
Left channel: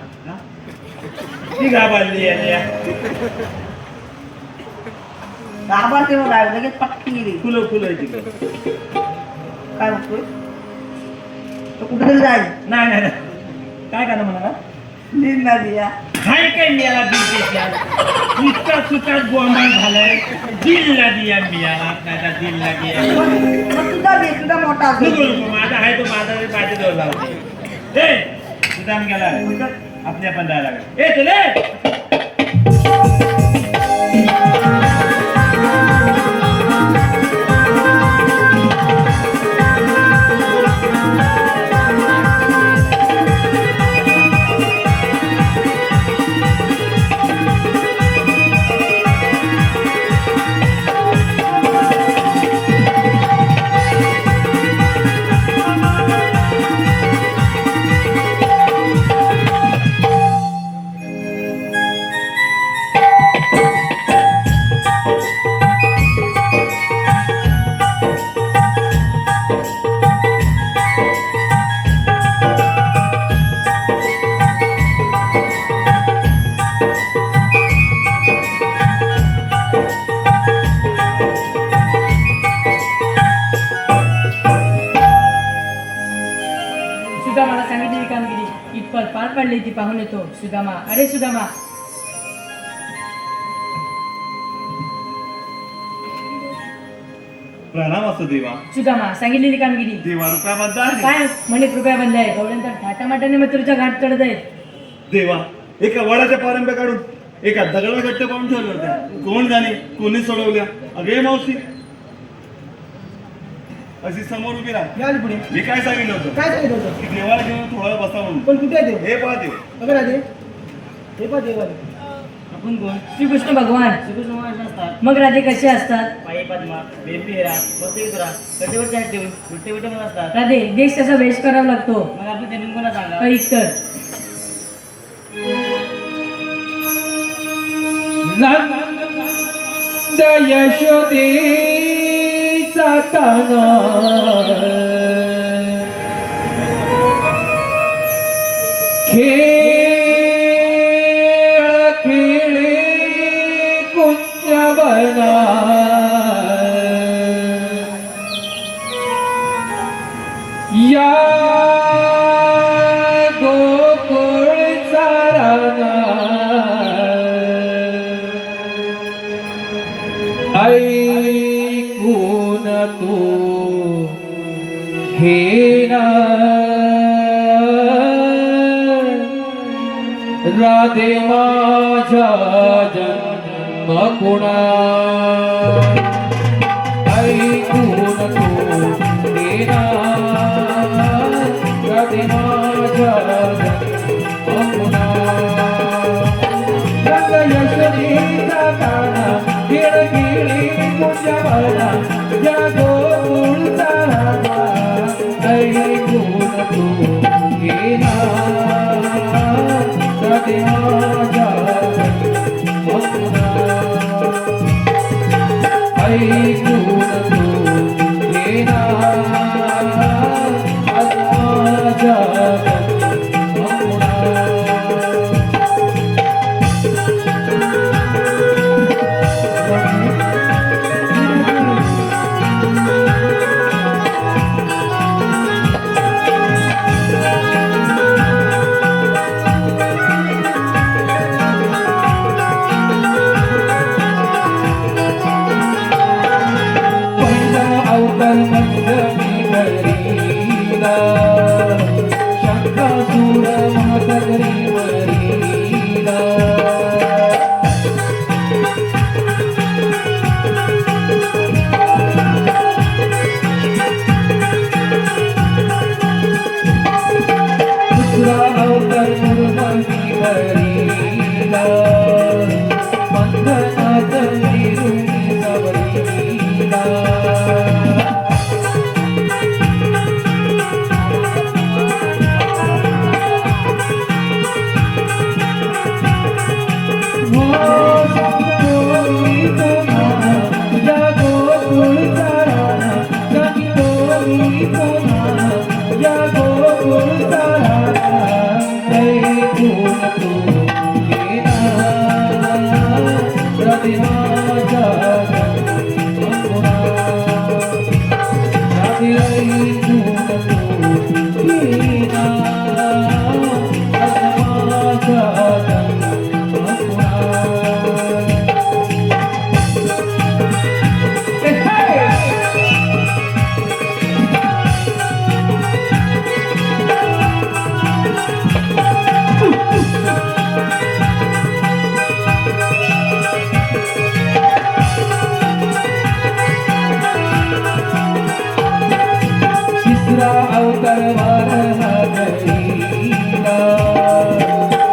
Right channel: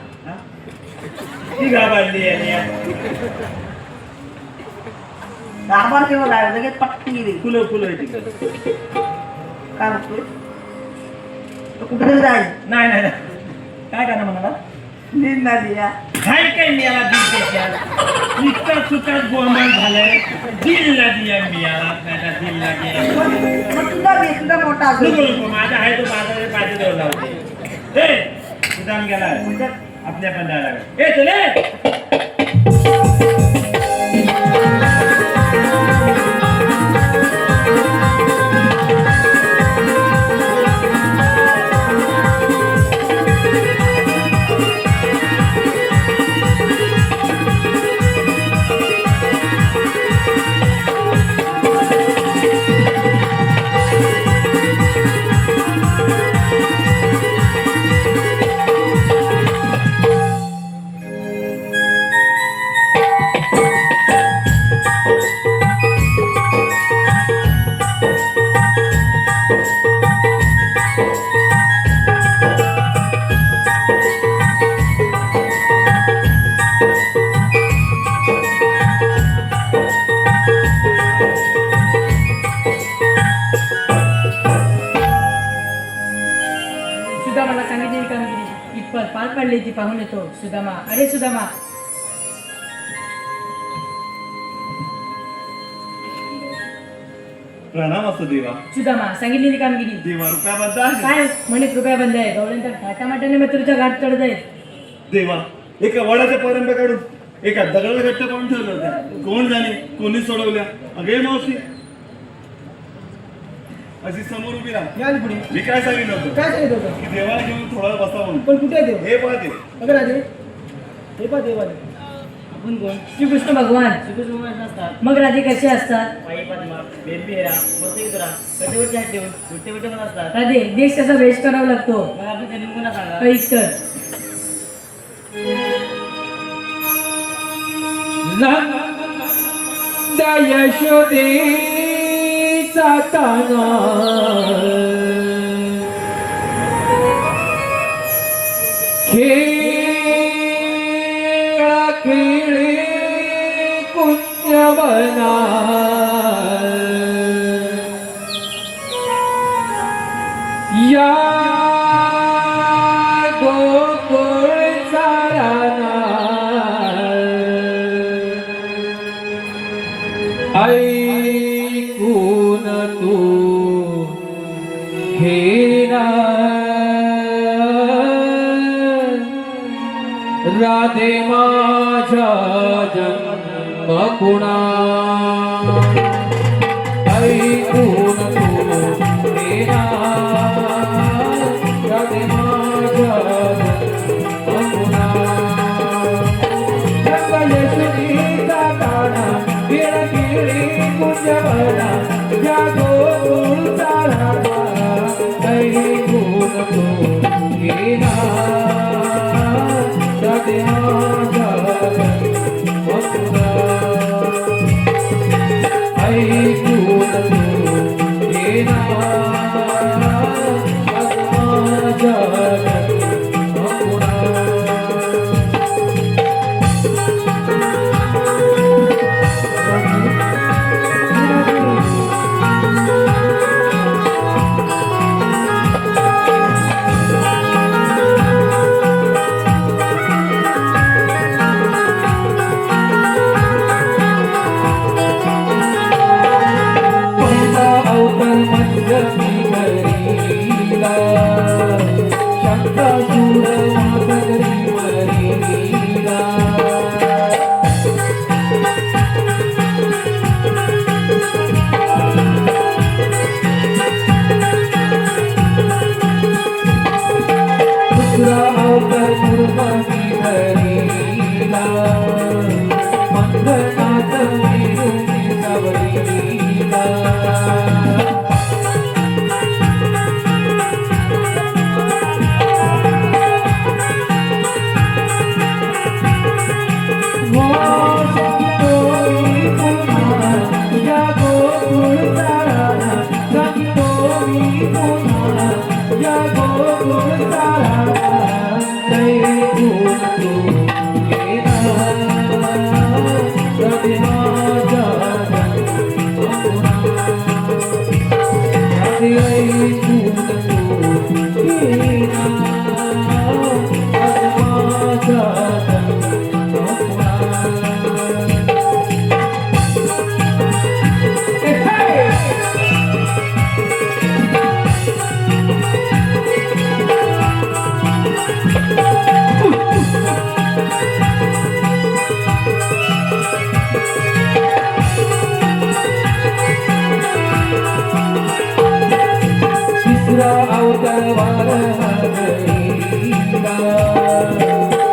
ती घाबरली आहे गाभार तेव्हा काय लगेच पटकी गेली फुलं फुलं आहे तिकडे काय बोलतोय तो कुठे जाईल नाही नाही नाही. काय करा म्हणाला तीन नदिया काय काय मिळाला दिल त्याच्या नुसता सुटात गोंधळ झालाय दिलला दिया मिळाला माझा दिलला दिया तुझा मोठा नको असेल नको माझा आहे तो माझा पाहिजे जवळ लावते ए सुदाम गेला आपल्या पण जायला लागेल ए तुले सुदामाला सांगितलेली कामगिरी इतपत पार पाडली ती पाहून येतो सुदामा अरे सुदामा प्रणाम असतो देवा. सुदामा सांगितलेली कामगिरी देवा रुपया बद्दल काय म्हणे कृपया बंद आहे गवळ्यांतर थाटामाटाने मथुरच्या घाट चढत आहे देवा एका वडाच्या पारंब्या काढून एका दगडा घट्ट पाडून ठेवल्या होत्या. कोण जाणे कोणी सोडवल्या. अगे मावशी अशी समोर उभी राहा. या आली पुढे मी काय सांगितलं होतं काय सांगितलं होतं की देवाला घेऊन थोडा वेळ बसा म्हणून. पण कुठे आहे देव हे पहा देव. बघा राजे हे पहा देव आले. आपण कोण श्रीकृष्ण भगवान मग राधे कसे असतात राधे देश कसा वेश करावा लागतो काहीच कर नंद यशोदेचा काना खेळा खेळे कुंजवना या गोकुळचा राना ऐकून तू हे राधे माझ्या जन्मकुणा ऐकून तू हे राधे माझ्या जन्मकुणा रंग यशोदेचा काना गिळगिळी कुंजवना या गोकुळचा रामा ऐकून तू गेला राधे माझ्या जन्मकुणा ऐकून तू गेला राधे माझ्या जन्मकुणा तिसरा अवतार वार हरीला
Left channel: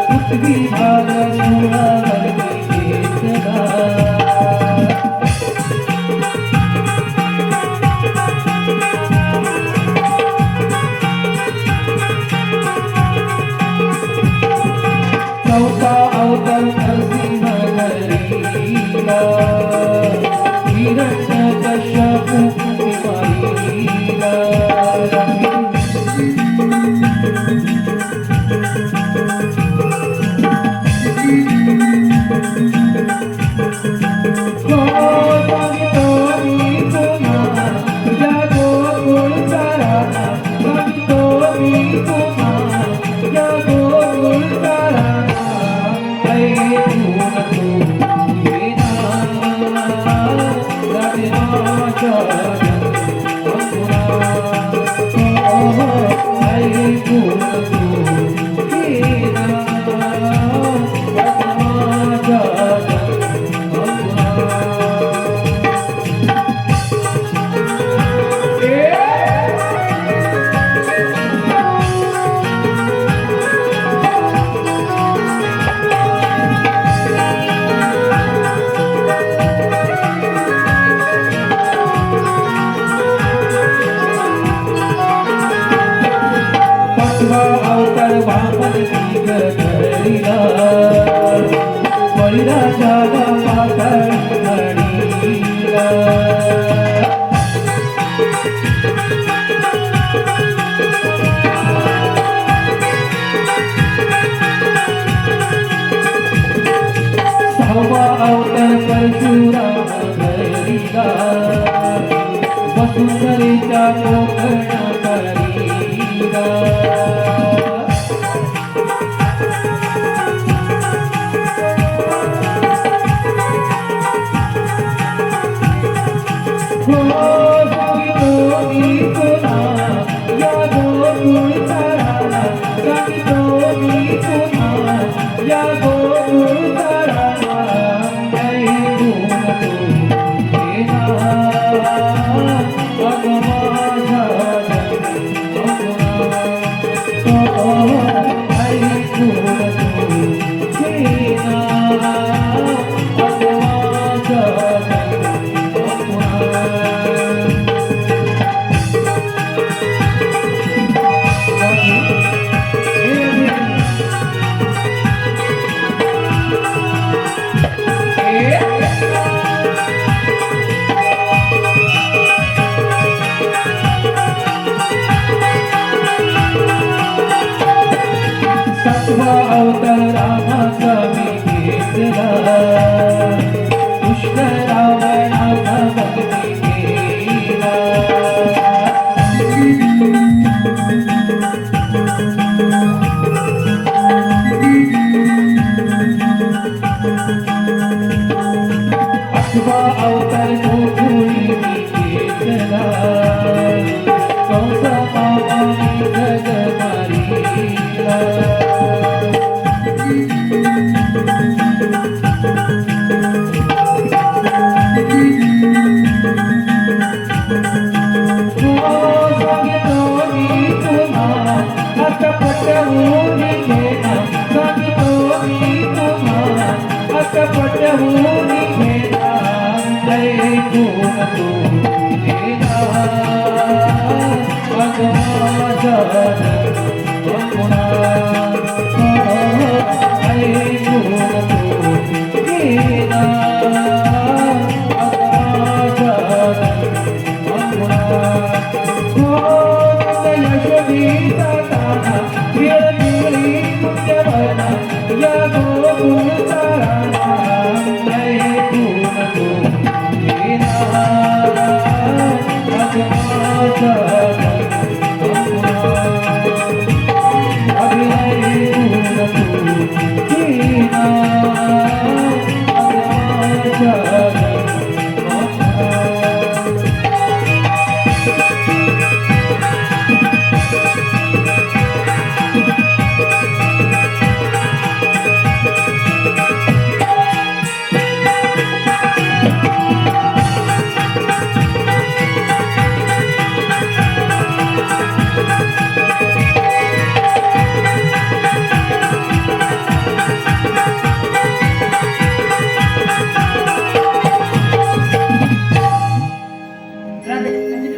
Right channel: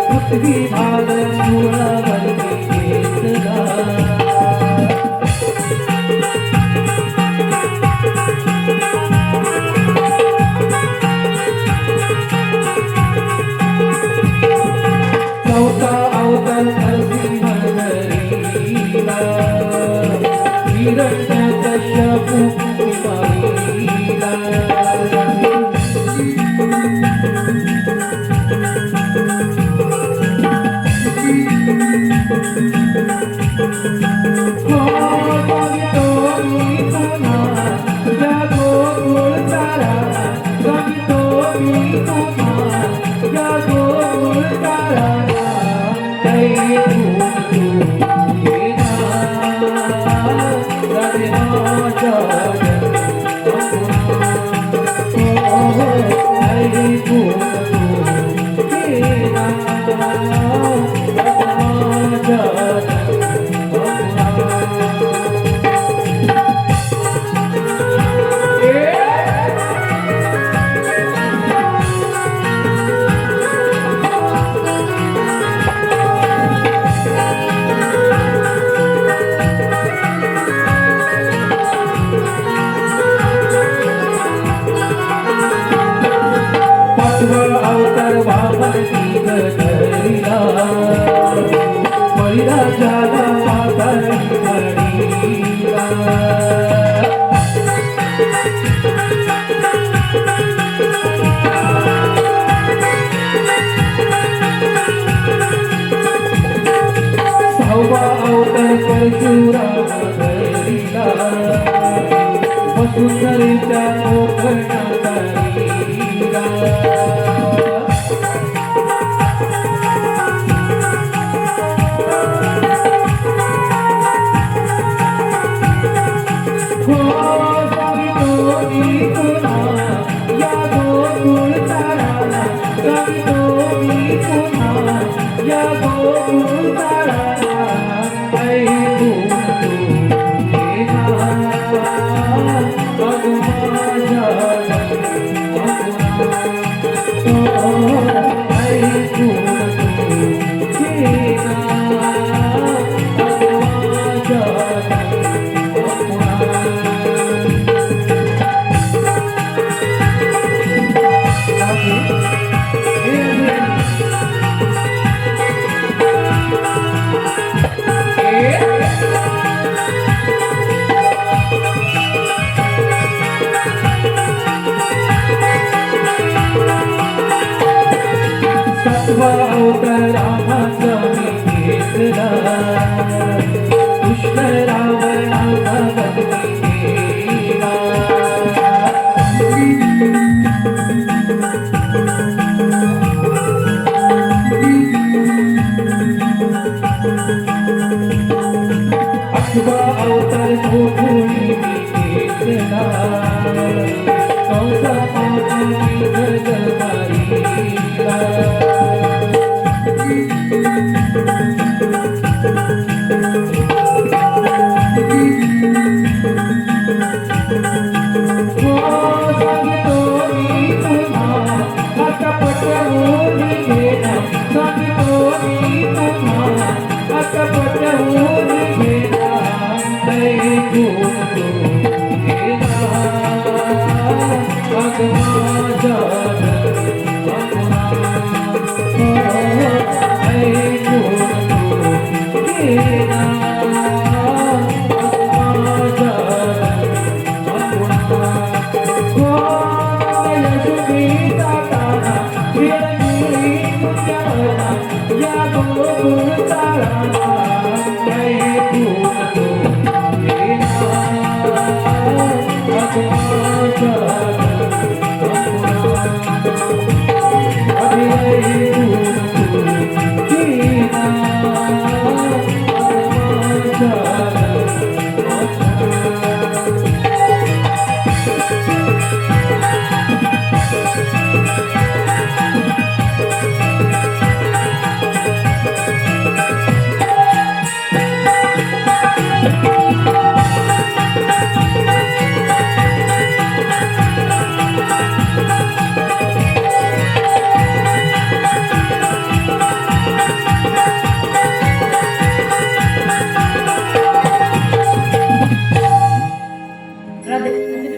पृथ्वी भाग मुळावरती घेतला चौथा अवतार नरसिंह धरीला हिरण्यकश्यपु निवारीला अवतार वामन धरीला बळीराजाला माताळी म्हणीला सहावा अवतार परशुराम धरीला वसुंधरेच्या गोकर्णा करीला अवतार रामाचा मी घेतला कृष्ण रावणाचा बंदी केला अठवा अवतार गोकुळी मी घेतला कंसा मामानी जग मारीला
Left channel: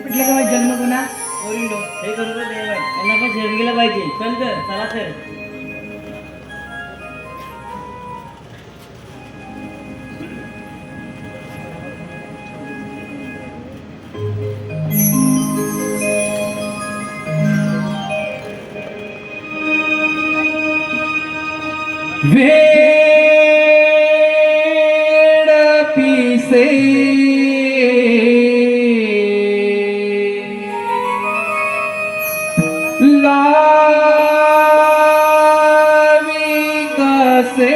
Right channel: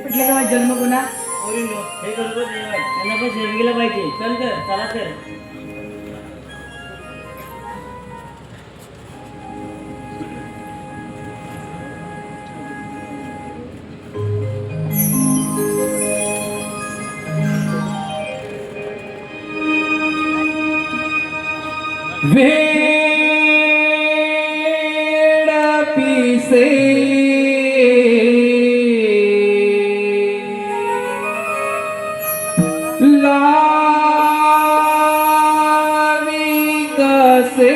पिटले का माझा जन्म गुन्हा ओरिंडो हे करू दे देवाय यांना पण शरीर गेला पाहिजे चल तर चला तर वेड पिसे लावी कसे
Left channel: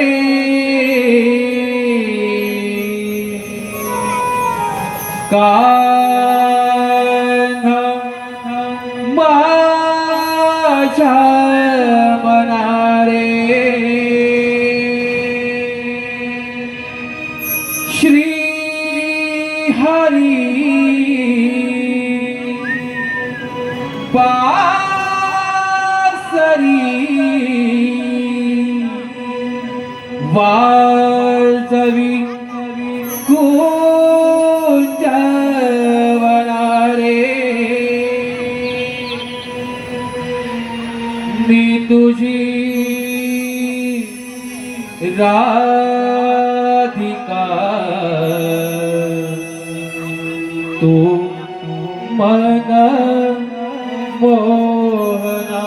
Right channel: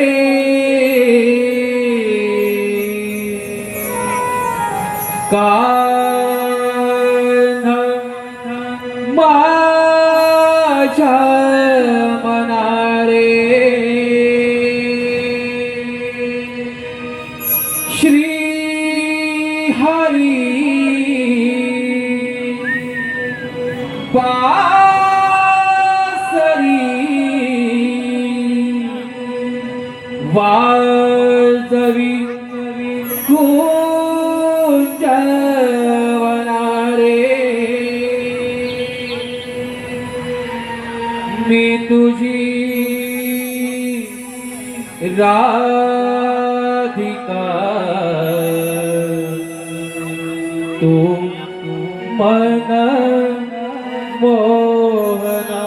कान माझ्या मनारे श्री हरी पासरी वाजवी कुंजवनारे मी तुझी राधिका तू मन मोहना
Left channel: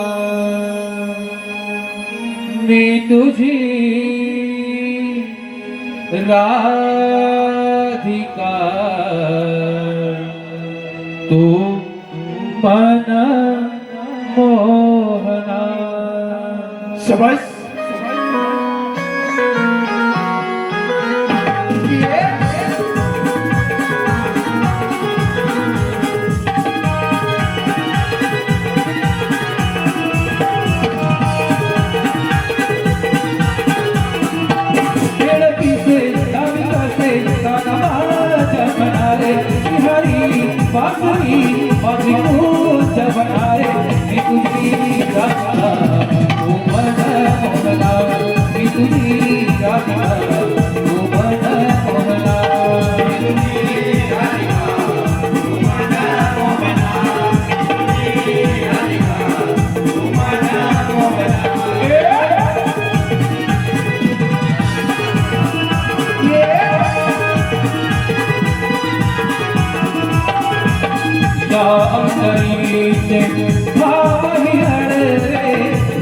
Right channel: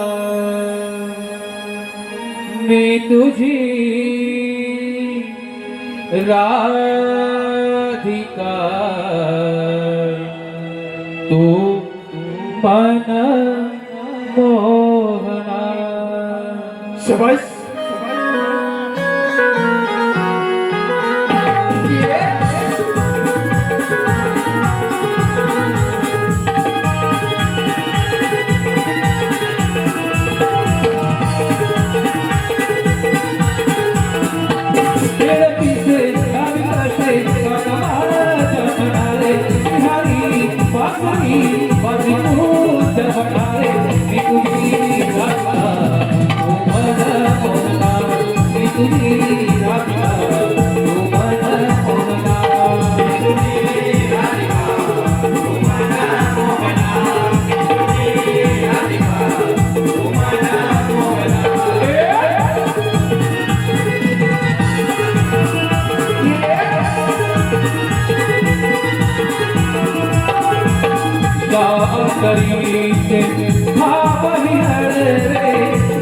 मी तुझी राधिका तू मन मोहना शबाश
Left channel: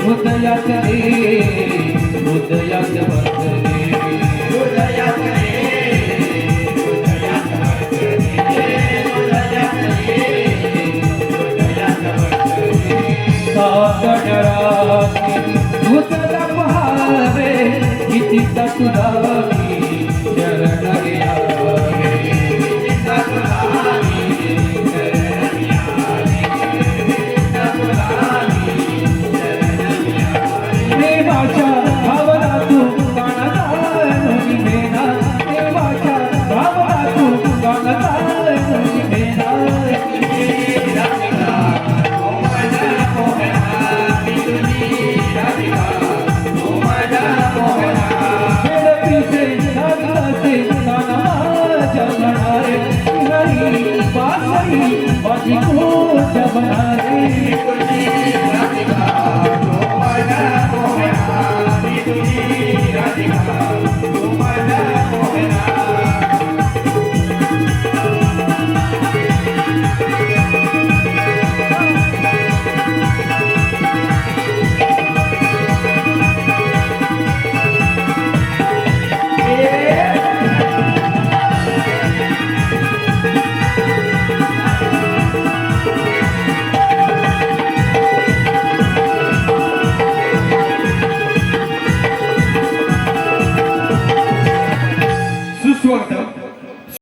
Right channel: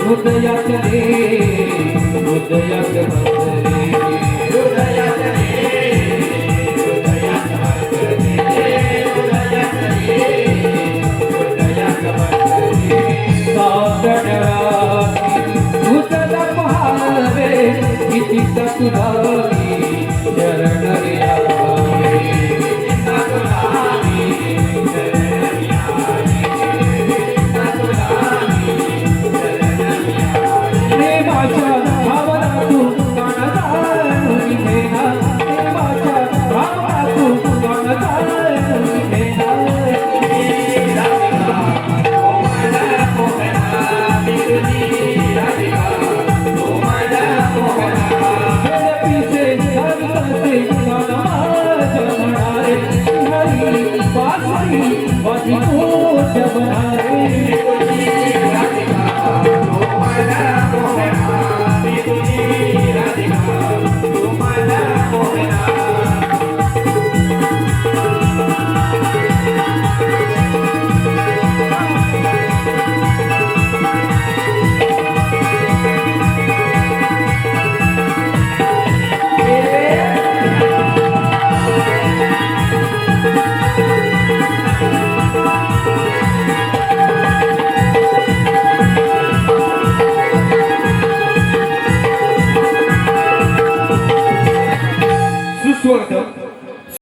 हृदयात रे हृदयात बसरे हृदयात रे हृदयात बसरे हृदयात रे हृदयात बसरे सादडराती उतल महावे किती तत्वावी शरण गया किती तत्वावी शरण प्रेमाच्या भावनातून गाणं गाणी भेना प्रेमाच्या भावनातून गाणं गाणी भेना हरी बासरी